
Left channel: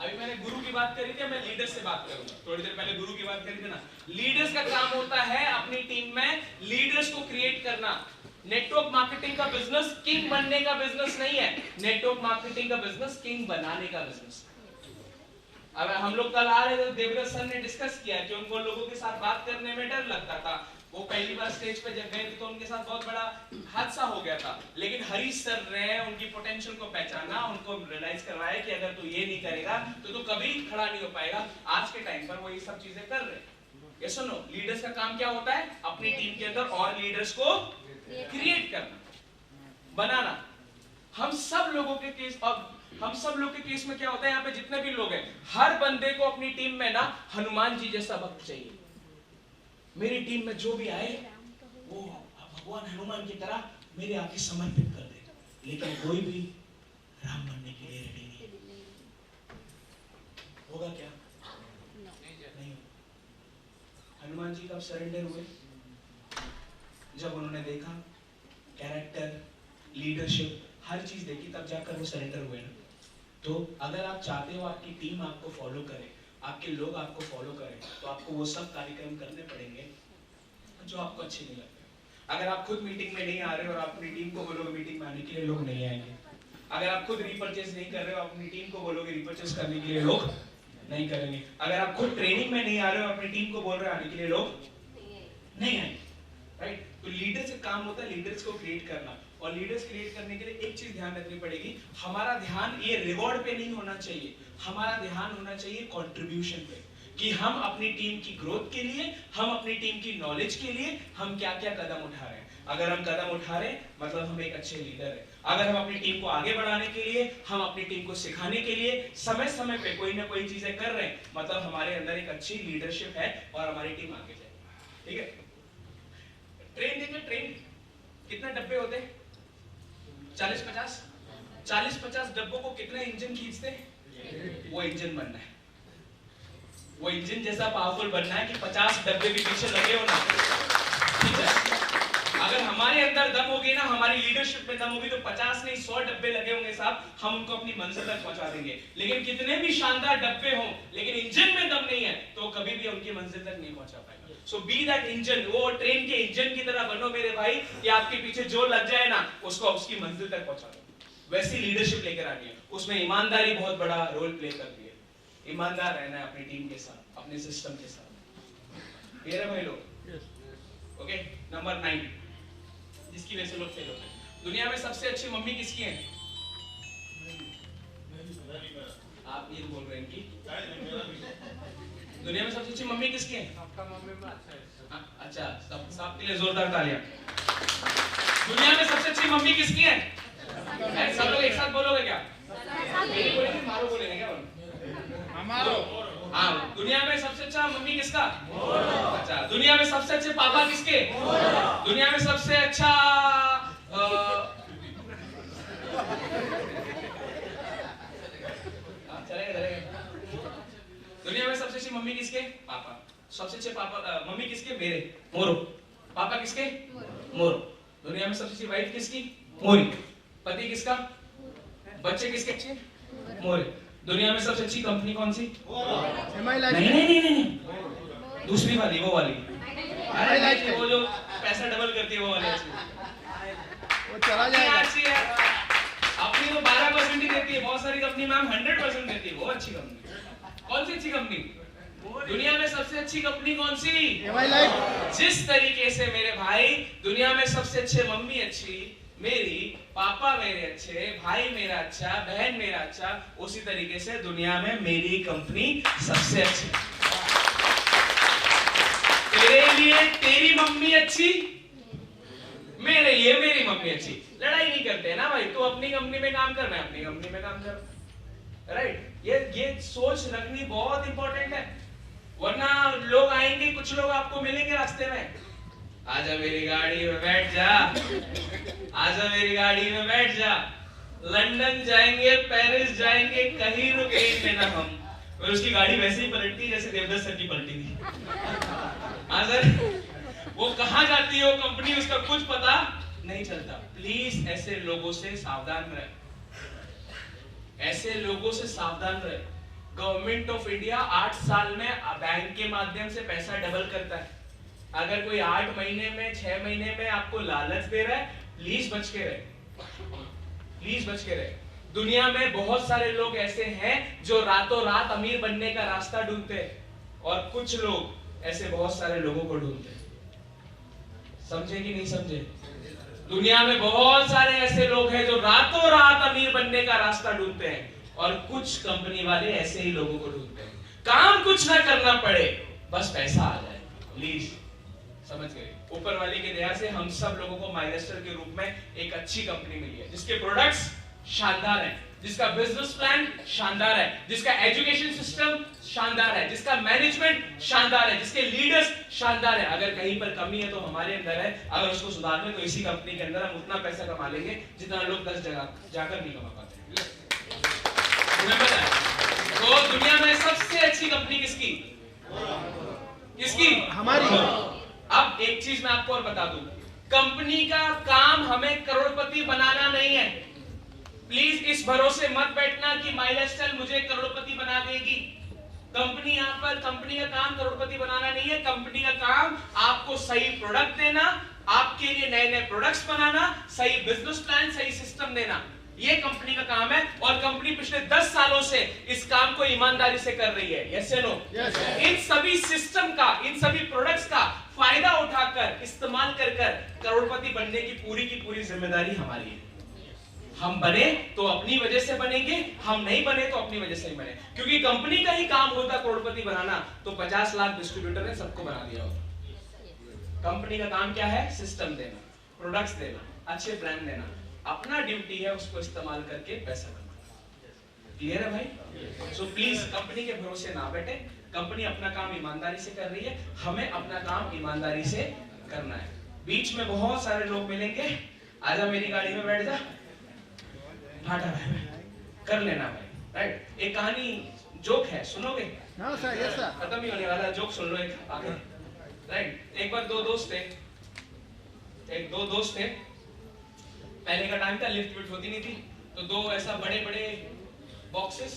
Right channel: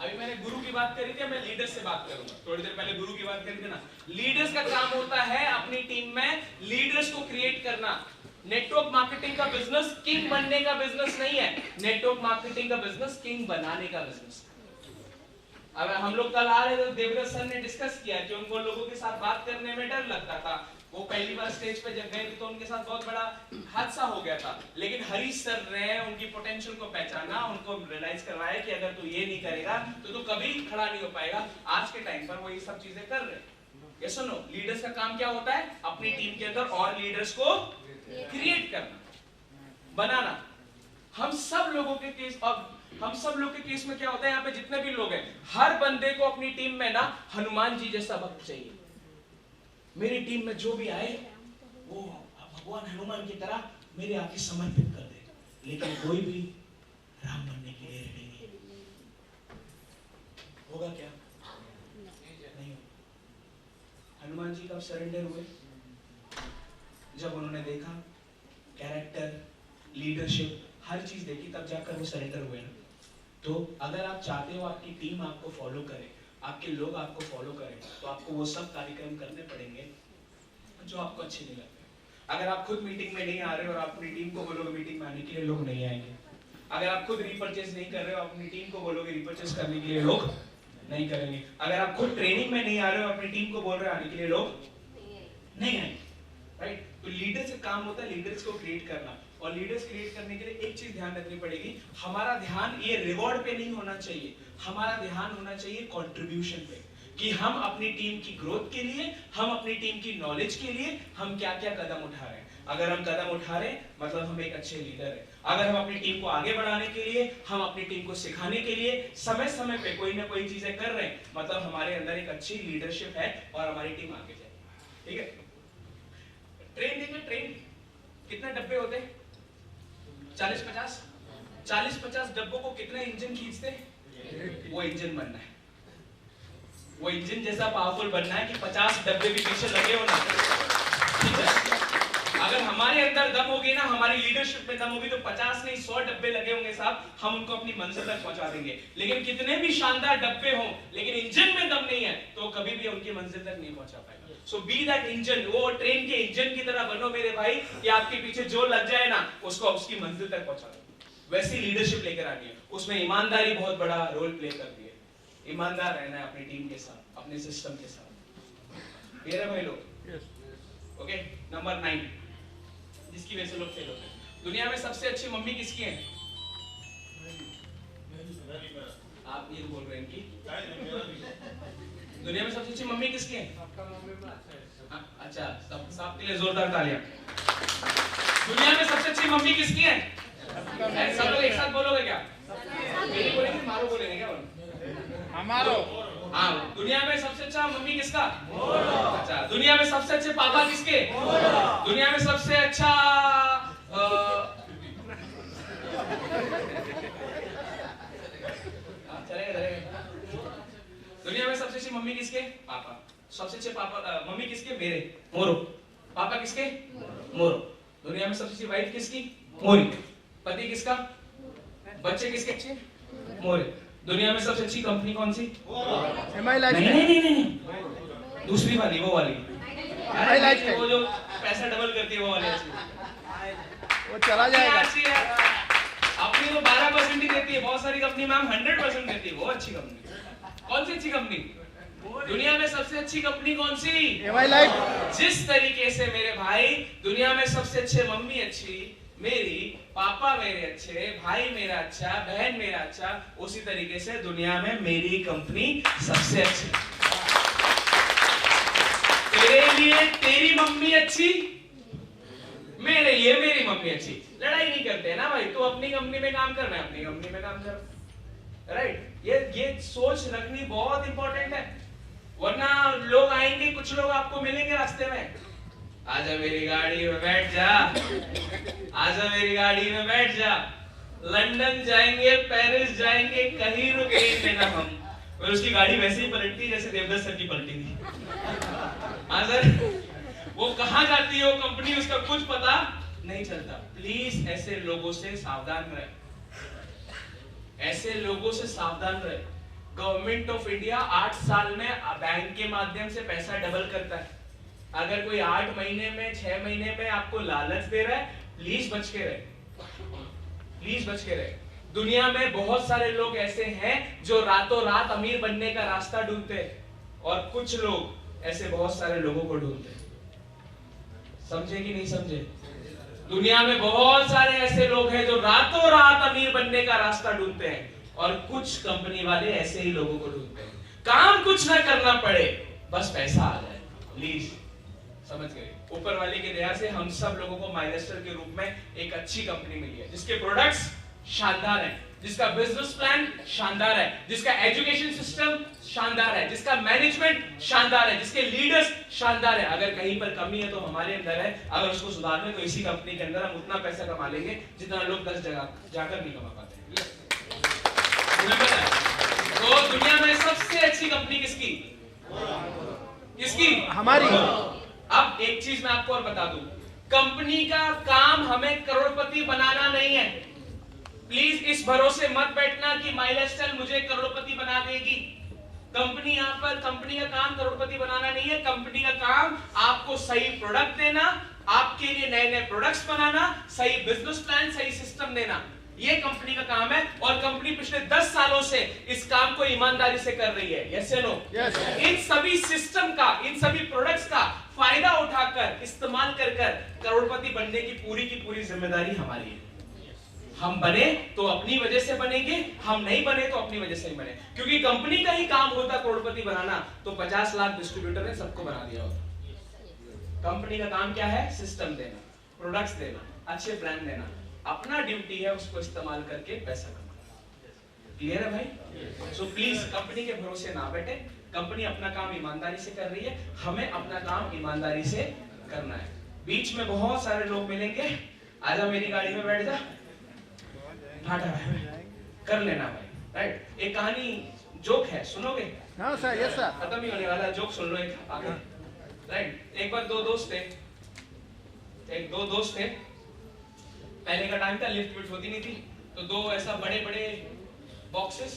अभी मैंने गुरु की बात करी थी, मैं लीडर्स से बात करूंगा। थोड़ी देर पहले गुरु की बात करी थी ना। लीडर्स का काम होता है अपनी टीम में लीडर्स को क्रिएट करना। नेटवर्क मार्केटिंग का बिजनेस किंग बनने का बिजनेस नहीं है, नेटवर्क मार्केटिंग का बिजनेस किंग बनाने का बिजनेस। अब हम लोग कल आ रहे थे, देवव्रत सर ने डिस्कस किया कि उनको लोगों के साथ बात करने में डर लगता था। वो पहली बार स्टेज पे जब गए थे तो उनके साथ बहुत बड़ा हादसा हो गया था, लेकिन हरीश सर ने उनकी पोटेंशियल को पहचाना, उनको रियलाइज करवाया कि अगर तू ये नहीं करेगा तो तू कभी खड़ा नहीं हो पाएगा। आज के टाइम पर वो ये सब चीजें कर रहे हैं। ये सुनो, लीडर्स का काम क्या होता है? अपनी टीम के अंदर और लीडर्स को क्रिएट करना, बनाना। हम सब लोगों के केस, अब हम सब लोग के केस में क्या होता है, यहाँ पे जितने भी लोग हैं, हर बंदे को अपनी टीम में ना हनुमान जी जैसा भक्त चाहिए। मेरी टीम में जो भी आए वो भगवान हनुमान की तरह मेरे आगे समर्पित कर दे, लेकिन कोई भी राम बनने के लिए रेडी नहीं। होगा क्या? नहीं होगा। हनुमान जी कब सरेंडर हुए? जब उन्होंने देखा कैरेक्टर, लीडरशिप, हर चीज देखी, तब जाकर वो सरेंडर हुए ना। तो अगर आप चाहते हो आपकी टीम आपको फॉलो करे, आपके लोग आपको फॉलो करें, तो आपको वो सब कार्यक्रम करने पड़ेंगे जो आपको अच्छे नहीं लगते। अगर आप खुद मीटिंग में नहीं आ रहे हो और आप अपनी टीम को बोलोगे मीटिंग में आने के लिए, लोग नहीं आएंगे। अगर आप खुद रीपर्चेस नहीं कर रहे हो, अपनी टीम को बोलोगे रीपर्चेस करने के लिए, लोग नहीं करेंगे। अगर आप खुद ट्रेनिंग में नहीं आ रहे हो, अपनी टीम को बोल रहे हो आने के लिए, लोग नहीं आएंगे। राइट? तो लीडर्स का काम होता है लीडर्स को क्रिएट करना, और लीडर्स क्रिएट करने के लिए एक चीज ध्यान रखनी पड़ेगी, हमारा ध्यान ये रिवॉर्ड पे नहीं होना चाहिए, हमारा ध्यान होना चाहिए कंट्रीब्यूशन पे, कि हम अपनी टीम की ग्रोथ के लिए, हम अपनी टीम की नॉलेज के लिए हम क्या क्या कदम उठा रहे हैं। अगर हम कदम उठा रहे हैं मतलब हम एक अच्छे लीडर हैं। अगर हम अपनी टीम को आगे बढ़ाने के लिए, हम अपनी टीम को सिखाने के लिए समय समय पे कोई ना कोई चीजें कर रहे हैं, मतलब हमारे अंदर एक अच्छी लीडरशिप है और हमारी टीम आगे जाएगी। ठीक है? ट्रेन देखिए, ट्रेन कितने डब्बे होते हैं? 40-50। 40-50 डब्बों को कितने इंजन खींचते हैं? वो इंजन बनना है, वो इंजन जैसा पावरफुल बनना है कि 50 डब्बे भी पीछे लगे हो ना। ठीक है? अगर हमारे अंदर दम होगी ना, हमारी लीडरशिप में दम होगी, तो 50 नहीं 100 डब्बे लगे होंगे साहब, हम उनको अपनी मंजिल तक पहुंचा देंगे। लेकिन कितने भी शानदार डब्बे हों, लेकिन इंजन में दम नहीं है तो कभी भी उनकी मंजिल तक नहीं पहुंचा पाएगा। सो बी दैट इंजन, वो ट्रेन के इंजन की तरह बनो मेरे भाई, कि आपके पीछे जो लग जाए ना उसको उसकी मंजिल तक पहुंचा दो। वैसी लीडरशिप लेकर आनी है, उसमें ईमानदारी बहुत बड़ा रोल प्ले करती है। ईमानदार रहना है अपनी टीम के साथ, अपने सिस्टम के साथ। क्लियर है भाई लोग? ओके, नंबर 9 जिसकी वजह से लोग फेल होते हैं। दुनिया में सबसे अच्छी मम्मी किसकी है? आप ये बोल रहे हैं कि दुनिया में सबसे अच्छी मम्मी किसकी है? अच्छा, सबके लिए जोरदार तालियां। दुनिया में सबसे अच्छी मम्मी किसकी है? सब लोग एक साथ बोलोगे क्या? मेरी बोलेंगे, मारो बोलेंगे क्या? हमारो। हाँ, दुनिया में सबसे अच्छा मम्मी किसका? अच्छा, दुनिया में सबसे अच्छे पापा किसके? दुनिया में सबसे अच्छा दुनिया में सबसे अच्छी मम्मी किसके? पापा। सबसे अच्छे पापा मम्मी किसके? मेरे, मोरो। पापा किसके? मोरो। दुनिया में सबसे अच्छी वाइफ किसकी? मोरी। पति किसका? बच्चे किसके अच्छे? मोरे। दुनिया में सबसे अच्छी कंपनी कौन सी? नहीं, दूसरी वाली, वो वाली। अरे वो जो पैसा डबल करती है वो वाली अच्छी। वो चला जाएगा। अपनी तो 12% ही देती है, बहुत सारी कंपनी मैम 100% देती है, वो अच्छी कंपनी। कौन सी अच्छी कंपनी? दुनिया में सबसे अच्छी कंपनी कौन सी? जिस तरीके से मेरे भाई दुनिया में सबसे अच्छे मम्मी अच्छी, मेरी पापा मेरे अच्छे, भाई मेरा अच्छा, बहन मेरा अच्छा, उसी तरीके से दुनिया में मेरी कंपनी सबसे अच्छी। तेरे लिए तेरी मम्मी अच्छी, मेरे लिए मेरी मम्मी अच्छी। लड़ाई नहीं करते ना भाई, तू अपनी कंपनी में काम कर, मैं अपनी कंपनी में काम कर। राइट? ये सोच रखनी बहुत इंपॉर्टेंट है, वरना लोग आएंगे, कुछ लोग आपको मिलेंगे रास्ते में, आजा मेरी गाड़ी में बैठ जा, आजा मेरी गाड़ी में बैठ जा, लंदन जाएंगे, पेरिस जाएंगे, कहीं रुकेंगे ना हम। और उसकी गाड़ी वैसे ही पलटती है जैसे देवदत्त सर की पलटी थी। हाँ सर, वो कहाँ जाती है वो कंपनी, उसका कुछ पता नहीं चलता। प्लीज ऐसे लोगों से सावधान रहे, ऐसे लोगों से सावधान रहे। गवर्नमेंट ऑफ इंडिया 8 साल में बैंक के माध्यम से पैसा डबल करता है। अगर कोई 8 महीने में 6 महीने में आपको लालच दे रहा है, प्लीज बच के रहे, प्लीज बच के रहे। दुनिया में बहुत सारे लोग ऐसे हैं जो रातों रात अमीर बनने का रास्ता ढूंढते हैं और कुछ लोग ऐसे बहुत सारे लोगों को ढूंढते हैं। समझे कि नहीं समझे? दुनिया में बहुत सारे ऐसे लोग हैं जो रातों रात अमीर बनने का रास्ता ढूंढते हैं और कुछ कंपनी वाले ऐसे ही लोगों को ढूंढते हैं। काम कुछ ना करना पड़े, बस पैसा आ जाए। प्लीज समझ गए? ऊपर वाले की दया से हम सब लोगों को माइलस्टर के रूप में एक अच्छी कंपनी मिली है, जिसके प्रोडक्ट्स शानदार है, जिसका बिजनेस प्लान शानदार है, जिसका एजुकेशन सिस्टम शानदार है, जिसका मैनेजमेंट शानदार है, जिसके लीडर्स शानदार है। अगर कहीं पर कमी है तो हमारे अंदर है, अगर उसको सुधारने तो इसी कंपनी के अंदर हम उतना पैसा कमा लेंगे जितना लोग 10 जगह जाकर नहीं कमा पाते। तो दुनिया में सबसे अच्छी कंपनी किसकी? किसकी? हमारी। अब एक चीज मैं आपको और बता दूं, कंपनी का काम हमें करोड़पति बनाना नहीं है। प्लीज इस भरोसे मत बैठना कि माइलस्टाइल मुझे करोड़पति बना देगी। कंपनी यहाँ पर, कंपनी का काम करोड़पति बनाना नहीं है। कंपनी का काम आपको सही प्रोडक्ट देना, आपके लिए नए नए प्रोडक्ट्स बनाना, सही बिजनेस प्लान, सही सिस्टम देना, ये कंपनी का काम है। और कंपनी पिछले 10 सालों से इस काम को ईमानदारी से कर रही है। यस या नो? इन सभी सिस्टम का, इन सभी प्रोडक्ट्स का फायदा उठाकर, इस्तेमाल कर करोड़पति बनने की पूरी जिम्मेदारी हमारी है। हम बने तो अपनी वजह से बनेंगे, हम नहीं बने तो अपनी वजह से ही बने। क्योंकि कंपनी का ही काम होता करोड़पति बनाना, तो 50 लाख डिस्ट्रीब्यूटर ने सबको बना दिया होता। कंपनी का काम क्या है? सिस्टम देना, प्रोडक्ट्स देना, अच्छे ब्रांड देना। अपना ड्यूटी है उसको इस्तेमाल करके पैसा कमाना। क्लियर है भाई? सो प्लीज कंपनी के भरोसे ना बैठे। कंपनी अपना काम ईमानदारी से कर रही है, हमें अपना काम ईमानदारी से करना है। बीच में बहुत सारे लोग मिलेंगे, आजा मेरी गाड़ी में बैठ जा, कर लेना भाई। राइट? एक कहानी जोक है, सुनोगे? हाँ सर, यस सर। खत्म ही होने वाला है, जोक सुन लो एक आगे। राइट? एक बार दो दोस्त थे, पहले का टाइम था, लिफ्ट विफ्ट होती नहीं थी, तो दो ऐसा बड़े बड़े बॉक्सेस,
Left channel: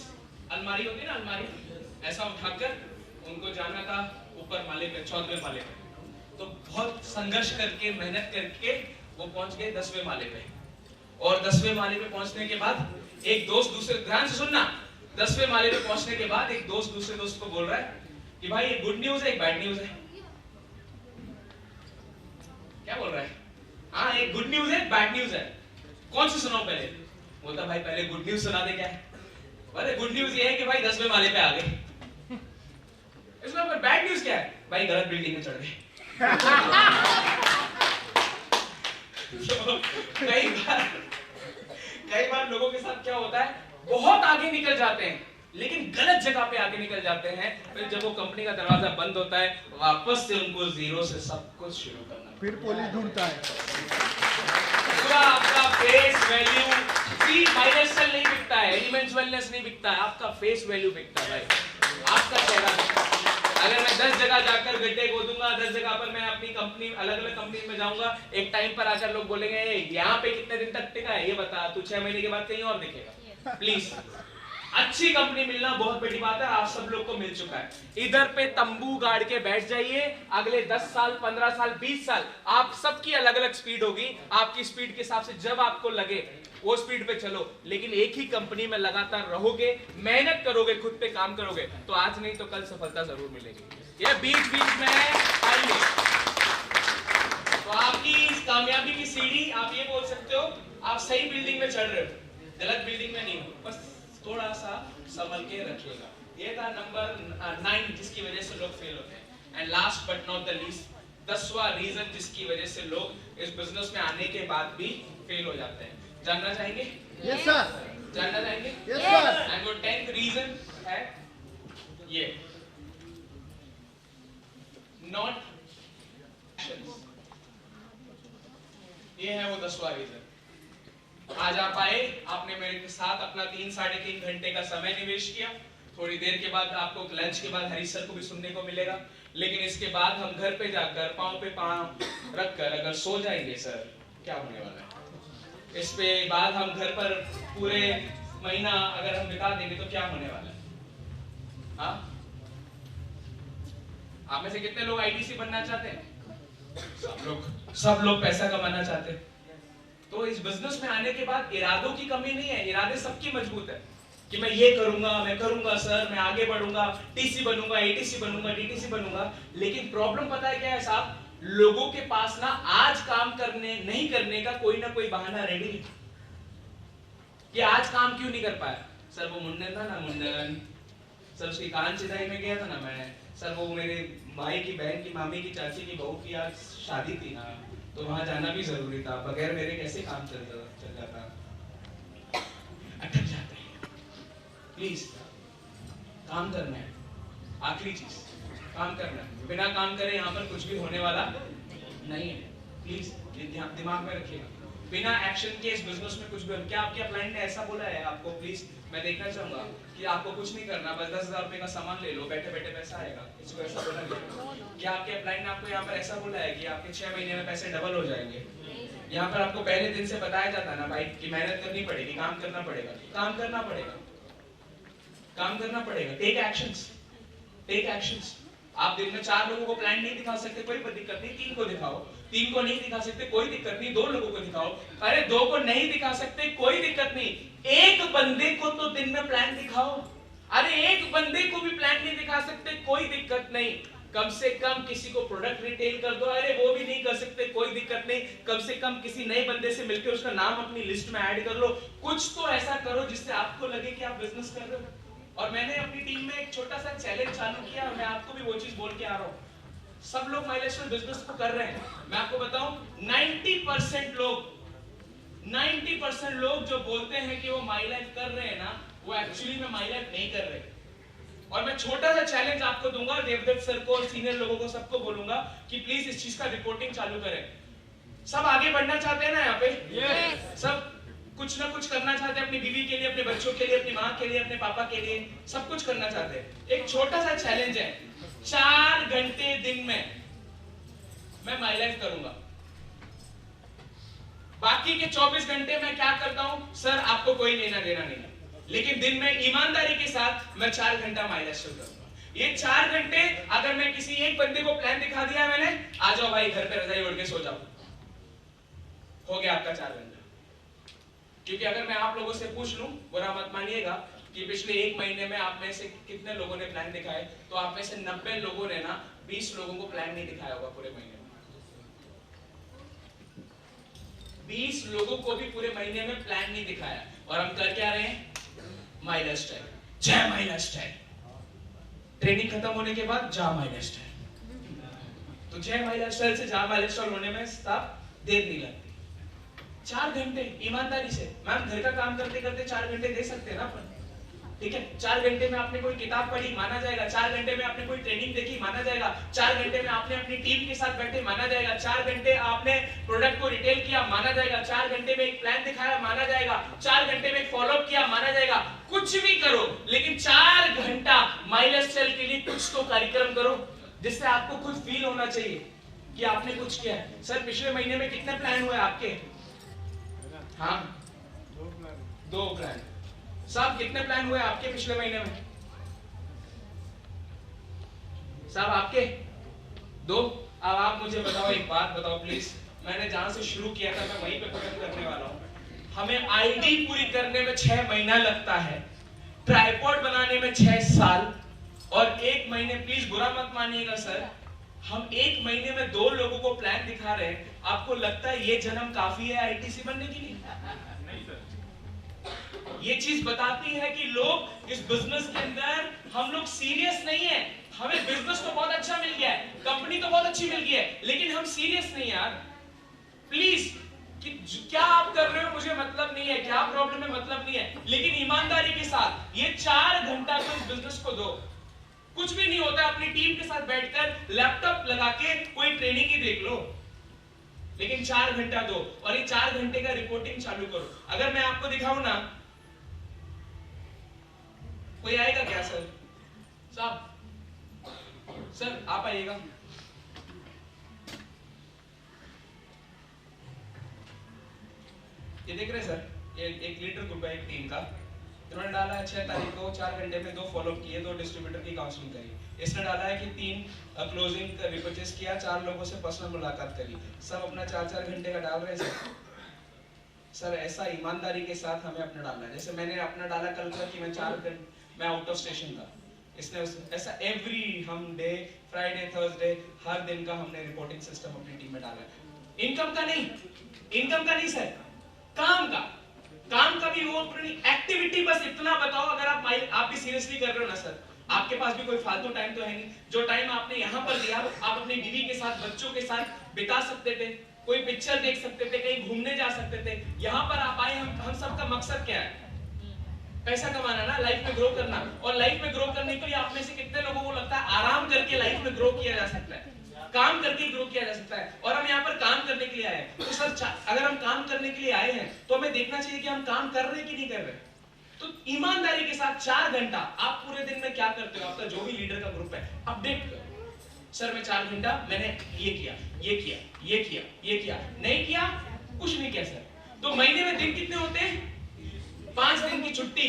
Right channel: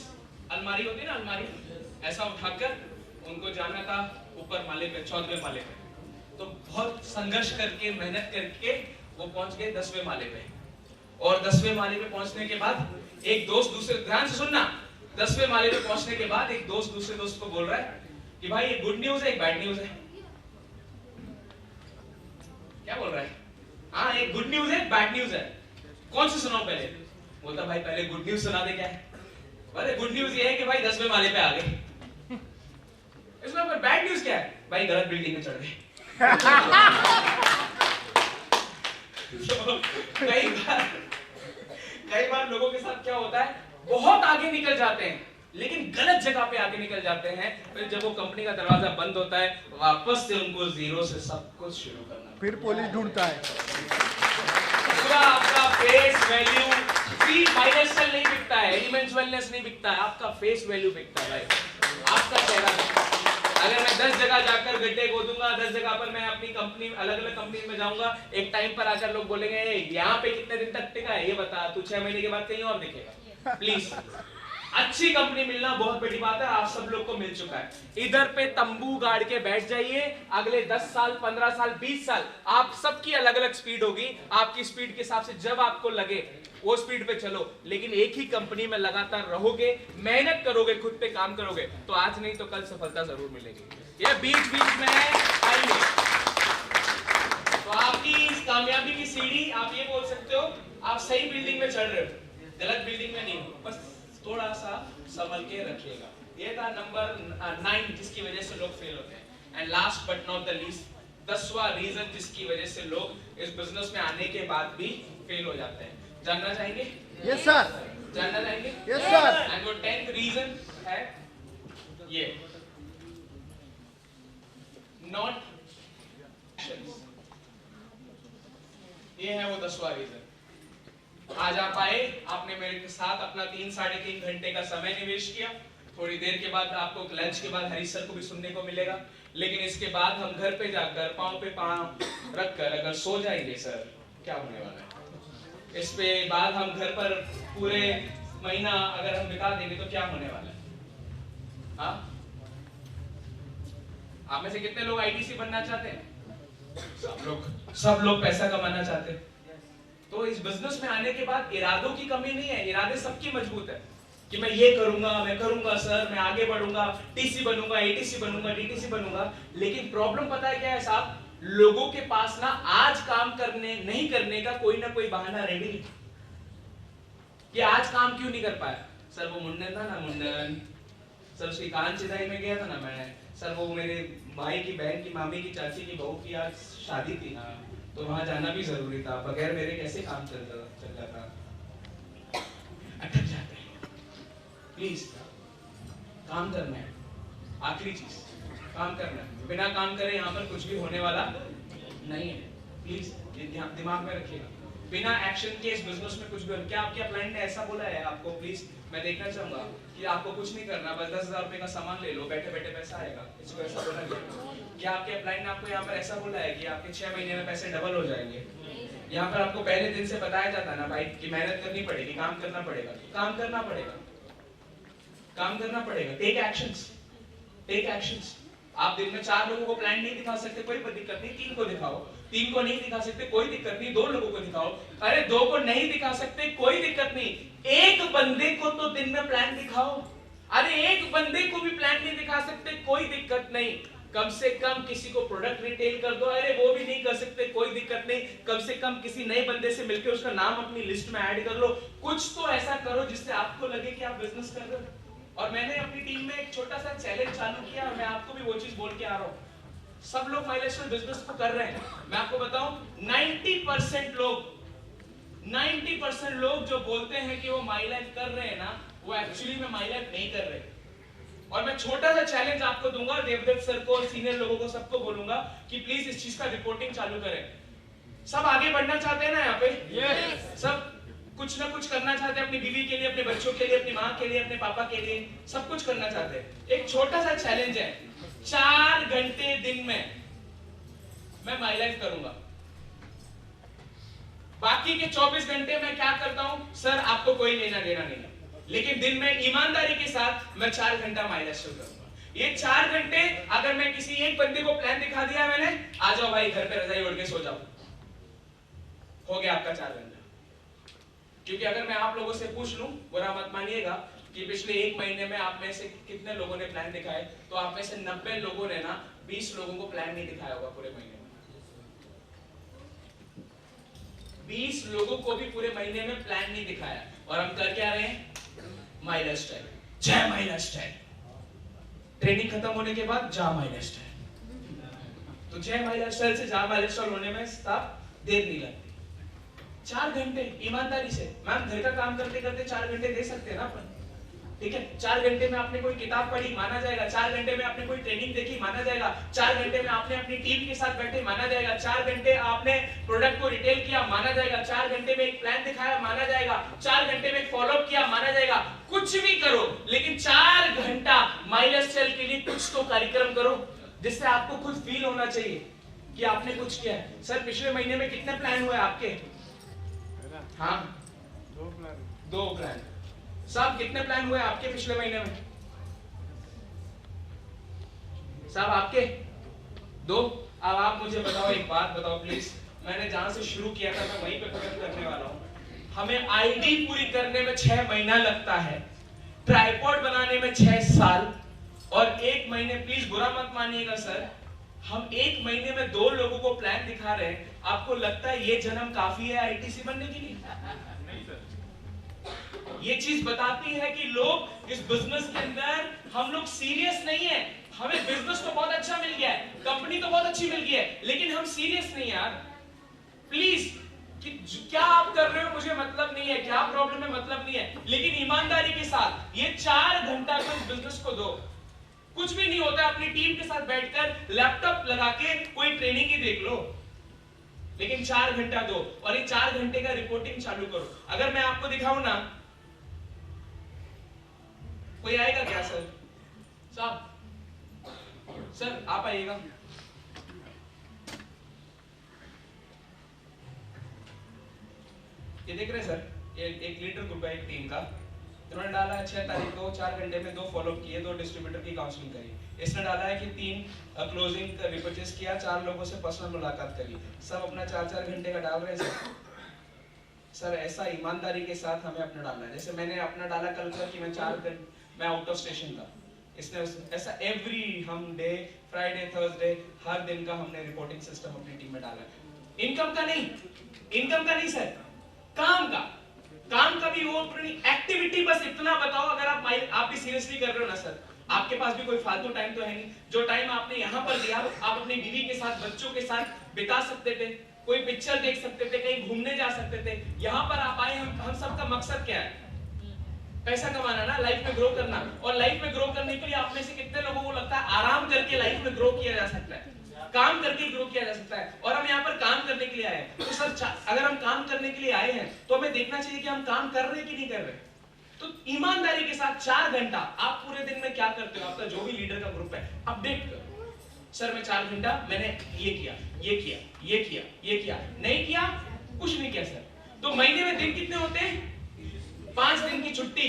अलमारी होती है ना, अलमारी, ऐसा उठाकर उनको जाना था ऊपर माले पे, 14वें माले पे। तो बहुत संघर्ष करके, मेहनत करके वो पहुंच गए 10वें माले पे। और 10वें माले पे पहुंचने के बाद एक दोस्त दूसरे, ध्यान से सुनना, 10वें माले पे पहुंचने के बाद एक दोस्त दूसरे दोस्त को बोल रहा है कि भाई ये गुड न्यूज है, एक बैड न्यूज है। क्या बोल रहा है? हाँ, एक गुड न्यूज है, बैड न्यूज है, कौन सी सुनाओ पहले? बोलता भाई पहले गुड न्यूज सुना दे। क्या है? अरे गुड न्यूज ये है कि भाई 10वें माले पे आ गए। इसमें पर बैड न्यूज क्या है? भाई गलत बिल्डिंग में चढ़ गए। कई बार लोगों के साथ क्या होता है, बहुत आगे निकल जाते हैं लेकिन गलत जगह पे आगे निकल जाते हैं। फिर जब वो कंपनी का दरवाजा बंद होता है, वापस से उनको जीरो से सब कुछ शुरू करना, फिर पुलिस ढूंढता है। पूरा आपका फेस वैल्यू, माइलस्टाइल नहीं बिकता है, एलिमेंट्स वेलनेस नहीं बिकता है, आपका फेस वैल्यू बिकता है भाई, आपका चेहरा बिकता है। अगर मैं 10 जगह जाकर गड्ढे खोदूंगा, 10 जगह पर मैं अपनी कंपनी, अलग अलग कंपनी में जाऊंगा, एक टाइम पर आकर लोग बोलेंगे यहाँ पे कितने दिन तक टिका है ये बता, तू 6 महीने के बाद कहीं और दिखेगा। प्लीज, अच्छी कंपनी मिलना बहुत बड़ी बात है, आप सब लोग को मिल चुका है। इधर पे तंबू गाड़ के बैठ जाइए, अगले 10 साल, 15 साल, 20 साल आप सबकी अलग अलग स्पीड होगी। आपकी स्पीड के हिसाब से जब आपको लगे वो स्पीड पे चलो, लेकिन एक ही कंपनी में लगातार रहोगे, मेहनत करोगे, खुद पे काम करोगे, तो आज नहीं तो कल सफलता जरूर मिलेगी। ये बीच बीच में आएंगे। तो आपकी इस कामयाबी की सीढ़ी, आप ये बोल सकते हो आप सही बिल्डिंग में चढ़ रहे हो, गलत बिल्डिंग में नहीं हो, बस थोड़ा सा संभल के रखिएगा। ये था नंबर 9 जिसकी वजह से लोग फेल होते हैं। And last but not the least, 10वां रीजन जिसकी वजह से लोग इस बिजनेस में आने के बाद भी फेल हो जाते हैं, जानना चाहेंगे? Yes sir. जानना चाहेंगे? Yes sir. एंड वो 10th रीजन है ये, नॉट एक्शंस। ये है वो 10वां रीजन। आज आप आए, आपने मेरे साथ अपना 3-3.5 घंटे का समय निवेश किया। थोड़ी देर के बाद आपको लंच के बाद हरीश सर को भी सुनने को मिलेगा, लेकिन इसके बाद हम घर पे जाकर पांव पे पांव रखकर अगर सो जाएंगे सर, क्या होने वाला है? इस पे बाद हम घर पर पूरे महीना अगर हम बिता देंगे तो क्या होने वाला है? हाँ, आप में से कितने लोग आईटीसी बनना चाहते हैं? सब लोग पैसा कमाना चाहते हैं। तो इस बिजनेस में आने के बाद इरादों की कमी नहीं है, इरादे सबकी मजबूत है कि मैं ये करूंगा, मैं करूंगा सर, मैं आगे बढ़ूंगा, टीसी बनूंगा, एटीसी बनूंगा, डीटीसी बनूंगा। लेकिन प्रॉब्लम पता है क्या है साहब, लोगों के पास ना आज काम करने नहीं करने का कोई ना कोई बहाना रेडी है कि आज काम क्यों नहीं कर पाया। सर वो मुंडन था ना, मुंडन, सर उसकी कान चिदाई में गया था ना मैं, सर वो मेरे भाई की बहन की मामी की चाची की बहू की आज शादी थी ना, तो वहां जाना भी जरूरी था, बगैर मेरे कैसे काम चल जाता। अटक जाते हैं। प्लीज काम करना है, आखिरी चीज काम करना है, बिना काम करे यहाँ पर कुछ भी होने वाला नहीं है। प्लीज ये दिमाग में रखिएगा, बिना एक्शन के इस बिजनेस में कुछ भी। क्या आपके क्लाइंट ने ऐसा बोला है आपको? प्लीज मैं देखना चाहूंगा कि आपको कुछ नहीं करना, बस 10,000 रुपए का सामान ले लो, बैठे बैठे पैसा आएगा, इसको ऐसा बोला गया? क्या आपके क्लाइंट ने आपको यहाँ पर ऐसा बोला है कि आपके 6 महीने में पैसे डबल हो जाएंगे? यहाँ पर आपको पहले दिन से बताया जाता ना भाई कि मेहनत करनी पड़ेगी, काम करना पड़ेगा, काम करना पड़ेगा, काम करना पड़ेगा। Take actions, take actions. आप दिन में 4 लोगों को प्लान नहीं दिखा सकते, कोई दिक्कत नहीं, 3 को दिखाओ, 3 को नहीं दिखा सकते कोई दिक्कत नहीं, 2 लोगों को दिखाओ, अरे 2 को नहीं दिखा सकते कोई दिक्कत नहीं, एक बंदे को तो दिन में प्लान दिखाओ। अरे एक बंदे को भी प्लान नहीं दिखा सकते कोई दिक्कत नहीं, कम से कम किसी को प्रोडक्ट रिटेल कर दो, अरे वो भी नहीं कर सकते कोई दिक्कत नहीं, कम से कम किसी नए बंदे से मिलकर उसका नाम अपनी लिस्ट में ऐड कर लो, कुछ तो ऐसा करो जिससे आपको लगे कि आप बिजनेस कर रहे हो। और मैंने अपनी टीम में एक छोटा सा चैलेंज चालू किया, मैं आपको भी वो चीज बोल के आ रहा हूँ। सब लोग माइलस्टोन बिजनेस को कर रहे हैं, मैं आपको बताऊं 90% लोग जो बोलते हैं कि वो माई लाइफ कर रहे हैं ना, वो एक्चुअली में माई लाइफ नहीं कर रहे। और मैं छोटा सा चैलेंज आपको दूंगा, देवदत्त सर को और सीनियर लोगों को सबको बोलूंगा कि प्लीज इस चीज का रिपोर्टिंग चालू करें। सब आगे बढ़ना चाहते हैं ना यहाँ पे? सब कुछ ना कुछ करना चाहते हैं, अपनी बीवी के लिए, अपने बच्चों के लिए, अपनी माँ के लिए, अपने पापा के लिए, सब कुछ करना चाहते हैं। एक छोटा सा चैलेंज है, 4 घंटे दिन में मैं माई लाइफ करूंगा, बाकी के 24 घंटे मैं क्या करता हूं सर आपको कोई लेना देना नहीं है, लेकिन दिन में ईमानदारी के साथ मैं 4 घंटा माई लाइफ करूंगा। ये 4 घंटे अगर मैं किसी एक बंदे को प्लान दिखा दिया मैंने, आ जाओ भाई घर पे रजाई ओढ़ के सो जाओ, हो गया आपका 4 घंटा। क्योंकि अगर मैं आप लोगों से पूछ लूं, बुरा मत मानिएगा, कि पिछले 1 महीने में आप में से कितने लोगों ने प्लान दिखाए, तो आप में से 90 लोगों ने ना 20 लोगों को प्लान नहीं दिखाया होगा पूरे महीने में। 20 लोगों को भी पूरे महीने में प्लान नहीं दिखाया, और हम कर क्या रहे हैं? माई लाइफस्टाइल, जय माई लाइफस्टाइल। ट्रेनिंग खत्म होने के बाद जा माई लाइफस्टाइल, तो जय माई लाइफस्टाइल से जा माई लाइफस्टाइल होने में साफ देर नहीं लगती। 4 घंटे ईमानदारी से, मैम घर का काम करते करते 4 घंटे दे सकते हैं ना अपन, ठीक है? 4 घंटे में आपने कोई किताब पढ़ी, माना जाएगा। 4 घंटे में आपने कोई ट्रेनिंग देखी, माना जाएगा। 4 घंटे में आपने अपनी टीम के साथ बैठे, माना जाएगा। 4 घंटे आपने प्रोडक्ट को रिटेल किया, माना जाएगा। 4 घंटे में एक प्लान दिखाया, माना जाएगा। 4 घंटे में एक फॉलोअप किया, माना जाएगा। कुछ भी करो, लेकिन 4 घंटा माई लाइफस्टाइल के लिए कुछ तो कार्यक्रम करो, जिससे आपको खुद फील होना चाहिए कि आपने कुछ किया है। सर पिछले महीने में कितने प्लान हुए आपके? हाँ 2 प्लान। साहब कितने प्लान हुए आपके पिछले महीने में? साहब आपके 2। अब आप मुझे बताओ, एक बात बताओ प्लीज, मैंने जहां से शुरू किया था मैं वहीं पे खत्म करने वाला हूं। हमें आईडी पूरी करने में 6 महीना लगता है, ट्राइपॉड बनाने में 6 साल, और 1 महीने, प्लीज बुरा मत मानिएगा सर, हम 1 महीने में 2 लोगों को प्लान दिखा रहे हैं। आपको लगता है ये जन्म काफी है आईटीसी बनने के लिए? नहीं सर। ये चीज बताती है कि लोग इस बिजनेस के अंदर, हम लोग सीरियस नहीं है। हमें बिजनेस तो बहुत अच्छा मिल गया है, कंपनी तो बहुत अच्छी मिल गई है, लेकिन हम सीरियस नहीं यार। प्लीज, कि क्या आप कर रहे हो मुझे मतलब नहीं है, क्या प्रॉब्लम है मतलब नहीं है, लेकिन ईमानदारी के साथ ये 4 घंटा को इस बिजनेस को दो। कुछ भी नहीं होता, अपनी टीम के साथ बैठकर लैपटॉप लगा के कोई ट्रेनिंग ही देख लो, लेकिन 4 घंटा दो, और ये 4 घंटे का रिपोर्टिंग चालू करो। अगर मैं आपको दिखाऊं ना, कोई आएगा क्या सर? साहब सर आप आइएगा। ये देख रहे हैं सर, ये 1 लीडर ग्रुप है एक टीम का, इन्होंने डाला है 6 तारीख को 4 घंटे में 2 फॉलोअप किए, 2 डिस्ट्रीब्यूटर की काउंसलिंग करी। इसने डाला है कि 3 क्लोजिंग का रिपर्चेस किया, 4 लोगों से पर्सनल मुलाकात करी। सब अपना 4-4 घंटे का डाल रहे हैं सर। सर ऐसा ईमानदारी के साथ हमें अपना डालना है। जैसे मैंने अपना डाला कल का कि मैं 4 घंटे मैं आउट ऑफ स्टेशन था, इसने ऐसा एवरी हम डे फ्राइडे थर्सडे हर दिन का हमने रिपोर्टिंग सिस्टम अपनी टीम में डाला है। इनकम का नहीं सर, काम का भी वो एक्टिविटी बस इतना बताओ। अगर आप भी सीरियसली कर रहे हो ना सर, आपके पास भी कोई फालतू टाइम तो है नहीं। जो टाइम आपने यहाँ पर दिया आप अपनी बीवी के साथ बच्चों के साथ बिता सकते थे, कोई पिक्चर देख सकते थे, कहीं घूमने जा सकते थे। यहाँ पर आप आए, हम सबका मकसद क्या है? पैसा कमाना ना, लाइफ में ग्रो करना। और लाइफ में ग्रो करने के लिए आप में से कितने लोगों को लगता है आराम करके लाइफ में ग्रो किया जा सकता है? काम करके ग्रो किया जा सकता है। और हम यहाँ पर काम करने के लिए आए हैं। तो सर अगर हम काम करने के लिए आए हैं तो हमें देखना चाहिए कि हम काम कर रहे हैं कि नहीं कर रहे। तो ईमानदारी के साथ 4 घंटा आप पूरे दिन में क्या करते हो, आपका जो भी लीडर का ग्रुप है अपडेट करो। सर मैं 4 घंटा मैंने ये किया, नहीं किया, कुछ नहीं किया सर। तो महीने में दिन कितने होते हैं? 5 दिन की छुट्टी,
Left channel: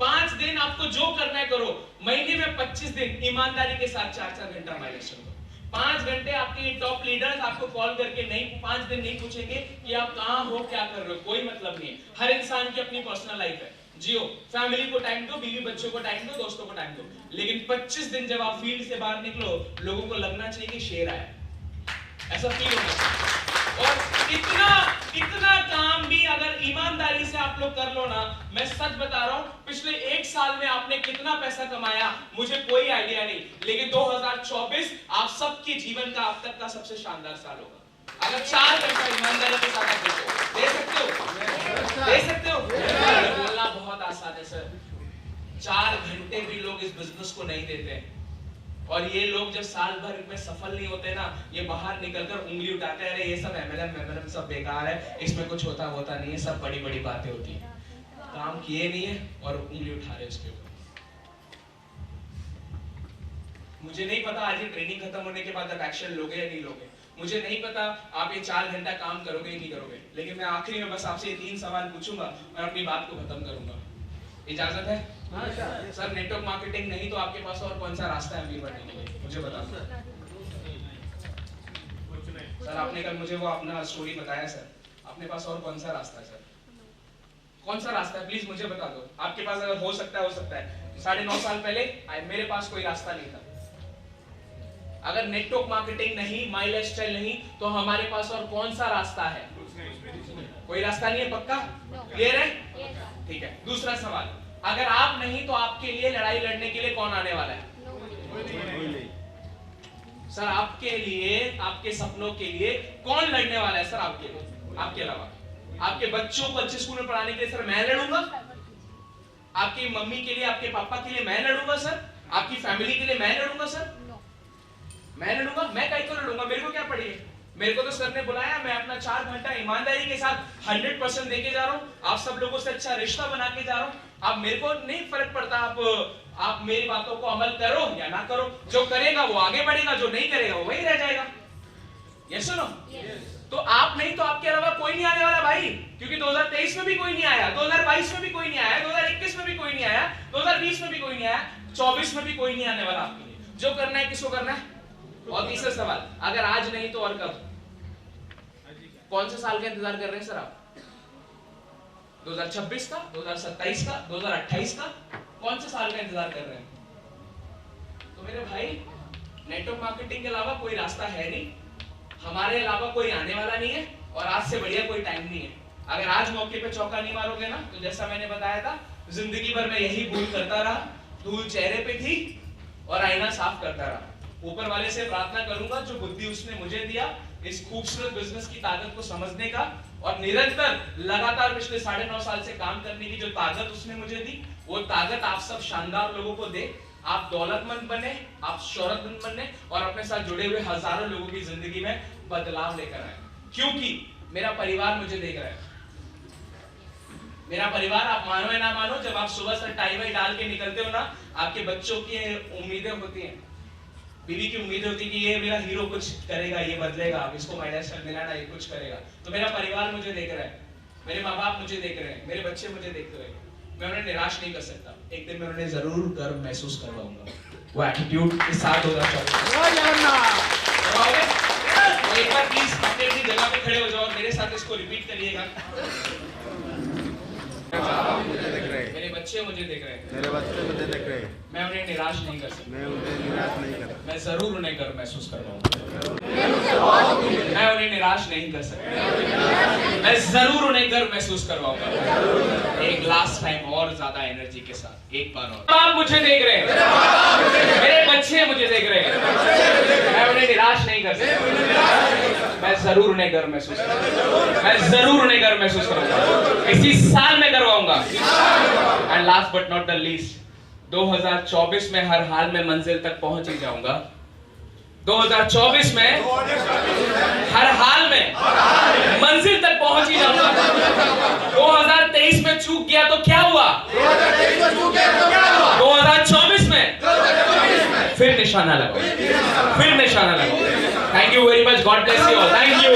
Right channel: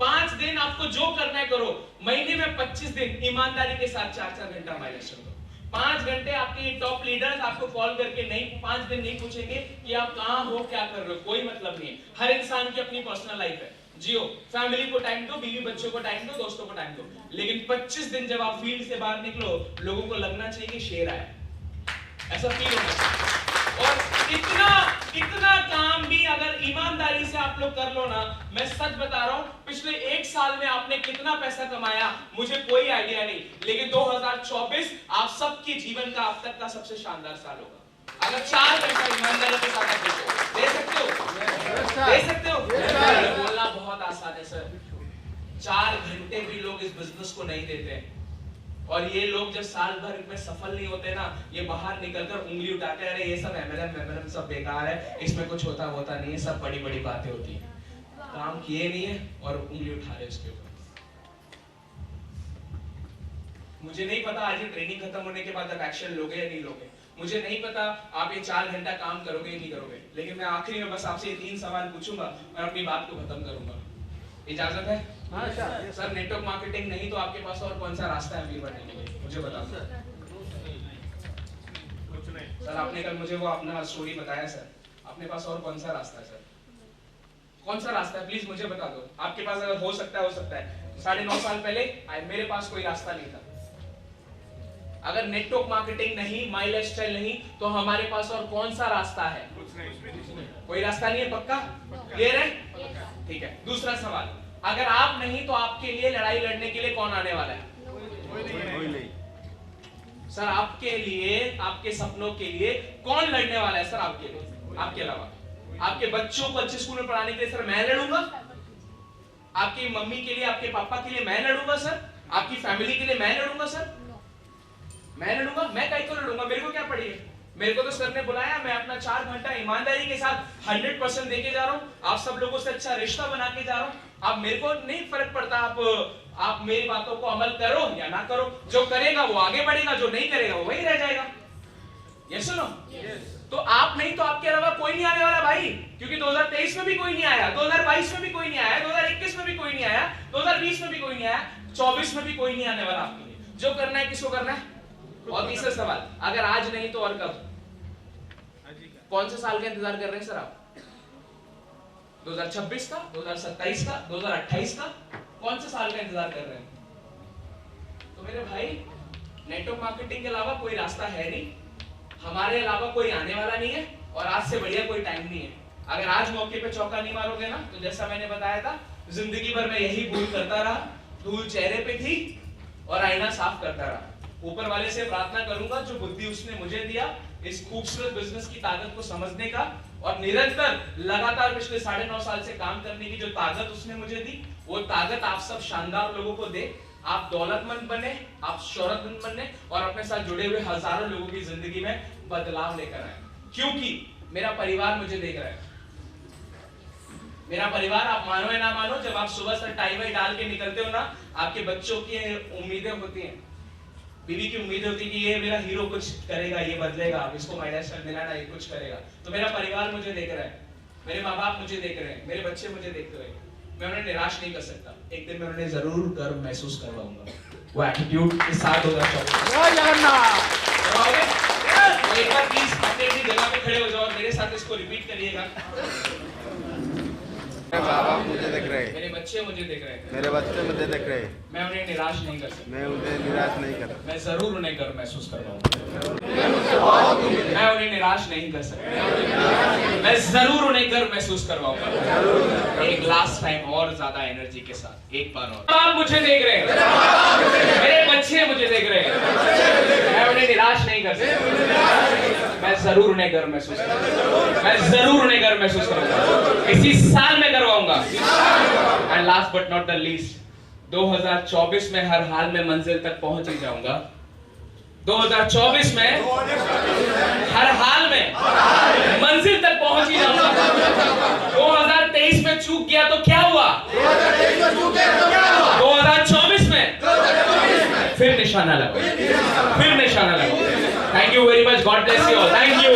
5 दिन आपको जो करना है करो। महीने में 25 दिन ईमानदारी के साथ 4-4 घंटा माइलेज करो। 5 घंटे आपके टॉप लीडर्स आपको कॉल करके नहीं 5 दिन नहीं पूछेंगे कि आप कहां हो, क्या कर रहे हो, कोई मतलब नहीं है। हर इंसान की अपनी पर्सनल लाइफ है, जियो, फैमिली को टाइम दो, बीवी बच्चों को टाइम दो, दोस्तों को टाइम दो। लेकिन 25 दिन जब आप फील्ड से बाहर निकलो, लोगों को लगना चाहिए कि शेर आया, ऐसा फील होना चाहिए। और इतना काम भी अगर ईमानदारी से आप लोग कर लो ना, मैं सच बता रहा हूं, पिछले 1 साल में आपने कितना पैसा कमाया मुझे कोई आइडिया नहीं, लेकिन 2024 आप सबके जीवन का अब तक का सबसे शानदार साल होगा अगर 4 घंटा ईमानदारी के साथ आप दे सकते हो। बोलना बहुत आसान है सर, 4 घंटे भी लोग इस बिजनेस को नहीं देते। और ये लोग जब साल भर में सफल नहीं होते ना, ये बाहर निकलकर उंगली उठाते हैं, अरे ये सब एमएलएम सब बेकार है, इसमें कुछ होता नहीं है, सब बड़ी बातें होती है। काम किए नहीं है और उंगली उठा रहे उसके ऊपर। मुझे नहीं पता आज ये ट्रेनिंग खत्म होने के बाद आप एक्शन लोगे या नहीं लोगे, मुझे नहीं पता आप ये 4 घंटा काम करोगे या नहीं करोगे, लेकिन मैं आखिरी में बस आपसे ये 3 सवाल पूछूंगा और अपनी बात को खत्म करूंगा। इजाजत है? हाँ सर नेटवर्क मार्केटिंग नहीं तो आपके पास और कौन सा रास्ता है अमीर बनने के लिए, मुझे बताओ सर। आपने कल मुझे वो अपना स्टोरी बताया सर, अपने पास और कौन सा रास्ता है सर? कौन सा रास्ता है प्लीज मुझे बता दो। आपके पास अगर हो सकता है 9.5 साल पहले मेरे पास कोई रास्ता नहीं था। अगर नेटवर्क मार्केटिंग नहीं, माई लाइफस्टाइल नहीं, तो हमारे पास और कौन सा रास्ता है? कोई रास्ता नहीं है, पक्का? क्लियर है? ठीक है। दूसरा सवाल, अगर आप नहीं तो आपके लिए लड़ाई लड़ने के लिए कौन आने वाला है? सर आपके लिए, आपके सपनों के लिए कौन लड़ने वाला है सर? आपके लिए, आपके अलावा आपके बच्चों को अच्छे स्कूल में पढ़ाने के लिए सर मैं लड़ूंगा, आपकी मम्मी के लिए, आपके पापा के लिए मैं लड़ूंगा सर, आपकी फैमिली के लिए मैं लड़ूंगा सर, मैं लड़ूंगा। मैं कहीं तो लड़ूंगा, मेरे को क्या पड़ी है? मेरे को तो सर ने बुलाया, मैं अपना 4 घंटा ईमानदारी के साथ 100% देके जा रहा हूँ, आप सब लोगों से अच्छा रिश्ता बना के जा रहा हूँ। अब मेरे को नहीं फर्क पड़ता आप मेरी बातों को अमल करो या ना करो, जो करेगा वो आगे बढ़ेगा, जो नहीं करेगा वो वही रह जाएगा। यस सुनो, तो आप नहीं तो आपके अलावा कोई नहीं आने वाला भाई, क्योंकि 2023 में भी कोई नहीं आया, 2022 में भी कोई नहीं आया, 2021 में भी कोई नहीं आया, 2020 में भी कोई नहीं आया, 24 में भी कोई नहीं आने वाला आपके लिए। जो करना है किसको करना है? और तीसरा सवाल, अगर आज नहीं तो और कब? कौन से साल का इंतजार कर रहे हैं सर आप? 2026 का, 2027 का, 2028 का? कौन से साल का इंतजार कर रहे हैं? तो मेरे भाई नेटवर्क मार्केटिंग के अलावा कोई रास्ता है नहीं, हमारे अलावा कोई आने वाला नहीं है, और आज से बढ़िया कोई टाइम नहीं है। अगर आज मौके पे चौका नहीं मारोगे ना, तो जैसा मैंने बताया था, जिंदगी भर मैं यही भूल करता रहा, धूल चेहरे पे थी और आईना साफ करता रहा। ऊपर वाले से प्रार्थना करूंगा जो बुद्धि उसने मुझे दिया इस खूबसूरत बिजनेस की ताकत को समझने का, और निरंतर लगातार पिछले 9.5 साल से काम करने की जो ताकत उसने मुझे दी, वो ताकत आप सब शानदार लोगों को दे, आप दौलतमंद बने, आप शोहरतमंद बने, और अपने साथ जुड़े हुए हजारों लोगों की जिंदगी में बदलाव लेकर आए, क्योंकि मेरा परिवार मुझे देख रहा है। मेरा परिवार, आप मानो या ना मानो, जब आप सुबह से टाई वाई डाल के निकलते हो ना, आपके बच्चों की उम्मीदें होती हैं, बीवी की उम्मीद होती है कि ये मेरा हीरो कुछ करेगा, ये बदलेगा, इसको माइलस्टोन मिला ना, ये कुछ करेगा। तो मेरा परिवार मुझे देख रहा है, मेरे माँ बाप मुझे देख रहे हैं, मेरे बच्चे मुझे देखते हुए, मैं उन्हें निराश नहीं कर सकता। एक दिन मैं उन्हें जरूर गर्व महसूस करवाऊंगा, वो एटीट्यूड के साथ होगा। एक बार प्लीज अपनी अपनी जगह पे खड़े हो जाओ और मेरे साथ इसको रिपीट करिएगा। मेरे माँ बाप मुझे देख रहे हैं, मेरे बच्चे मुझे देख रहे हैं, मेरे बच्चे मुझे देख रहे हैं, मैं उन्हें निराश नहीं कर सकता, मैं उन्हें निराश नहीं कर मैं जरूर उन्हें गर्व महसूस करवाऊंगा। मैं उन्हें निराश नहीं कर सकता, मैं जरूर उन्हें गर्व महसूस करवाऊंगा। एक लास्ट टाइम और ज्यादा एनर्जी के साथ एक बार और। आप मुझे देख रहे हैं, मेरे बच्चे मुझे देख रहे हैं, मैं उन्हें निराश नहीं कर सकता, मैं जरूर उन्हें गर्व महसूस करूंगा, मैं जरूर उन्हें गर्व महसूस करूंगा, इसी साल में करवाऊंगा। And last but not the least, 2024 में हर हाल में मंजिल तक पहुंच ही जाऊंगा। 2024 में हर हाल में मंजिल तक पहुंच ही जाऊंगा। 2023 में चूक गया तो क्या हुआ? 2024 में फिर निशाना लगाओ, फिर निशाना लगाओ। Thank you very much, God bless you all, thank you.